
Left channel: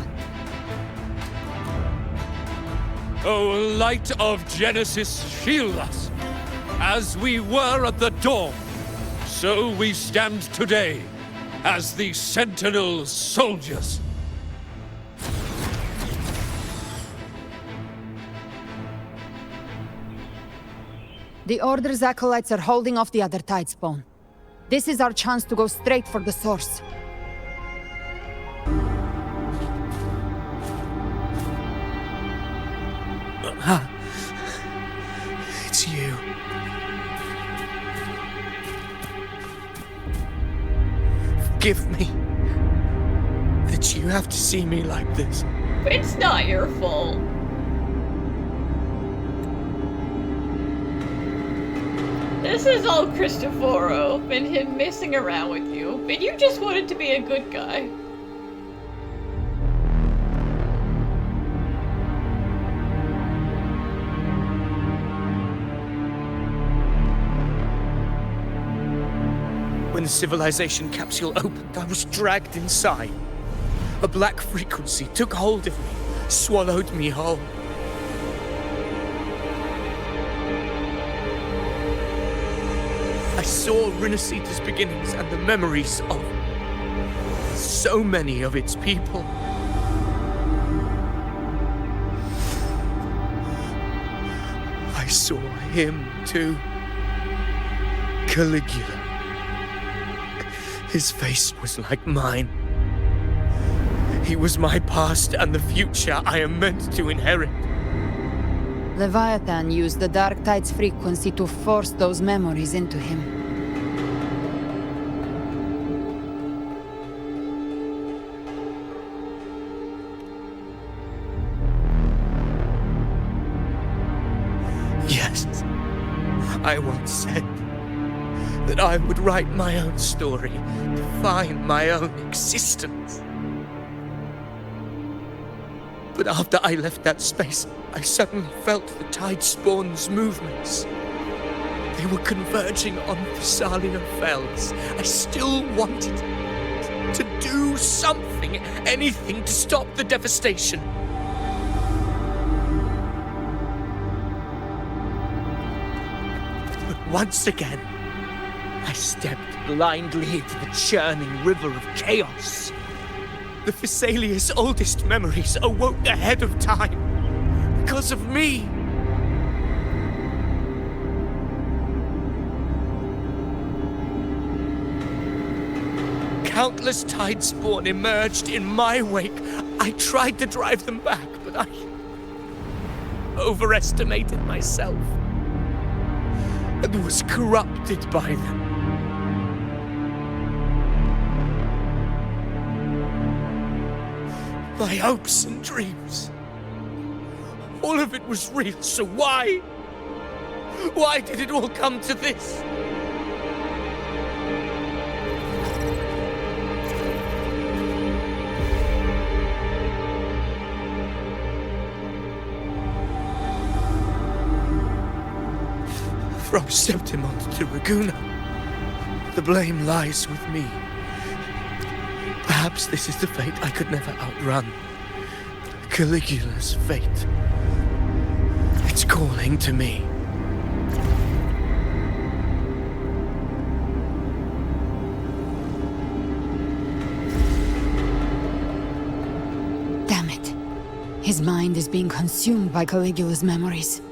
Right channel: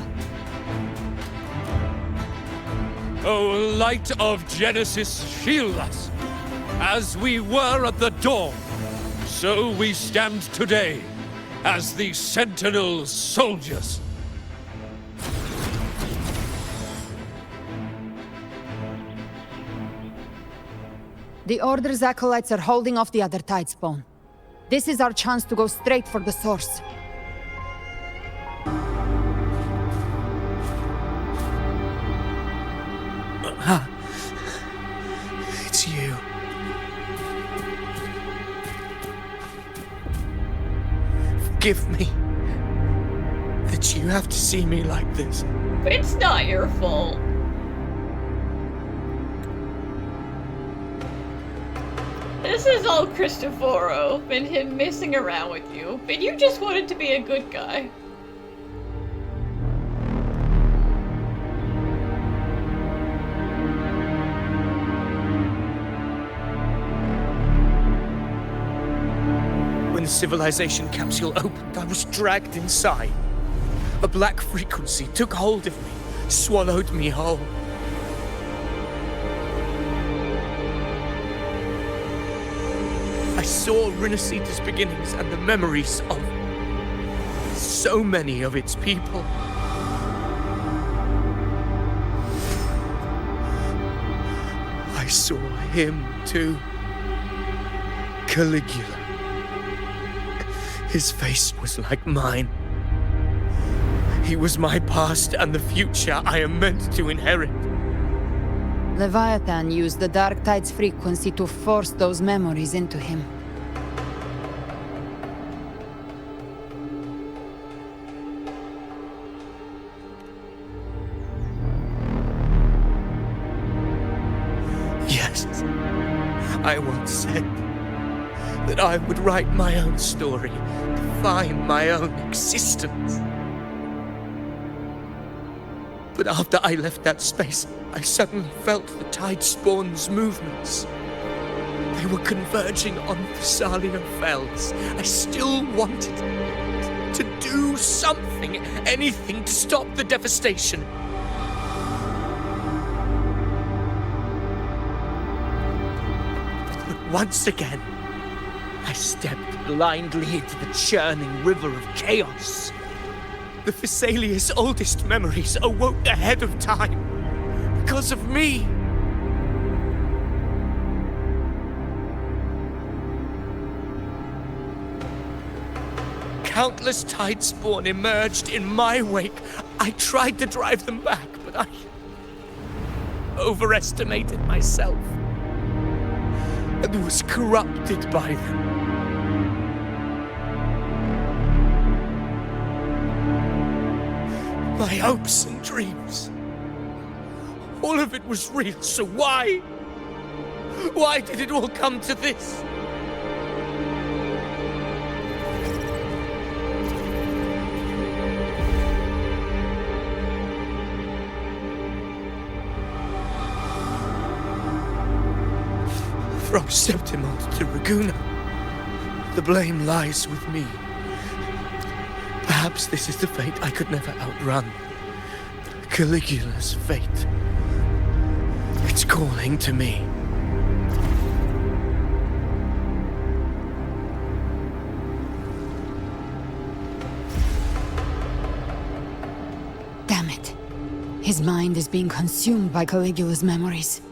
O light of Genesis, shield us. As we were at the dawn, so we stand today as the Sentinel's soldiers. The Order's acolytes are holding off the other tidespawn. This is our chance to go straight for the source. It's you. Forgive me that you have to see me like this. It's not your fault. This is all Cristoforo and him messing around with you, but you just wanted to be a good guy. When the Civilization Capsule opened, I was dragged inside. A black frequency took hold of me, swallowed me whole. I saw Rinascita's beginnings and the memories of so many of its people. I saw him too. Caligula. His face was like mine. He was my past and the future I am meant to inherit. Leviathan used the Dark Tide's frequency to force those memories into him. Yes, I once said that I would write my own story, define my own existence. But after I left that space, I suddenly felt the Tidespawn's movements. They were converging on Thessalio Fells. I still wanted to do something, anything to stop the devastation. But once again, I stepped blindly into the churning river of chaos. The Thessalia's oldest memories awoke ahead of time. Because of me. Countless Tidespawn emerged in my wake. I tried to drive them back, but I overestimated myself and was corrupted by them. My hopes and dreams. All of it was real, so why? Why did it all come to this? From Septimont to Ragunna, the blame lies with me. Perhaps this is the fate I could never outrun. Caligula's fate. It's calling to me. Damn it. His mind is being consumed by Caligula's memories.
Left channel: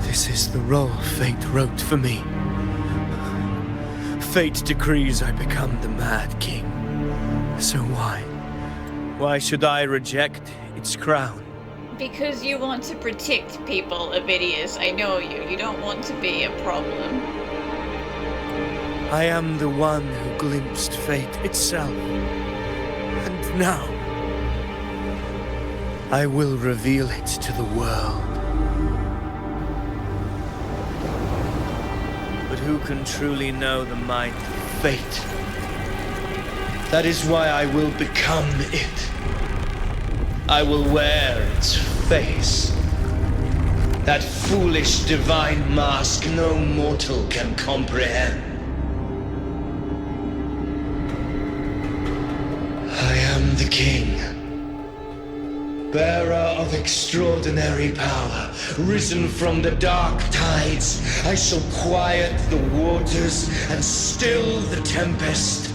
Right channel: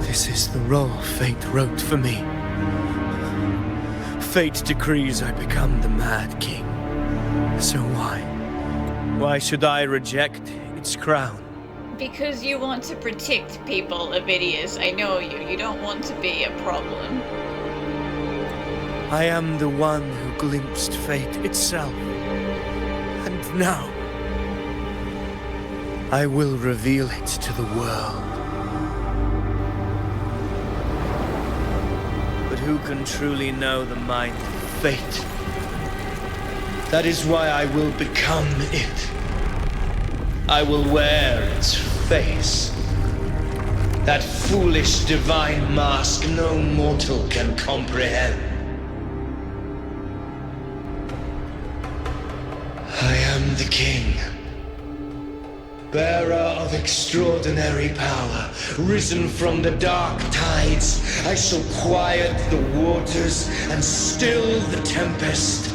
This is the role fate wrote for me. Fate decrees I become the Mad King. So why? Why should I reject its crown? Because you want to protect people, Avidius. I know you. You don't want to be a problem. I am the one who glimpsed fate itself. And now, I will reveal it to the world. But who can truly know the mind of fate? That is why I will become it. I will wear its face. That foolish divine mask no mortal can comprehend. I am the king, bearer of extraordinary power, risen from the dark tides. I shall quiet the waters and still the tempest.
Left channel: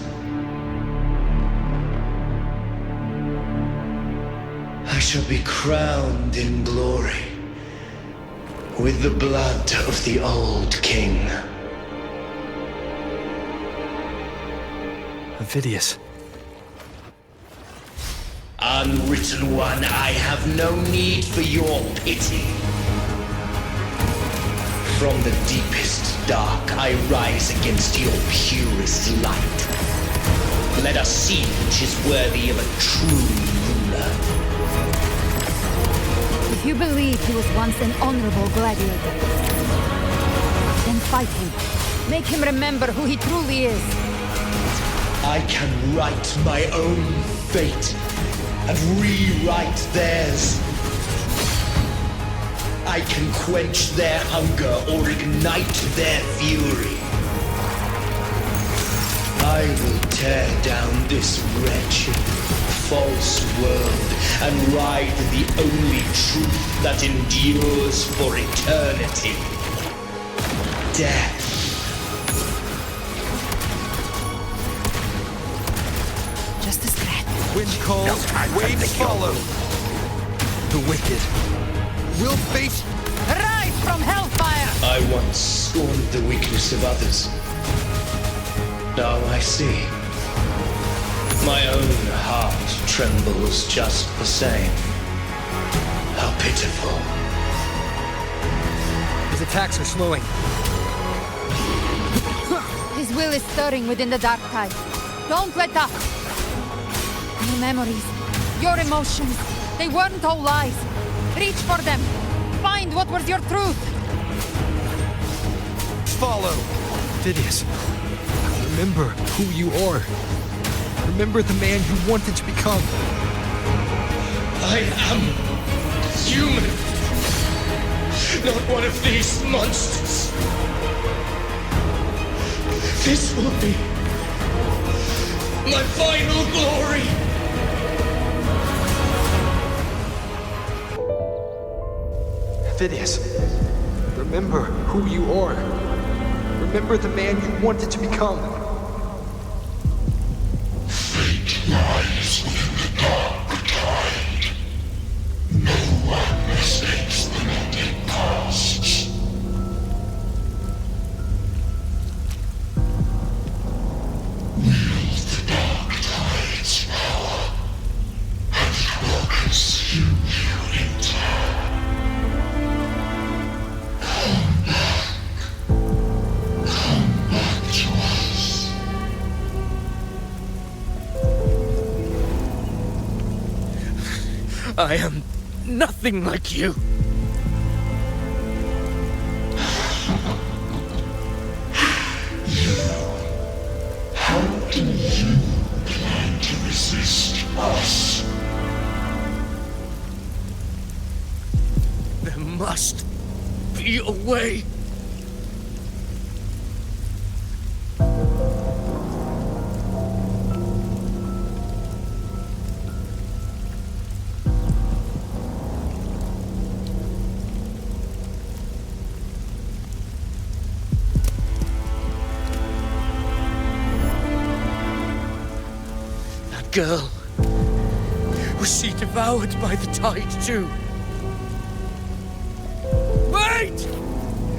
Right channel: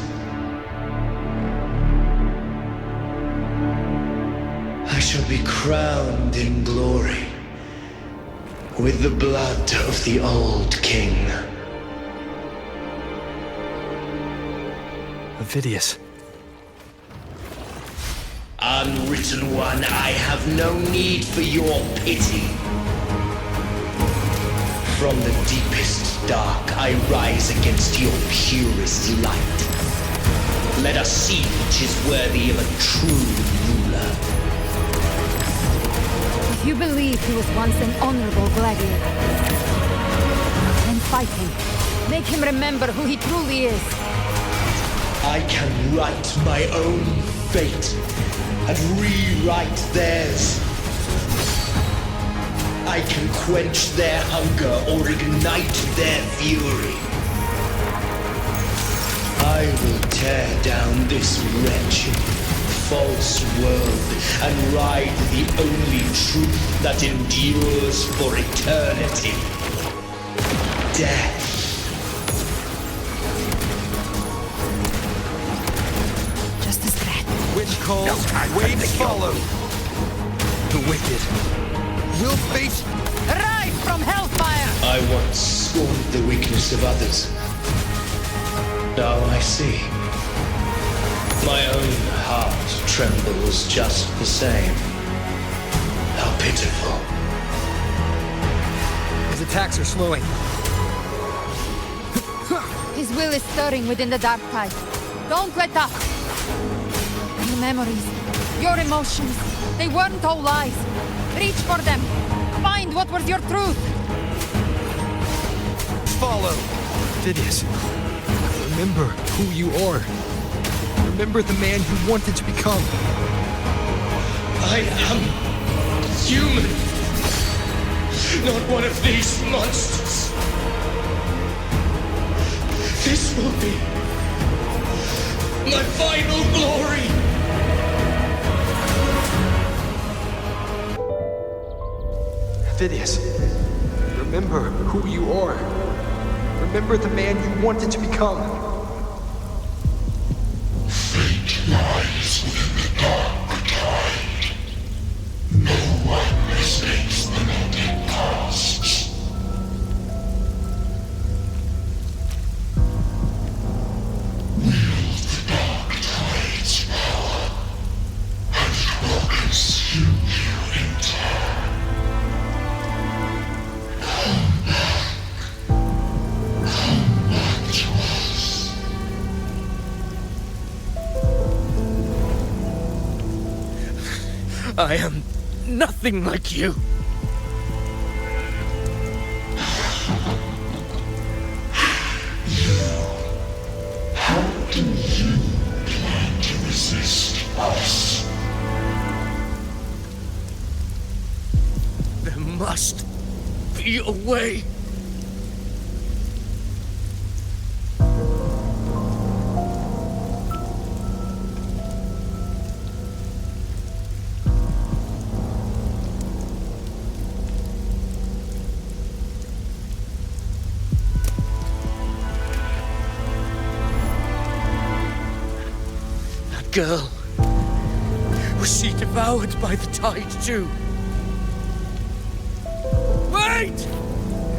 I shall be crowned in glory with the blood of the old king. Avidius. Unwritten one, I have no need for your pity. From the deepest dark, I rise against your purest light. Let us see which is worthy of a true ruler. If you believe he was once an honorable gladiator, then fight him. Make him remember who he truly is. I can write my own fate and rewrite theirs. I can quench their hunger or ignite their fury. I will tear down this wretched, false world and ride the only truth that endures for eternity. Death. Just a threat. Wind calls, waves follow. The wicked will face... Rise from hellfire! I once scorned the weakness of others. Now I see. My own heart trembles just the same. How pitiful. His attacks are slowing. His will is stirring within the dark tide. Don't let up! Your memories, your emotions, they weren't all lies. Reach for them. Find what was your truth. Follow. Avidius, remember who you are. Remember the man you wanted to become. I am human. Not one of these monsters. This will be my final glory. Avidius, remember who you are. Remember the man you wanted to become. Fate lies within the dark tide. No one escapes the melting pasts. Wield the dark tide's power, and it will consume you in turn. Come back to us. I am nothing like you. How do you plan to resist us? There must must be a way. That girl. Was she devoured by the tide too? Wait!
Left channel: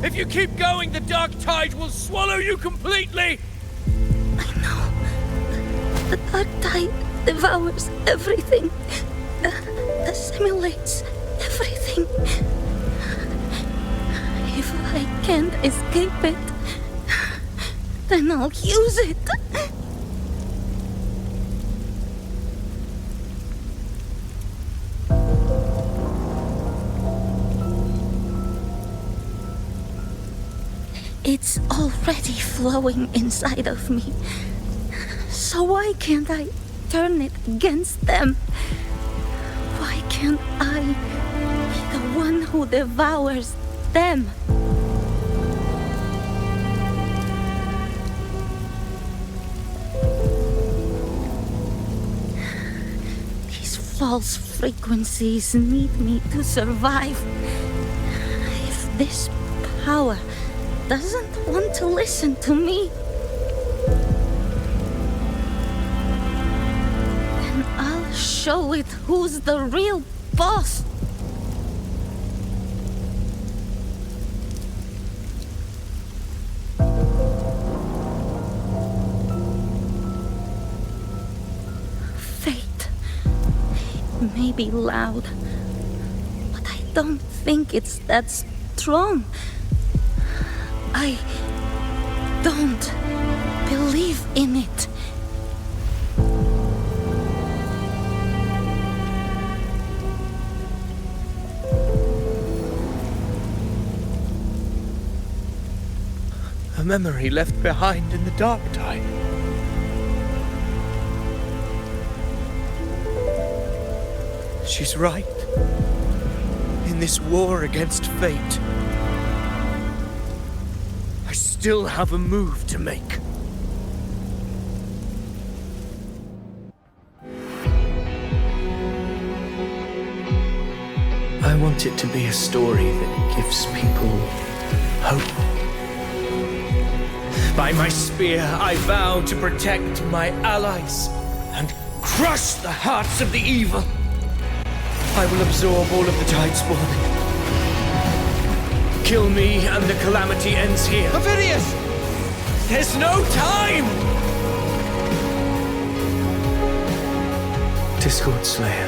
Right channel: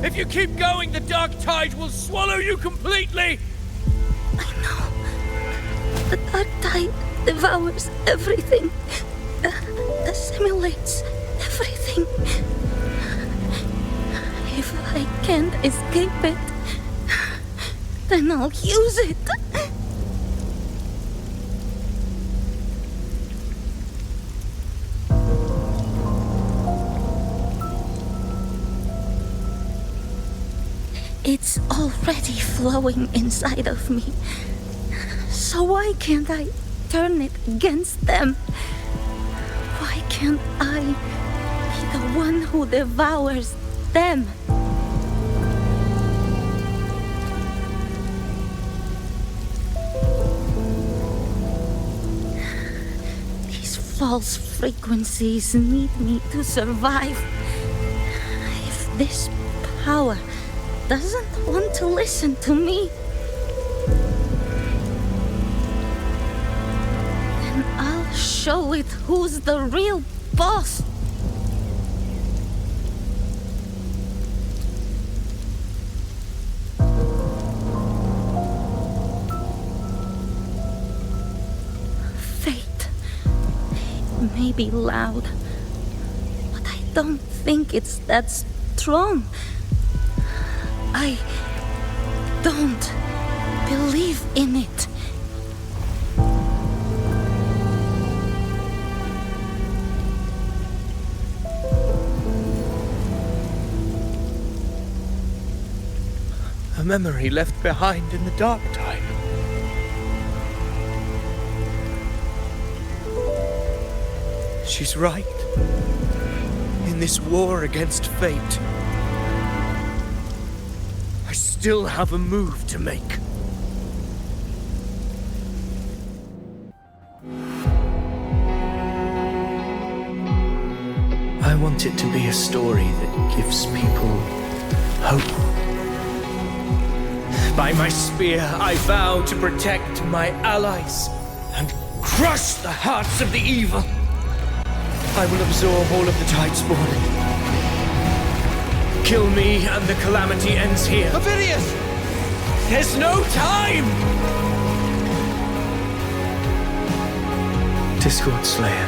If you keep going, the dark tide will swallow you completely! I know. The dark tide devours everything. Assimilates everything. If I can't escape it, then I'll use it. It's already flowing inside of me. So why can't I turn it against them? Why can't I be the one who devours them? These false frequencies need me to survive. If this power doesn't want to listen to me, then I'll show it who's the real boss. Fate. It may be loud, but I don't think it's that strong. I don't believe in it. A memory left behind in the dark tide. She's right. In this war against fate, I still have a move to make. I want it to be a story that gives people hope. By my spear, I vow to protect my allies and crush the hearts of the evil. I will absorb all of the Tidespawn. Kill me and the calamity ends here. Ovidius! There's no time! Discord Slayer,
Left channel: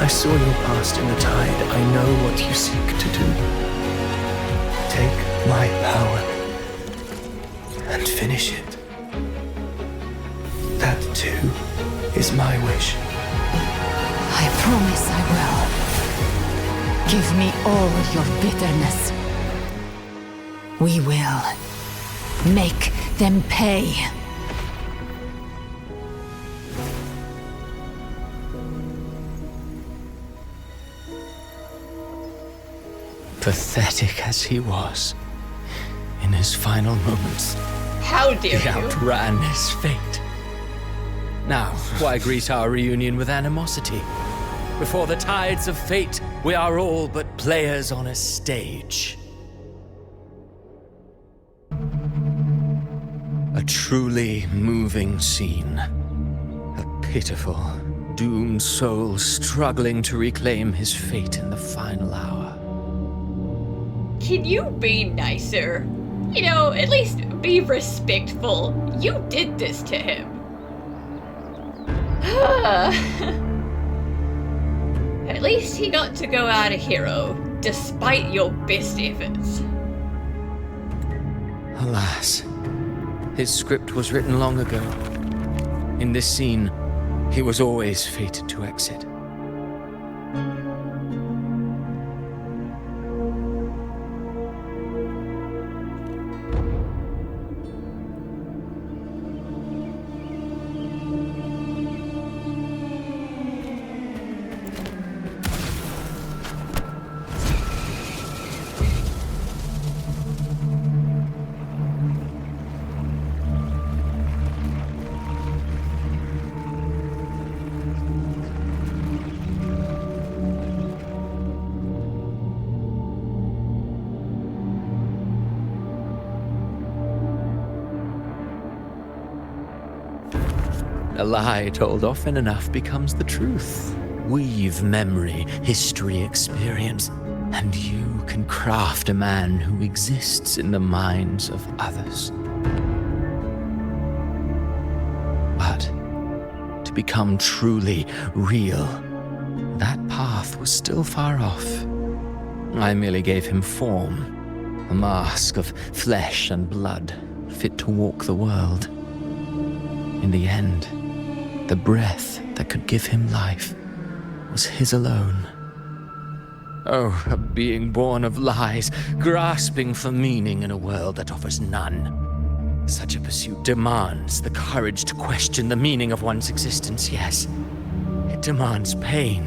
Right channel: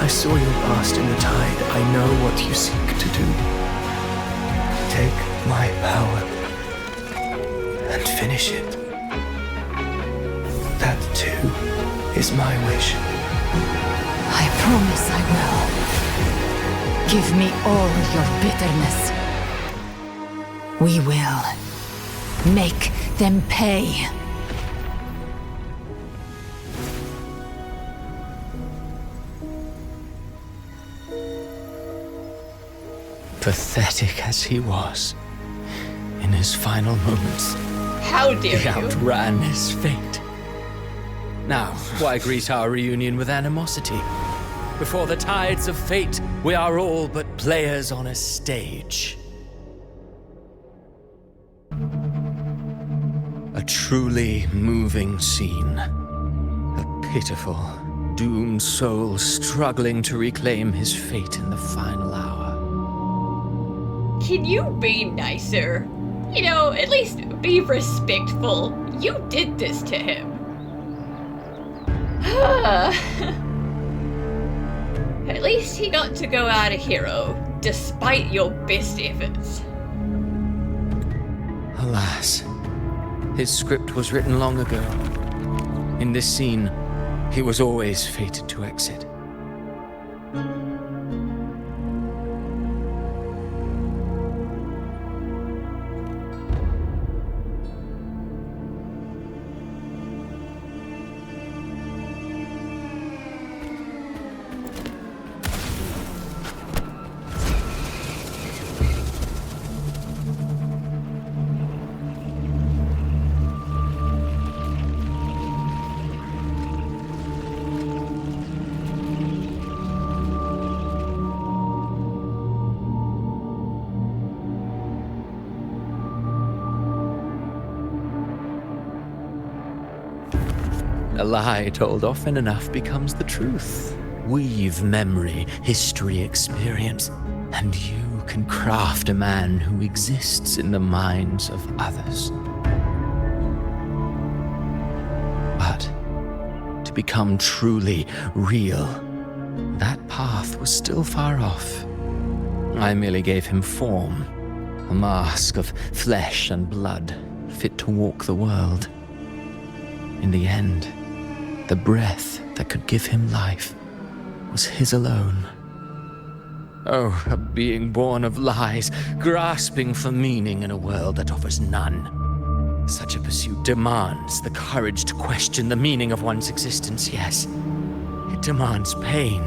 I saw your past in the tide. I know what you seek to do. Take my power and finish it. That too is my wish. I promise I will. Give me all your bitterness. We will make them pay. Pathetic as he was, in his final moments, How dare he you? outran his fate. Now, why greet our reunion with animosity? Before the tides of fate, we are all but players on a stage. A truly moving scene. A pitiful, doomed soul struggling to reclaim his fate in the final hour. Can you be nicer? You know, at least be respectful. You did this to him. At least he got to go out a hero, despite your best efforts. Alas, his script was written long ago. In this scene, he was always fated to exit. A lie told often enough becomes the truth. Weave memory, history, experience, and you can craft a man who exists in the minds of others. But to become truly real, that path was still far off. I merely gave him form, a mask of flesh and blood, fit to walk the world. In the end, the breath that could give him life was his alone. Oh, a being born of lies, grasping for meaning in a world that offers none. Such a pursuit demands the courage to question the meaning of one's existence, yes. It demands pain.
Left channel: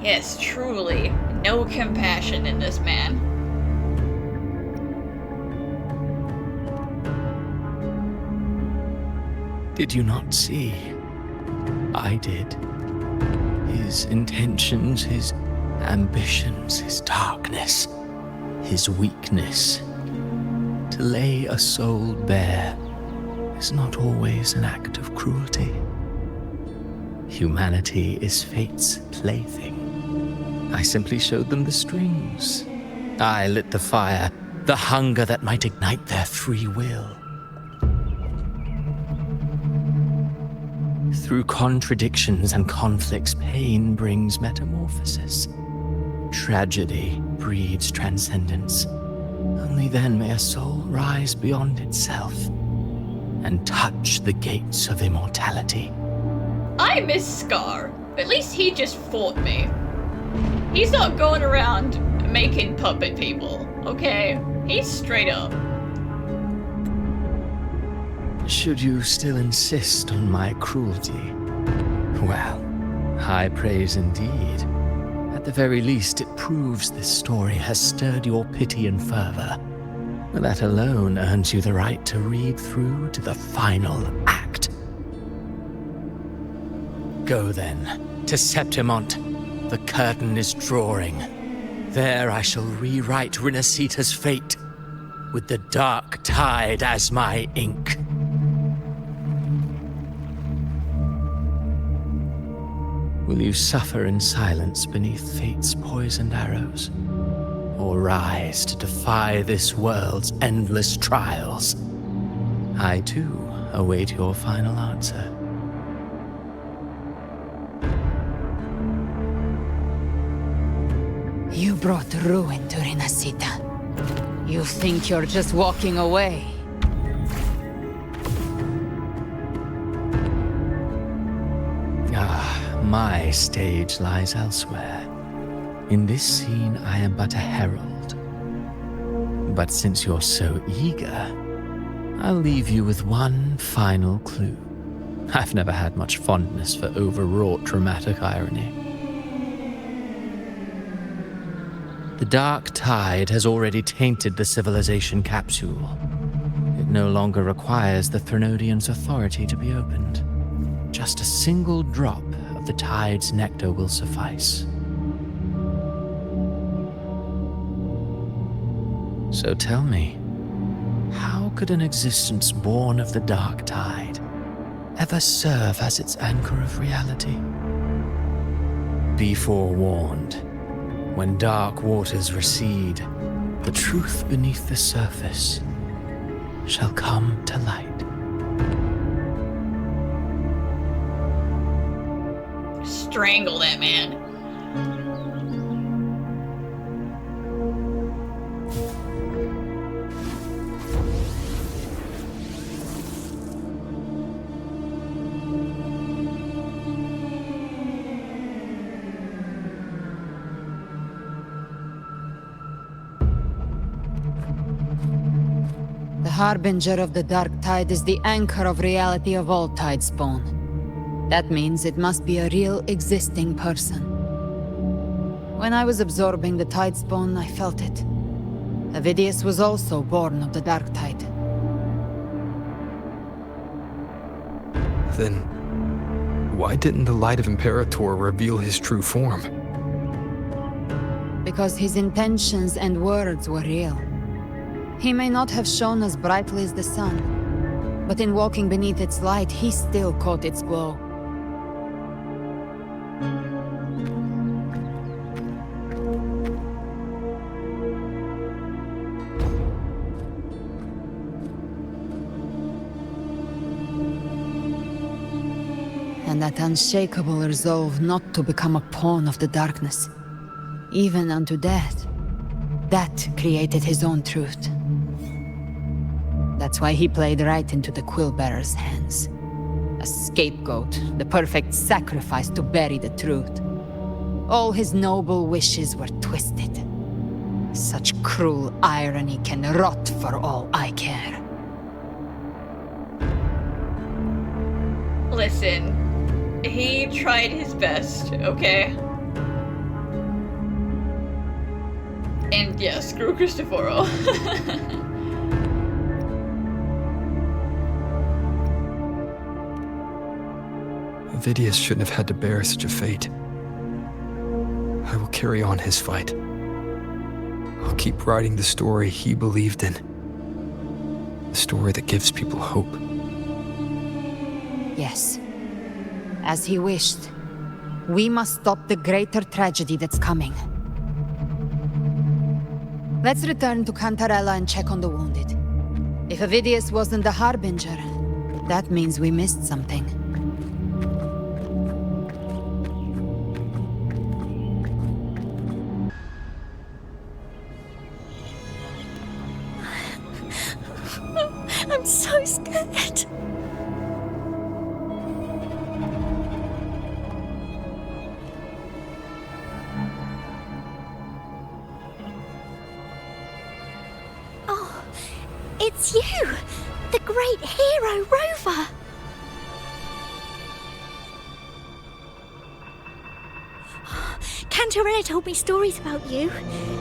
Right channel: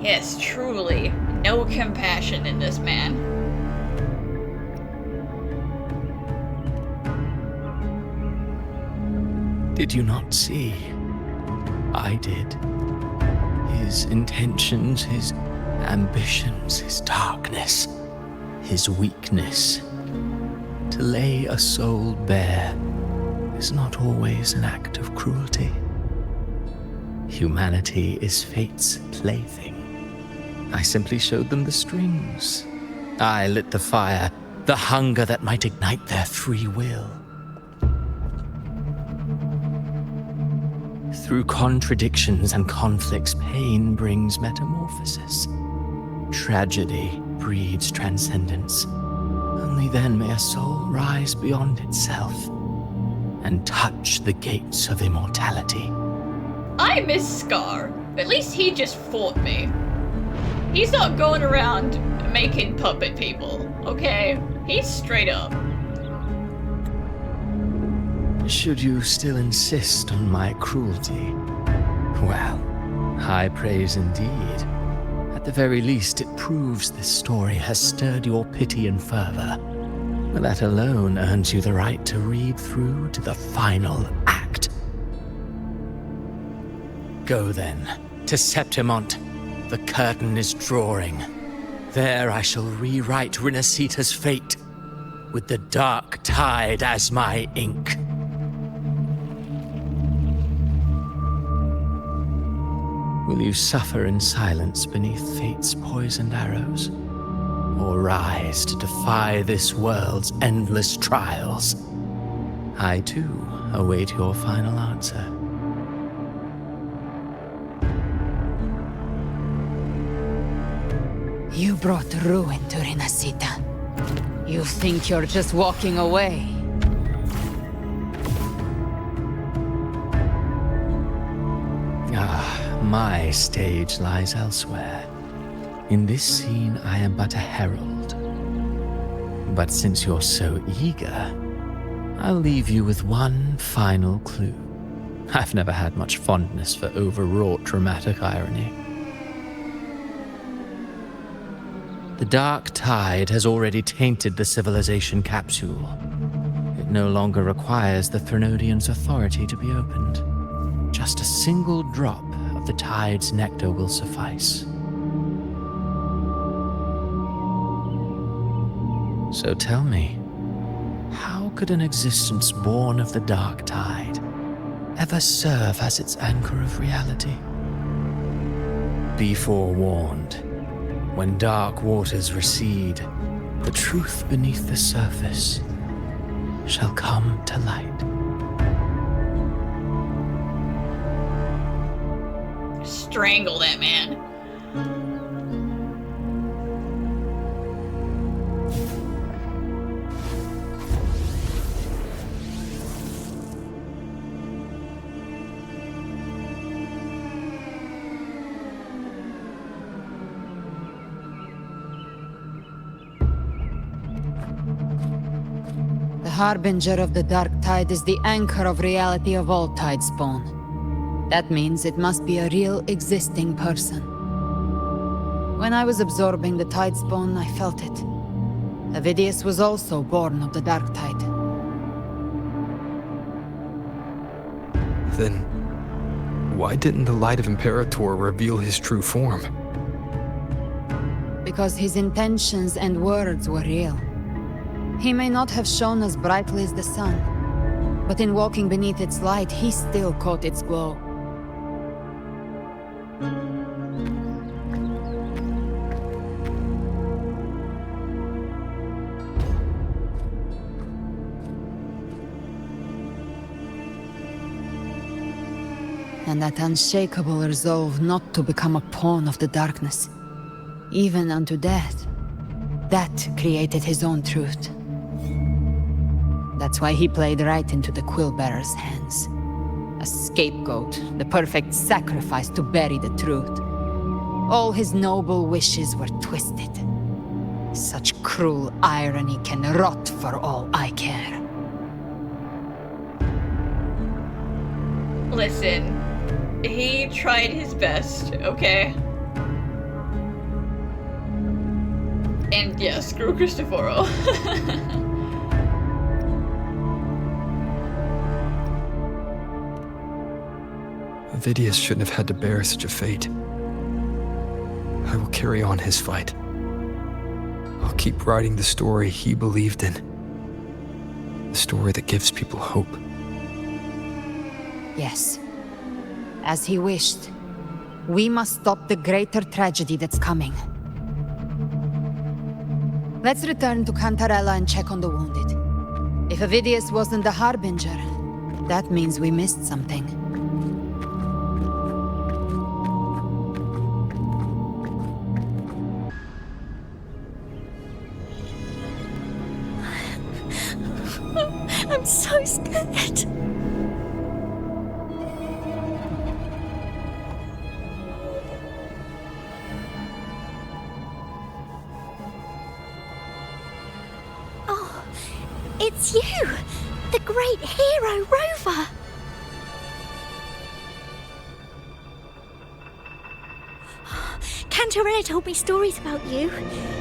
Yes, truly. No compassion in this man. Did you not see? I did. His intentions, his ambitions, his darkness, his weakness. To lay a soul bare is not always an act of cruelty. Humanity is fate's plaything. I simply showed them the strings. I lit the fire, the hunger that might ignite their free will. Through contradictions and conflicts, pain brings metamorphosis. Tragedy breeds transcendence. Only then may a soul rise beyond itself and touch the gates of immortality. I miss Scar. At least he just fought me. He's not going around making puppet people, okay? He's straight up. Should you still insist on my cruelty? Well, high praise indeed. At the very least, it proves this story has stirred your pity and fervor. That alone earns you the right to read through to the final act. Go then, to Septimont. The curtain is drawing. There I shall rewrite Rinascita's fate, with the dark tide as my ink. Will you suffer in silence beneath fate's poisoned arrows? Or rise to defy this world's endless trials? I, too, await your final answer. You brought ruin to Rinascita. You think you're just walking away? My stage lies elsewhere. In this scene, I am but a herald. But since you're so eager, I'll leave you with one final clue. I've never had much fondness for overwrought dramatic irony. The dark tide has already tainted the Civilization Capsule. It no longer requires the Threnodian's authority to be opened. Just a single drop of the tide's nectar will suffice. So tell me, how could an existence born of the dark tide ever serve as its anchor of reality? Be forewarned. When dark waters recede, the truth beneath the surface shall come to light. Strangle that man. The harbinger of the dark tide is the anchor of reality of all tidespawn. That means it must be a real existing person. When I was absorbing the tidespawn, I felt it. Avidius was also born of the dark tide. Then, why didn't the light of Imperator reveal his true form? Because his intentions and words were real. He may not have shone as brightly as the sun, but in walking beneath its light, he still caught its glow. And that unshakable resolve not to become a pawn of the darkness, even unto death, that created his own truth. That's why he played right into the Quill-Bearer's hands. A scapegoat, the perfect sacrifice to bury the truth. All his noble wishes were twisted. Such cruel irony can rot for all I care. Listen, he tried his best, okay? And yeah, screw Cristoforo. Avidius shouldn't have had to bear such a fate. I will carry on his fight. I'll keep writing the story he believed in. The story that gives people hope. Yes. As he wished. We must stop the greater tragedy that's coming. Let's return to Cantarella and check on the wounded. If Avidius wasn't the Harbinger, that means we missed something. I'm so scared. Oh, it's you! The great hero, Rover! Cantarella told me stories about you.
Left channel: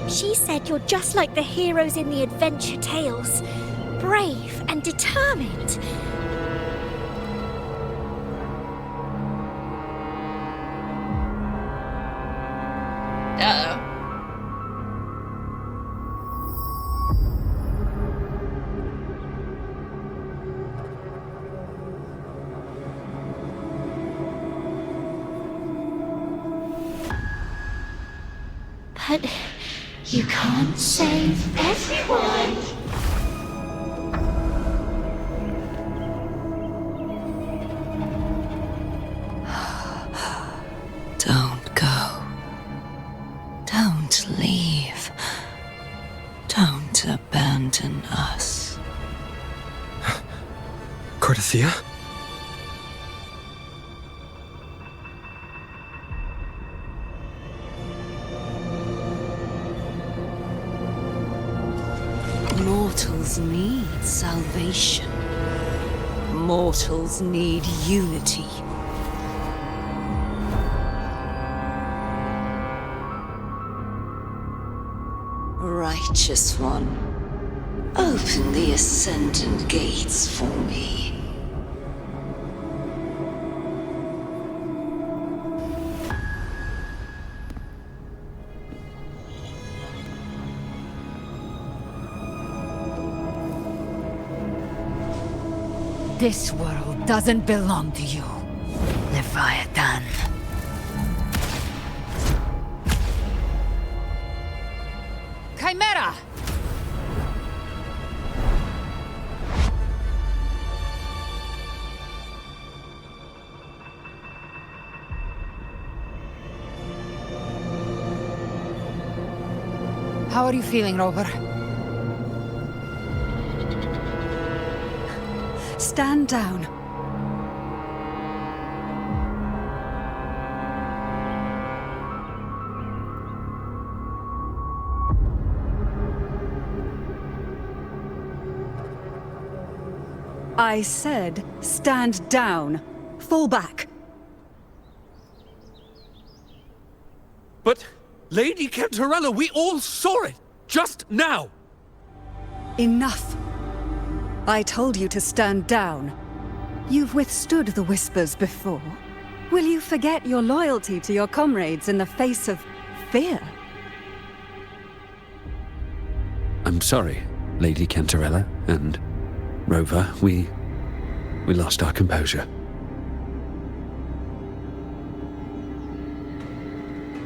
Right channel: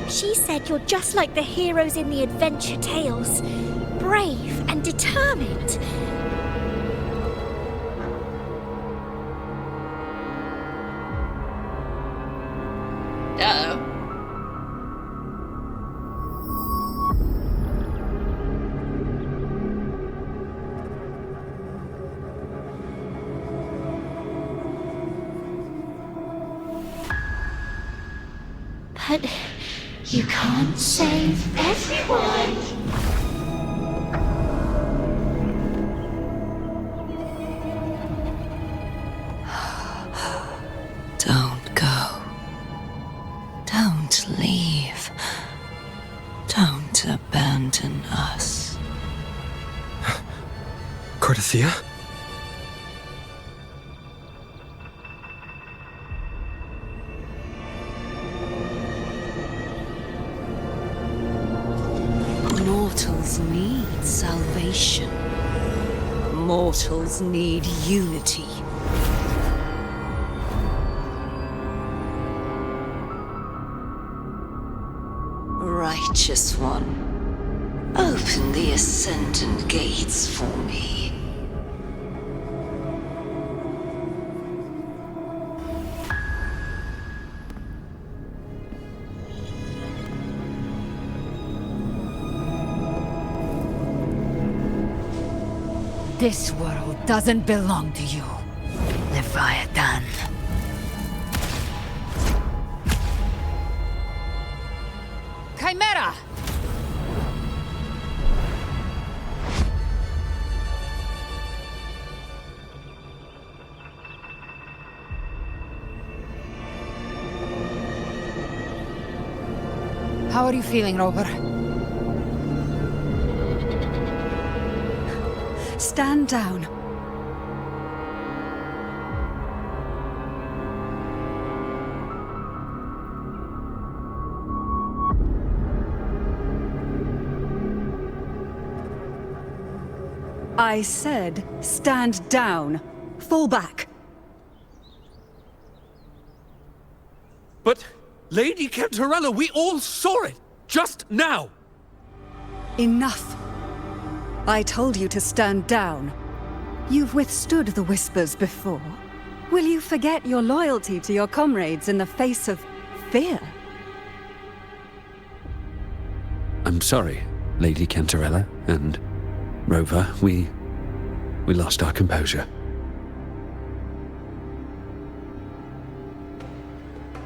She said you're just like the heroes in the adventure tales. Brave and determined. Uh-oh. But you can't save everyone. Don't go. Don't leave. Don't abandon us. Cartethyia? Mortals need salvation. Mortals need unity. Righteous One, open the Ascendant Gates for me. This world doesn't belong to you, Leviathan. Chimera! How are you feeling, Rover? Stand down. I said, stand down. Fall back. But, Lady Cantarella, we all saw it! Just now! Enough. I told you to stand down. You've withstood the whispers before. Will you forget your loyalty to your comrades in the face of fear? sorry, Lady Cantarella and Rover. We lost our composure.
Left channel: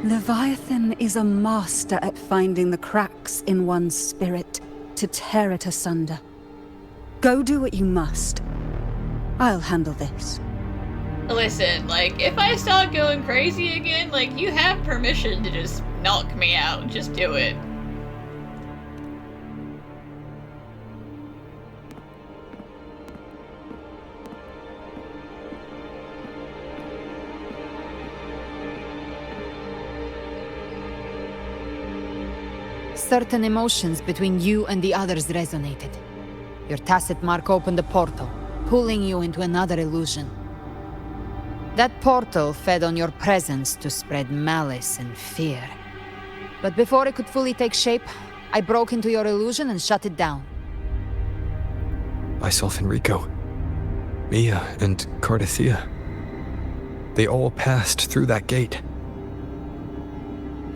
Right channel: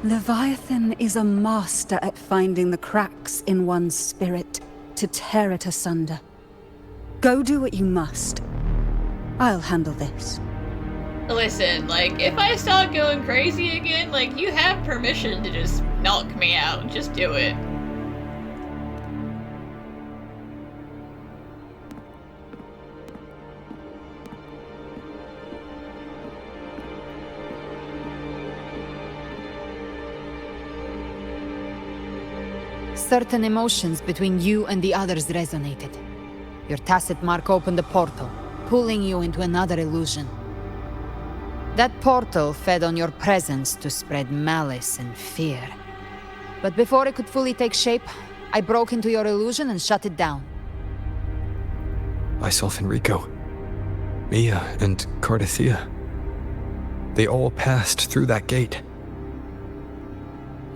Leviathan is a master at finding the cracks in one's spirit to tear it asunder. Go do what you must. I'll handle this. Listen, like, if I start going crazy again, like, you have permission to just knock me out. Just do it. Certain emotions between you and the others resonated. Your tacit mark opened a portal, pulling you into another illusion. That portal fed on your presence to spread malice and fear. But before it could fully take shape, I broke into your illusion and shut it down. I saw Fenrico, Mia, and Cartethyia. They all passed through that gate.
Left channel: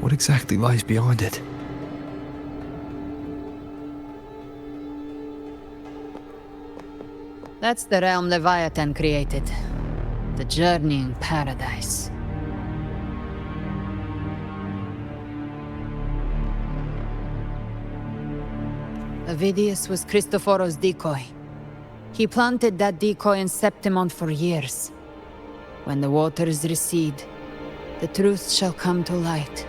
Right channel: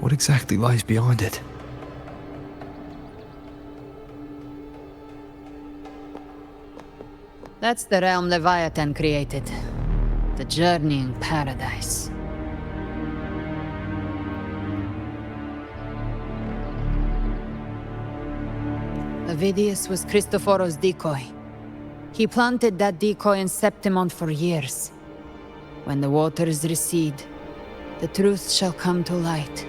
What exactly lies beyond it? That's the realm Leviathan created. The journeying paradise. Avidius was Cristoforo's decoy. He planted that decoy in Septimont for years. When the waters recede, the truth shall come to light.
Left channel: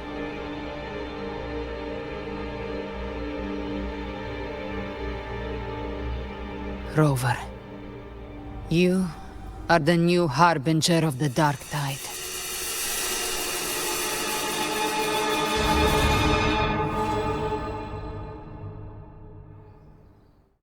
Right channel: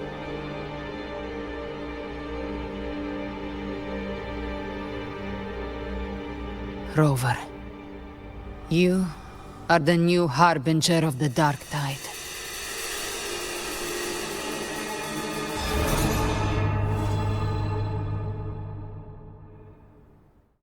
Rover, you are the new harbinger of the Dark Tide.